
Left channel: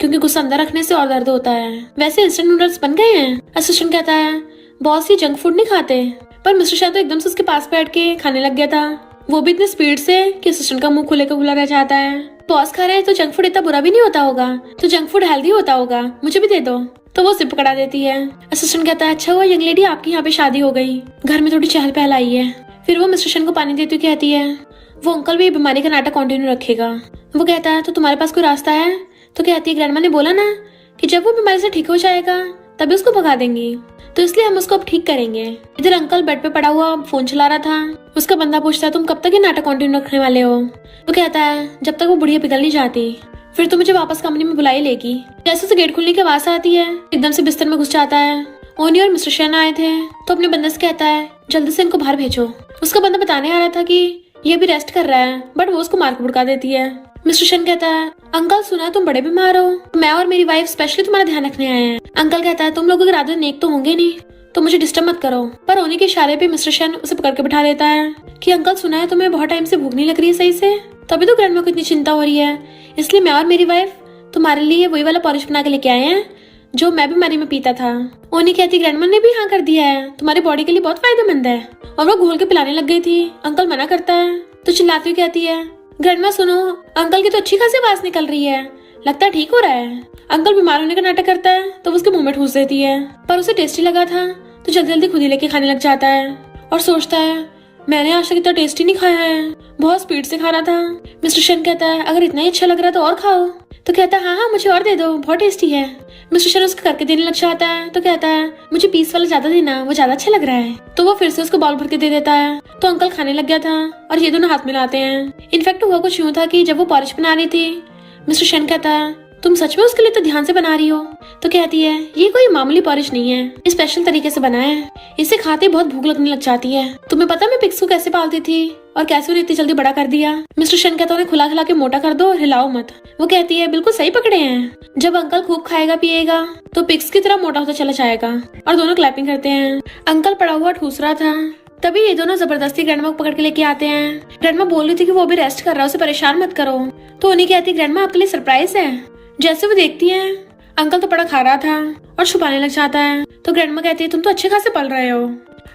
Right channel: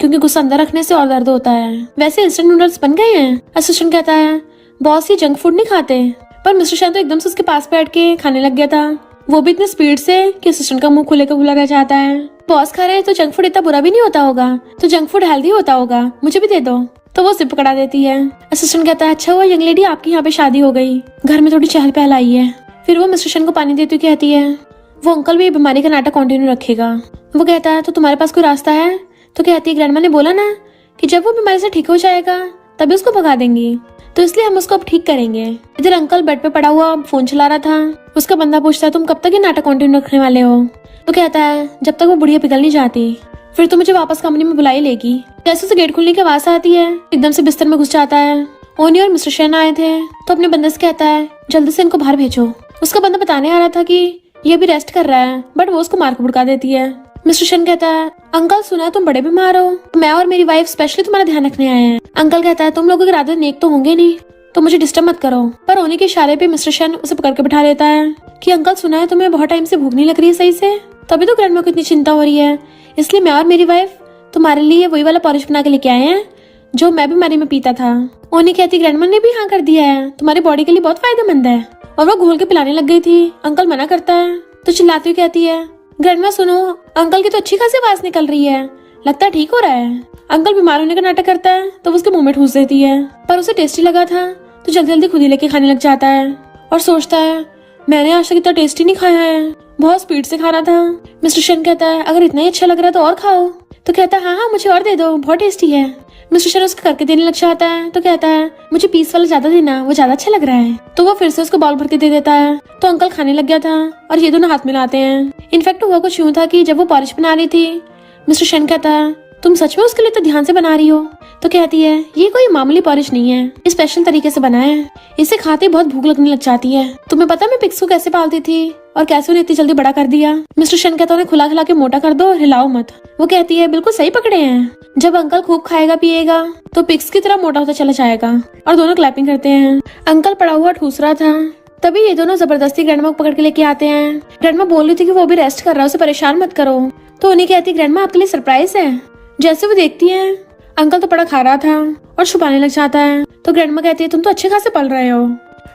क्योंकि गुस्सा अंदर रखने से और दर्द होता है। वैसे इंस्टेंट नूडल्स बन गए हैं। असिस्टेंट कहता है बॉस ये जंक फूड नहीं खाते। पर मिस्टर शन तो एकदम से उसके पास बैठ के खाने लग गया था, वो भी इतने स्पीड से कि असिस्टेंट का मुंह खुले का खुला रह जाता है। बॉस खा रहे हैं तो जंक फूड इतना बुरा भी नहीं होता होगा, तो जंक फूड हेल्दी होता होगा, मुझे भी दे दो। तो वो जिप पकड़ा देती है। असिस्टेंट कहता है अच्छा हुआ यंग लेडी आपकी यहाँ पे शादी हो गई, घर में थोड़ी चहल पहल आई है। फिर वो मिस्टर शन को पानी देती हुई कहती है वो अंकल भी बीमारी का नाटक कंटिन्यू रखेगा। वो कहता है तो तुम्हारे पास कोई रास्ता है? तो कहती है ग्रैंडमा ने बोला ना कि जब वो बीमारी से ठीक हो जाएगा तभी उसको भगा देंगी, तो इसलिए हम उसको अब ठीक करेंगे। इधर अंकल बेड पे पड़ा हुआ फोन चला रहा था। उसका बंदा पूछता है तुम कब तक ये नाटक कंटिन्यू रखने वाले हो? वो कहता है जब तक वो बुढ़िया पिघल नहीं जाती, फिर तो मुझे वापस कंपनी में बुला ही लेगी। जैसे उसे गेट खुलने की आवाज आती है एकदम से बिस्तर में घुस जाता है। ओनी और मिस्टर शेन आए थे तो अपने बंदे से कहता है जल्दी से इनको बाहर भेजो। उसका बंदा बताने आ रहा था कि ये भी रेस्ट कर रहा है, बट वो उसको मार के भुड़का देती है। मिस्टर शेन कहता है अंकल सुना तुम बड़े बीमार हो, मैं और मेरी वाइफ स्पेशली तुम्हारा ध्यान रखने आए हैं। अंकल कहता है तुम लोगों के इरादे नेक तो होंगे नहीं, तो मुझे डिस्टर्ब मत करो। पर ओनी के इशारे पे मिस्टर शेन उसे पकड़ के बिठा देता है कि अंकल सुना है तुम्हें बहुत टाइम से भूख नहीं लग रही है सही से, तभी तो ग्रैंडमा को इतनी चिंता हो रही है, इसलिए मैं और मेरी वाइफ तुम्हारे लिए वही वाला पॉलिश बना के लेके आए हैं जो मैं बीमारी में पीता था। ओनी कहती ग्रैंडमा ने भी हाँ कर दिया है, तुम्हारी बॉडी के लिए बहुत फायदेमंद है। और वो घोल के पिलाने लग गई थी। अंकल मना करता है तो चिल्लाती हुई कहती है ग्रैंडमा सुनो, अंकल की तो अच्छी खासी आवाज निकल रही है, लगता है ठीक हो रहा है। अंकल बीमार होने का नाटक करता है तो उसके मुंह में ठूस देती है, पर उसे टेस्टी लगा था तो जल्दी जल्दी खुद ही लेके खाने लग जाता है और सोचता है मैंने आज तक इतना टेस्टी नहीं खाया है, बहुत स्पीड से खाना था। मिस्टर शेन कहता है अगर इतना ही अच्छा लग रहा है तो और खाओ। तो कहता है हाँ मुझे और दे दो, बहुत टेस्टी है। मिस्टर शेन उसको करके देने लग जाता है तो कहता है मुझे पीस वाला ज्यादा देना, वो ज्यादा अच्छा लग रहा है। तो वो फिर से उसको बाउल भर के दे देता है। तो अंकल खाने लग गया था और ये दोनों हाथ मिलाते हैं। इनफैक्ट हुआ कुछ यूं था कि जब वो पॉलिश बना रही थी मिस्टर शेन कहता है तुम सच में उसके लिए तो ध्यान से बना रही हो? तो कहती है ये कोई मामूली पॉलिश नहीं है, ये स्पेशल तरीके से बना है, इसे खाते बहुत भूख लगने लग जाती है। तुम्हें पता मैं पिग्स को कैसे पालती थी और कैसे उन्हें इतनी जल्दी बड़ा कर दिया? मिस्टर शेन कहता है उन्हें खुला खिला के मोटा कर दो और हिलाओ मत। वो कहती है बिल्कुल सही पकड़े हैं, जब अंकल खूब खाएगा पिएगा तो पिग्स की तरह मोटा होता चला जाएगा। और दोनों क्लैपिंग करते हैं। अंकल पड़ा हुआ ठूस रहा था, तभी ये दोनों जबरदस्ती ग्रैंडमा को पकड़ के लेके आते हैं। ग्रैंडमा बोल रही थी कि वो भी रेस्ट कर रहा है, उसे परेशान मत करो। तो उन्हें कहती ग्रैंडमा आपके लिए सरप्राइज है। जैसे वो देखती है अंकल तो बड़ा खा रहा था और छुपाने लग जाता है। तो ग्रैंडमा कहती है तुम तो अच्छे खासे पल रहे हो,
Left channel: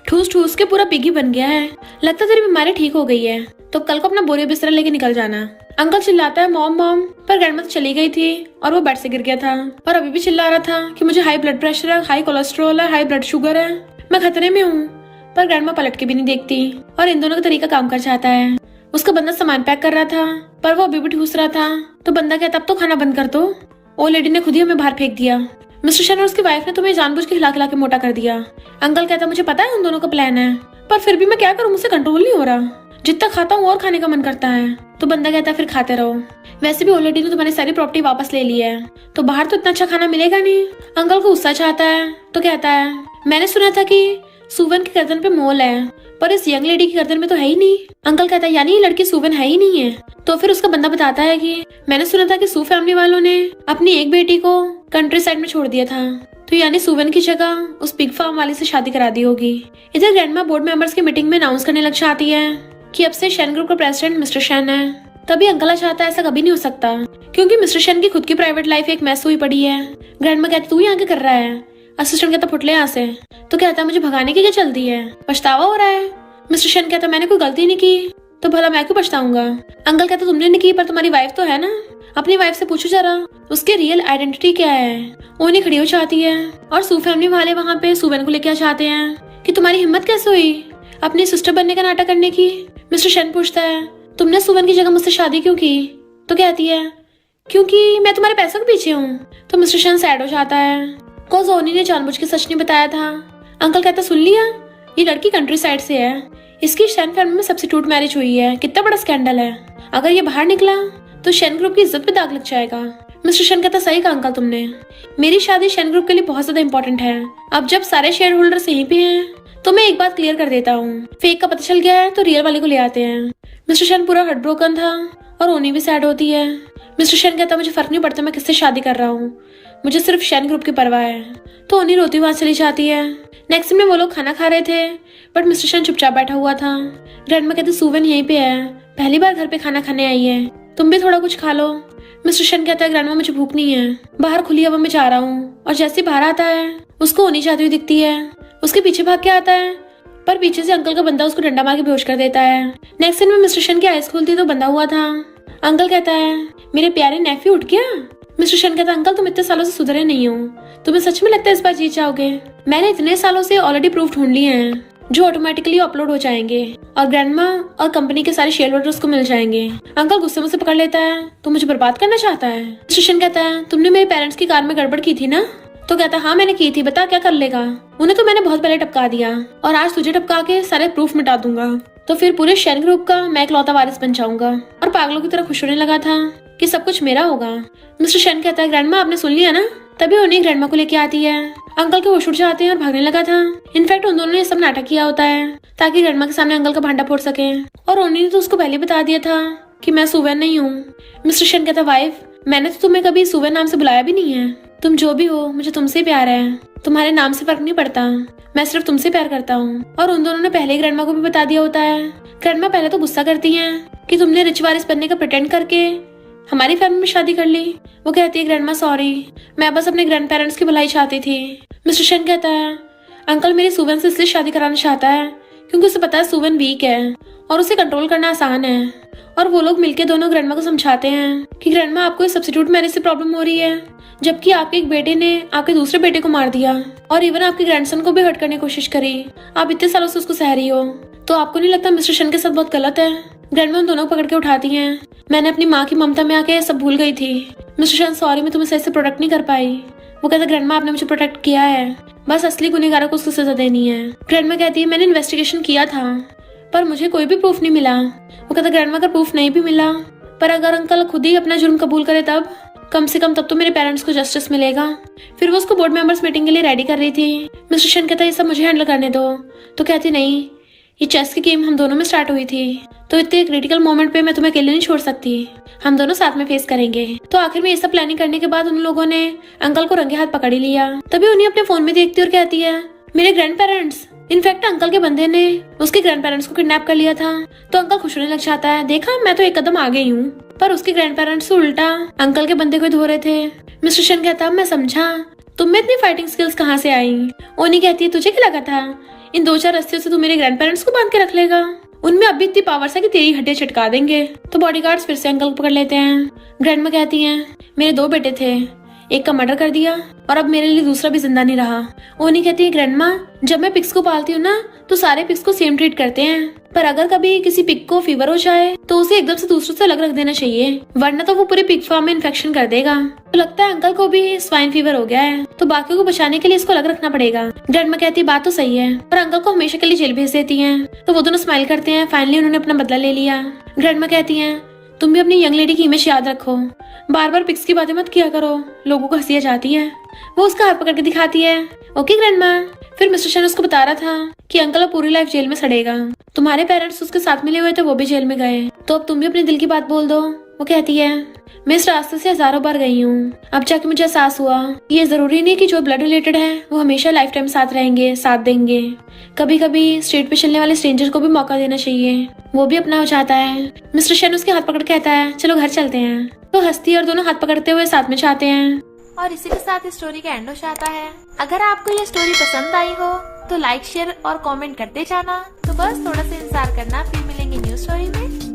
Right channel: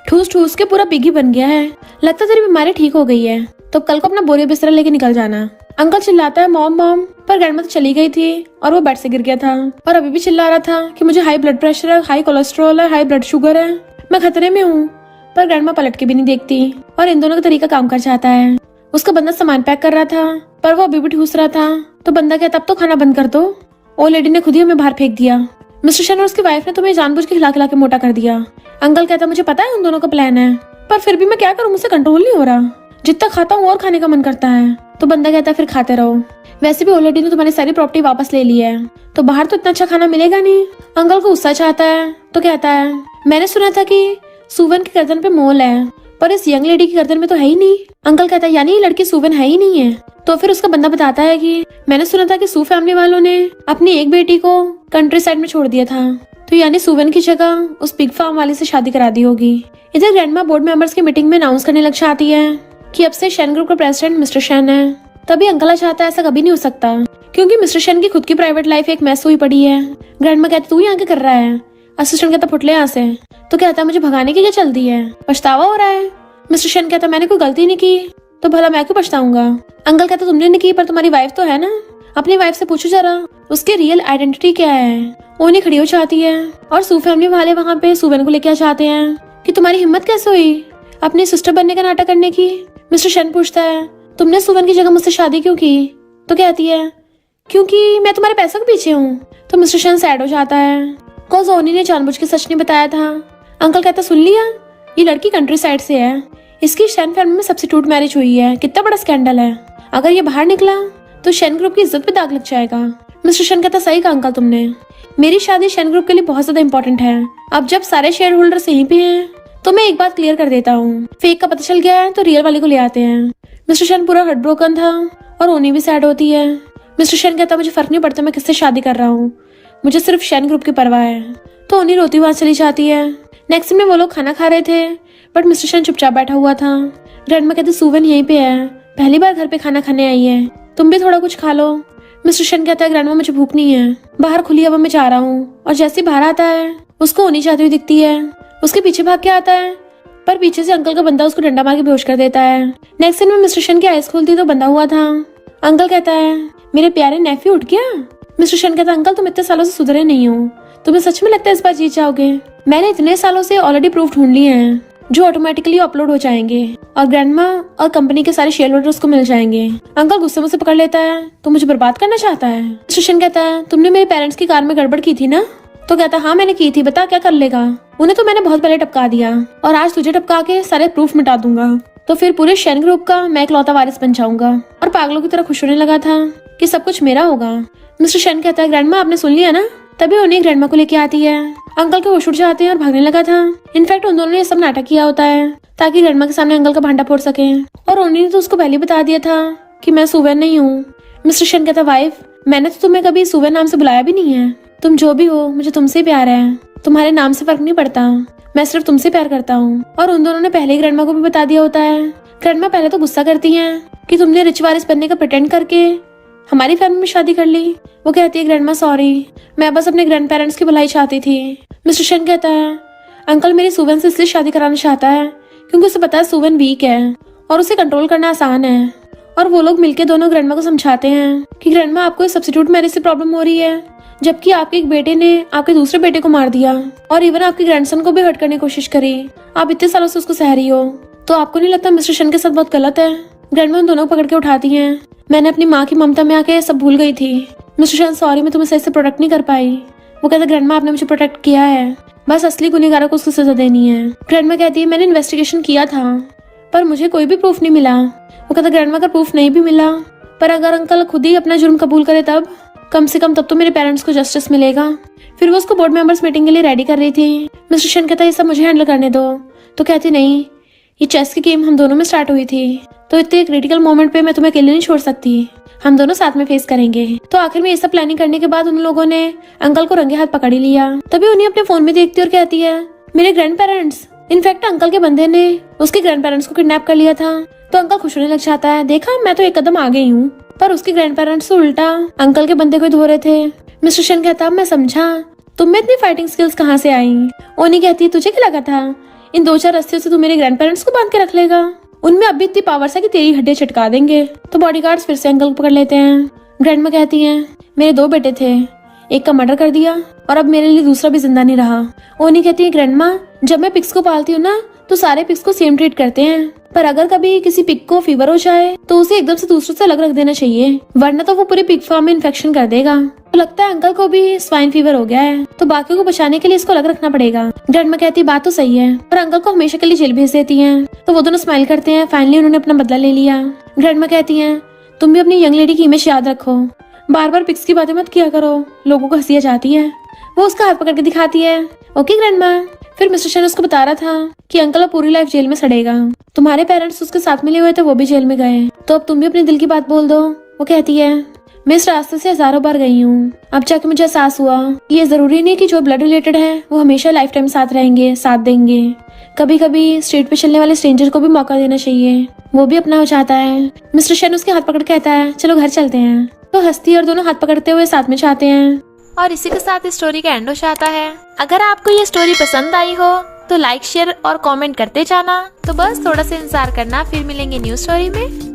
ठूस ठूस के पूरा पिगी बन गया है, लगता है तेरी बीमारी ठीक हो गई है, तो कल को अपना बोरी बिस्तरा लेके निकल जाना। अंकल चिल्लाता है मॉम मॉम, पर ग्रैंडमा तो चली गई थी और वो बेड से गिर गया था और अभी भी चिल्ला रहा था कि मुझे हाई ब्लड प्रेशर है, हाई कोलेस्ट्रॉल है, हाई ब्लड शुगर है, मैं खतरे में हूँ। पर ग्रैंडमा पलट के भी नहीं देखती और इन दोनों का तरीका काम कर जाता है। उसका बंदा सामान पैक कर रहा था पर वो अभी भी ठूस रहा था। तो बंदा कहता अब तो खाना बंद कर दो, ओ लेडी ने खुद ही हमें बाहर फेंक दिया। मिस्टर शेन और उसकी वाइफ ने तुम्हें जानबूझ के खिला खिला के मोटा कर दिया। अंकल कहता मुझे पता है उन दोनों का प्लान है, पर फिर भी मैं क्या करूँ, मुझसे कंट्रोल नहीं हो रहा, जितना खाता हूँ और खाने का मन करता है। तो बंदा कहता है फिर खाते रहो, वैसे भी ओ लेडी ने तुम्हारी सारी प्रॉपर्टी वापस ले ली है, तो बाहर तो इतना अच्छा खाना मिलेगा नहीं। अंकल को गुस्सा चाहता है तो कहता है मैंने सुना था कि सुवन की गर्दन पे मोल है, पर इस यंग लेडी की गर्दन में तो है ही नहीं। अंकल कहता है यानी ये लड़की सुवन है ही नहीं है। तो फिर उसका बंदा बताता है कि मैंने सुना था कि सू फैमिली वालों ने अपनी एक बेटी को कंट्री साइड में छोड़ दिया था, तो यानी सुवन की जगह उस पिग फार्म वाले से शादी करा दी होगी। इधर ग्रैंडमा बोर्ड मेंबर्स की मीटिंग में अनाउंस करने लग जाती है कि अब से शेन ग्रुप का प्रेसिडेंट मिस्टर शेन है। तभी अंकल चाहता है ऐसा कभी नहीं हो सकता, क्योंकि मिस्टर शेन की खुद की प्राइवेट लाइफ एक मैस हुई पड़ी है। ग्रैंडमा कहती तू यहाँ क्या कर रहा है? असिस्टेंट कहता फुट ले यहाँ से। तो कहता मुझे भगाने की क्या चलती है, पछतावा हो रहा है? मिस्टर शेन कहता मैंने कोई गलती नहीं की तो भला मैं क्यों पछताऊंगा? अंकल कहता तुमने नहीं की, पर तुम्हारी वाइफ तो है ना, अपनी वाइफ से पूछो जरा उसकी रियल आइडेंटिटी क्या है। ओनी खड़ी हो जाती है और सू फैमिली वाले वहाँ पे सुवन को लेके आ जाते हैं कि तुम्हारी हिम्मत कैसे हुई अपने सिस्टर बनने का नाटक करने की। मिस्टर शेन पूछता है तुमने सुवन की जगह मुझसे शादी क्यों की? तो कहती है क्योंकि मैं तुम्हारे पैसों के पीछे हूँ। तो मिस्टर शेन सैड हो जाता है, कॉज ओनी ने जानबूझ के सच नहीं बताया था। अंकल कहता सुन लिया, ये लड़की कंट्री साइड से है, इसकी शेन फैमिली में सब्स्टिट्यूट मैरिज हुई है, कितना बड़ा स्कैंडल है, अगर ये बाहर निकला तो शेन ग्रुप की इज्जत पे दाग लग जाएगा। मिस्टर शेन कहता सही कहा अंकल तुमने, मेरी शादी शेन ग्रुप के लिए बहुत ज्यादा इंपॉर्टेंट है। अब जब सारे शेयर होल्डर्स यहीं पे हैं तो मैं एक बात क्लियर कर देता हूँ, फेक का पता चल गया है तो रियल वाले को ले आते हैं। मिस्टर शेन पूरा हार्ट ब्रोकन था और ओनी भी सैड होती है। मिस्टर शेन कहता मुझे फर्क नहीं पड़ता मैं किससे शादी कर रहा हूँ, मुझे सिर्फ शेन ग्रुप की परवाह है। तो ओनी रोती हुई चली जाती है। नेक्स्ट में वो लोग खाना खा रहे थे बट मिस्टर शेन चुपचाप बैठा हुआ था। ग्रैंडमा कहते सुवन यहीं पे है, पहली बार घर पे खाना खाने आई है, तुम भी थोड़ा कुछ खा लो। मिस्टर शेन कहता है ग्रैंडमा मुझे भूख नहीं है, बाहर खुली हवा में जा रहा हूँ। और जैसे ही बाहर आता है उसको ओनी जाती हुई दिखती है, उसके पीछे भाग के आता है पर पीछे से अंकल का बंदा उसको डंडा मार के बेहोश कर देता है। नेक्स्ट दिन में मिस्टर शेन की आइज खुलती तो बंधा हुआ था। अंकल कहता है मेरे प्यारे नेफ्यू उठ गया। मिस्टर शेन कहता अंकल तुम इतने सालों से सुधरे नहीं हो, तुम्हें सच में लगता है इस बार जीत जाओगे? मैंने इतने सालों से ऑलरेडी प्रूफ ढूंढ लिए हैं जो ऑटोमेटिकली अपलोड हो जाएंगे और ग्रैंडमा और कंपनी के सारे शेयर होल्डर्स को मिल जाएंगे। अंकल गुस्से में से पकड़ लेता है, तो मुझे बर्बाद करना चाहता है। स्टेशन कहता है, तुमने मेरे पेरेंट्स की कार में गड़बड़ की थी ना? तो कहता, हाँ मैंने की थी, बता क्या कर लेगा? उन्हें तो मैंने बहुत पहले टपका दिया और आज तुझे टपका के सारे प्रूफ मिटा दूंगा, तो फिर पूरे शेन ग्रुप का मैं इकलौता वारिस बन जाऊंगा। और पागलों की तरह खुश होने लगा था कि सब कुछ मेरा होगा। मिस्टर शेन कहता है, ग्रैंडमा आपने सुन लिया ना? तभी उन्हें ग्रैंडमा को लेके आती है। अंकल के होश उड़ जाते हैं और भागने लगा था। इनफैक्ट उन दोनों ने सब नाटक किया होता है ताकि ग्रैंडमा के सामने अंकल का भांडा फोड़ सके। और उन्हीं ने तो उसको पहले बता दिया था कि मैं सुवेन नहीं हूँ। मिस्टर शेन कहता, वाइफ मैंने तो तुम्हें कभी सुवेन नाम से बुलाया भी नहीं है। तुम जो भी हो मुझे तुमसे प्यार है, तुम्हारे नाम से फर्क नहीं पड़ता, मैं सिर्फ तुमसे प्यार करता हूँ। और उन दोनों ने पहले ही ग्रैंडमा को भी बता दिया होता है। ग्रैंडमा पहले तो गुस्सा करती है कि तुमने रिच वारिस बनने का प्रिटेंड करके हमारी फैमिली में शादी कर ली। वो कहती है, ग्रैंडमा सॉरी, मैं बस अपने ग्रैंड पेरेंट्स की भलाई चाहती थी। मिस्टर शेन कहता है, अंकल मेरी सुवेन से इसलिए शादी कराना चाहता है क्योंकि उसे पता है सुवेन वीक है और उसे कंट्रोल करना आसान है। और वो लोग मिलके दोनों ग्रैंडमा को समझाते हैं कि ग्रैंडमा आपको सब्स्टिट्यूट मैरिज से प्रॉब्लम हो रही है, जबकि आपके एक बेटे ने आपके दूसरे बेटे को मार दिया और इवन आपके ग्रैंडसन को भी हर्ट करने की कोशिश करी। आप इतने सालों से उसको सह रही हो, तो आपको नहीं लगता मिस्टर शेन के साथ बहुत गलत है? ग्रैंडमा उन दोनों को पकड़ के उठाती है। मैंने अपनी माँ की ममता में आके सब भूल गई थी। मिस्टर शेन सॉरी, मैं तुम्हें सही से प्रोटेक्ट नहीं कर पाई। वो कहता, ग्रैंडमा आपने मुझे प्रोटेक्ट किया है, बस असली गुनहगारों को उसको सजा देनी है। ग्रैंडमा कहती है, मैंने इन्वेस्टिगेशन किया था पर मुझे कोई भी प्रूफ नहीं मिला। वो कहता, ग्रैंडमा का प्रूफ नहीं भी मिला पर अगर अंकल खुद ही अपना जुर्म कबूल करे तब कम से कम तब तो मेरे पेरेंट्स को जस्टिस मिलेगा। फिर वो उसको बोर्ड मेंबर्स मीटिंग के लिए रेडी कर रही थी। मिस्टर शेन कहता है, ये सब मुझे हैंडल करने दो। तो कहती, नहीं, ये चेस की गेम हम दोनों में स्टार्ट हुई थी, तो इतने क्रिटिकल मोमेंट पे मैं तुम्हें अकेले नहीं छोड़ सकती, हम दोनों साथ में फेस करेंगे। तो आखिर में ये सब प्लानिंग करने के बाद उन लोगों ने अंकल को रंगे हाथ पकड़ ही लिया। तभी उन्हें अपने फोन में देखती और कहती है, मेरे ग्रैंड पेरेंट्स। इनफैक्ट अंकल के बंदे ने उसके ग्रैंड पेरेंट्स को किडनैप कर लिया था। तो अंकल खुश होने लग जाता है, देखा मैं तो एक कदम आ गई हूँ। पर उसके ग्रैंड पेरेंट्स तो उल्टा अंकल के बंदे को धो रहे थे। मिस्टर शेन कहता, मैं समझा तुम में इतनी फाइटिंग स्किल्स कहाँ से आई। ओनी कहती है, तुझे क्या लगा था इन 2-4 रस्ते से तू मेरे ग्रैंड पेरेंट्स को बांध के रख लेगा? उनमें अभी इतनी पावर है कि तेरी हड्डियां चटका देंगे। तो बॉडीगार्ड्स फिर से अंकल को पकड़ लेते हैं। ग्रैंडमा कहती हैं, मेरे 2 बेटे थे, एक का मर्डर कर दिया और अब मेरे लिए दूसरा भी जिंदा नहीं रहा। ओनी कहती है, ग्रैंडमा जब मैं पिग्स को पालती हूँ ना तो सारे पिग्स को सेम ट्रीट करते हैं, पर अगर कभी किसी पिग को फीवर हो जाए तो उसे एकदम से दूसरों से अलग रख देना चाहिए, वरना तो वो पूरे पिग फार्म में इन्फेक्शन कर देगा। तो लगता है अंकल को भी स्वाइन फीवर हो गया है, तो बाकियों को बचाने के लिए इसको अलग रखना पड़ेगा। ग्रैंडमा कहती है, बात तो सही है, पर अंकल को हमेशा के लिए जेल भेज देती है। तो वो दोनों स्माइल करते हैं, फाइनली उन्होंने अपना बदला ले लिया। ग्रैंडमा कहती है, तुम भी अपनी यंग लेडी की इमेज याद रखो, बार बार पिग्स की बातें मत किया करो, लोगों को हंसी आ जाती है। वो उसका हाथ पकड़ के दिखाती है, ओके ग्रैंडमा। फिर मिस्टर शेन उसको बता रहा था कि अंकल अब पूरी लाइफ जेल में सड़ेगा, तुम्हारे पेरेंट्स उसके साथ मिले हुए थे, वो भी जेल में गए, तो अब तुम भी अपने दिल की बात बोल दो। वो कहती है, मैं इस रास्ते से हजारों बार गई हूँ, अब जाके मुझे एहसास हुआ ये जरूरी नहीं कि जो ब्लड रिलेटेड है वो हमेशा लाइफ टाइम साथ रहेंगे, साथ देंगे। कभी कभी स्ट्रीट पे चलने वाले स्ट्रेंजर को भी मौका देना चाहिए, वो भी अपना हो जाता है। मिस्टर शेन उसके हाथ पकड़ कहता है, चलो घर चलते हैं। तो हस्ती और दोनों हाथ पकड़ते हुए साथ में जाते हैं। और इसी के साथ इस स्टोरी का एंड हो जाता है। अगर आपको ये स्टोरी पसंद आई हो तो लाइक, शेयर और कमेंट करते जाना। तो बस थोड़ा सा इंतजार करना, फिर मिलेंगे न्यू स्टोरी में।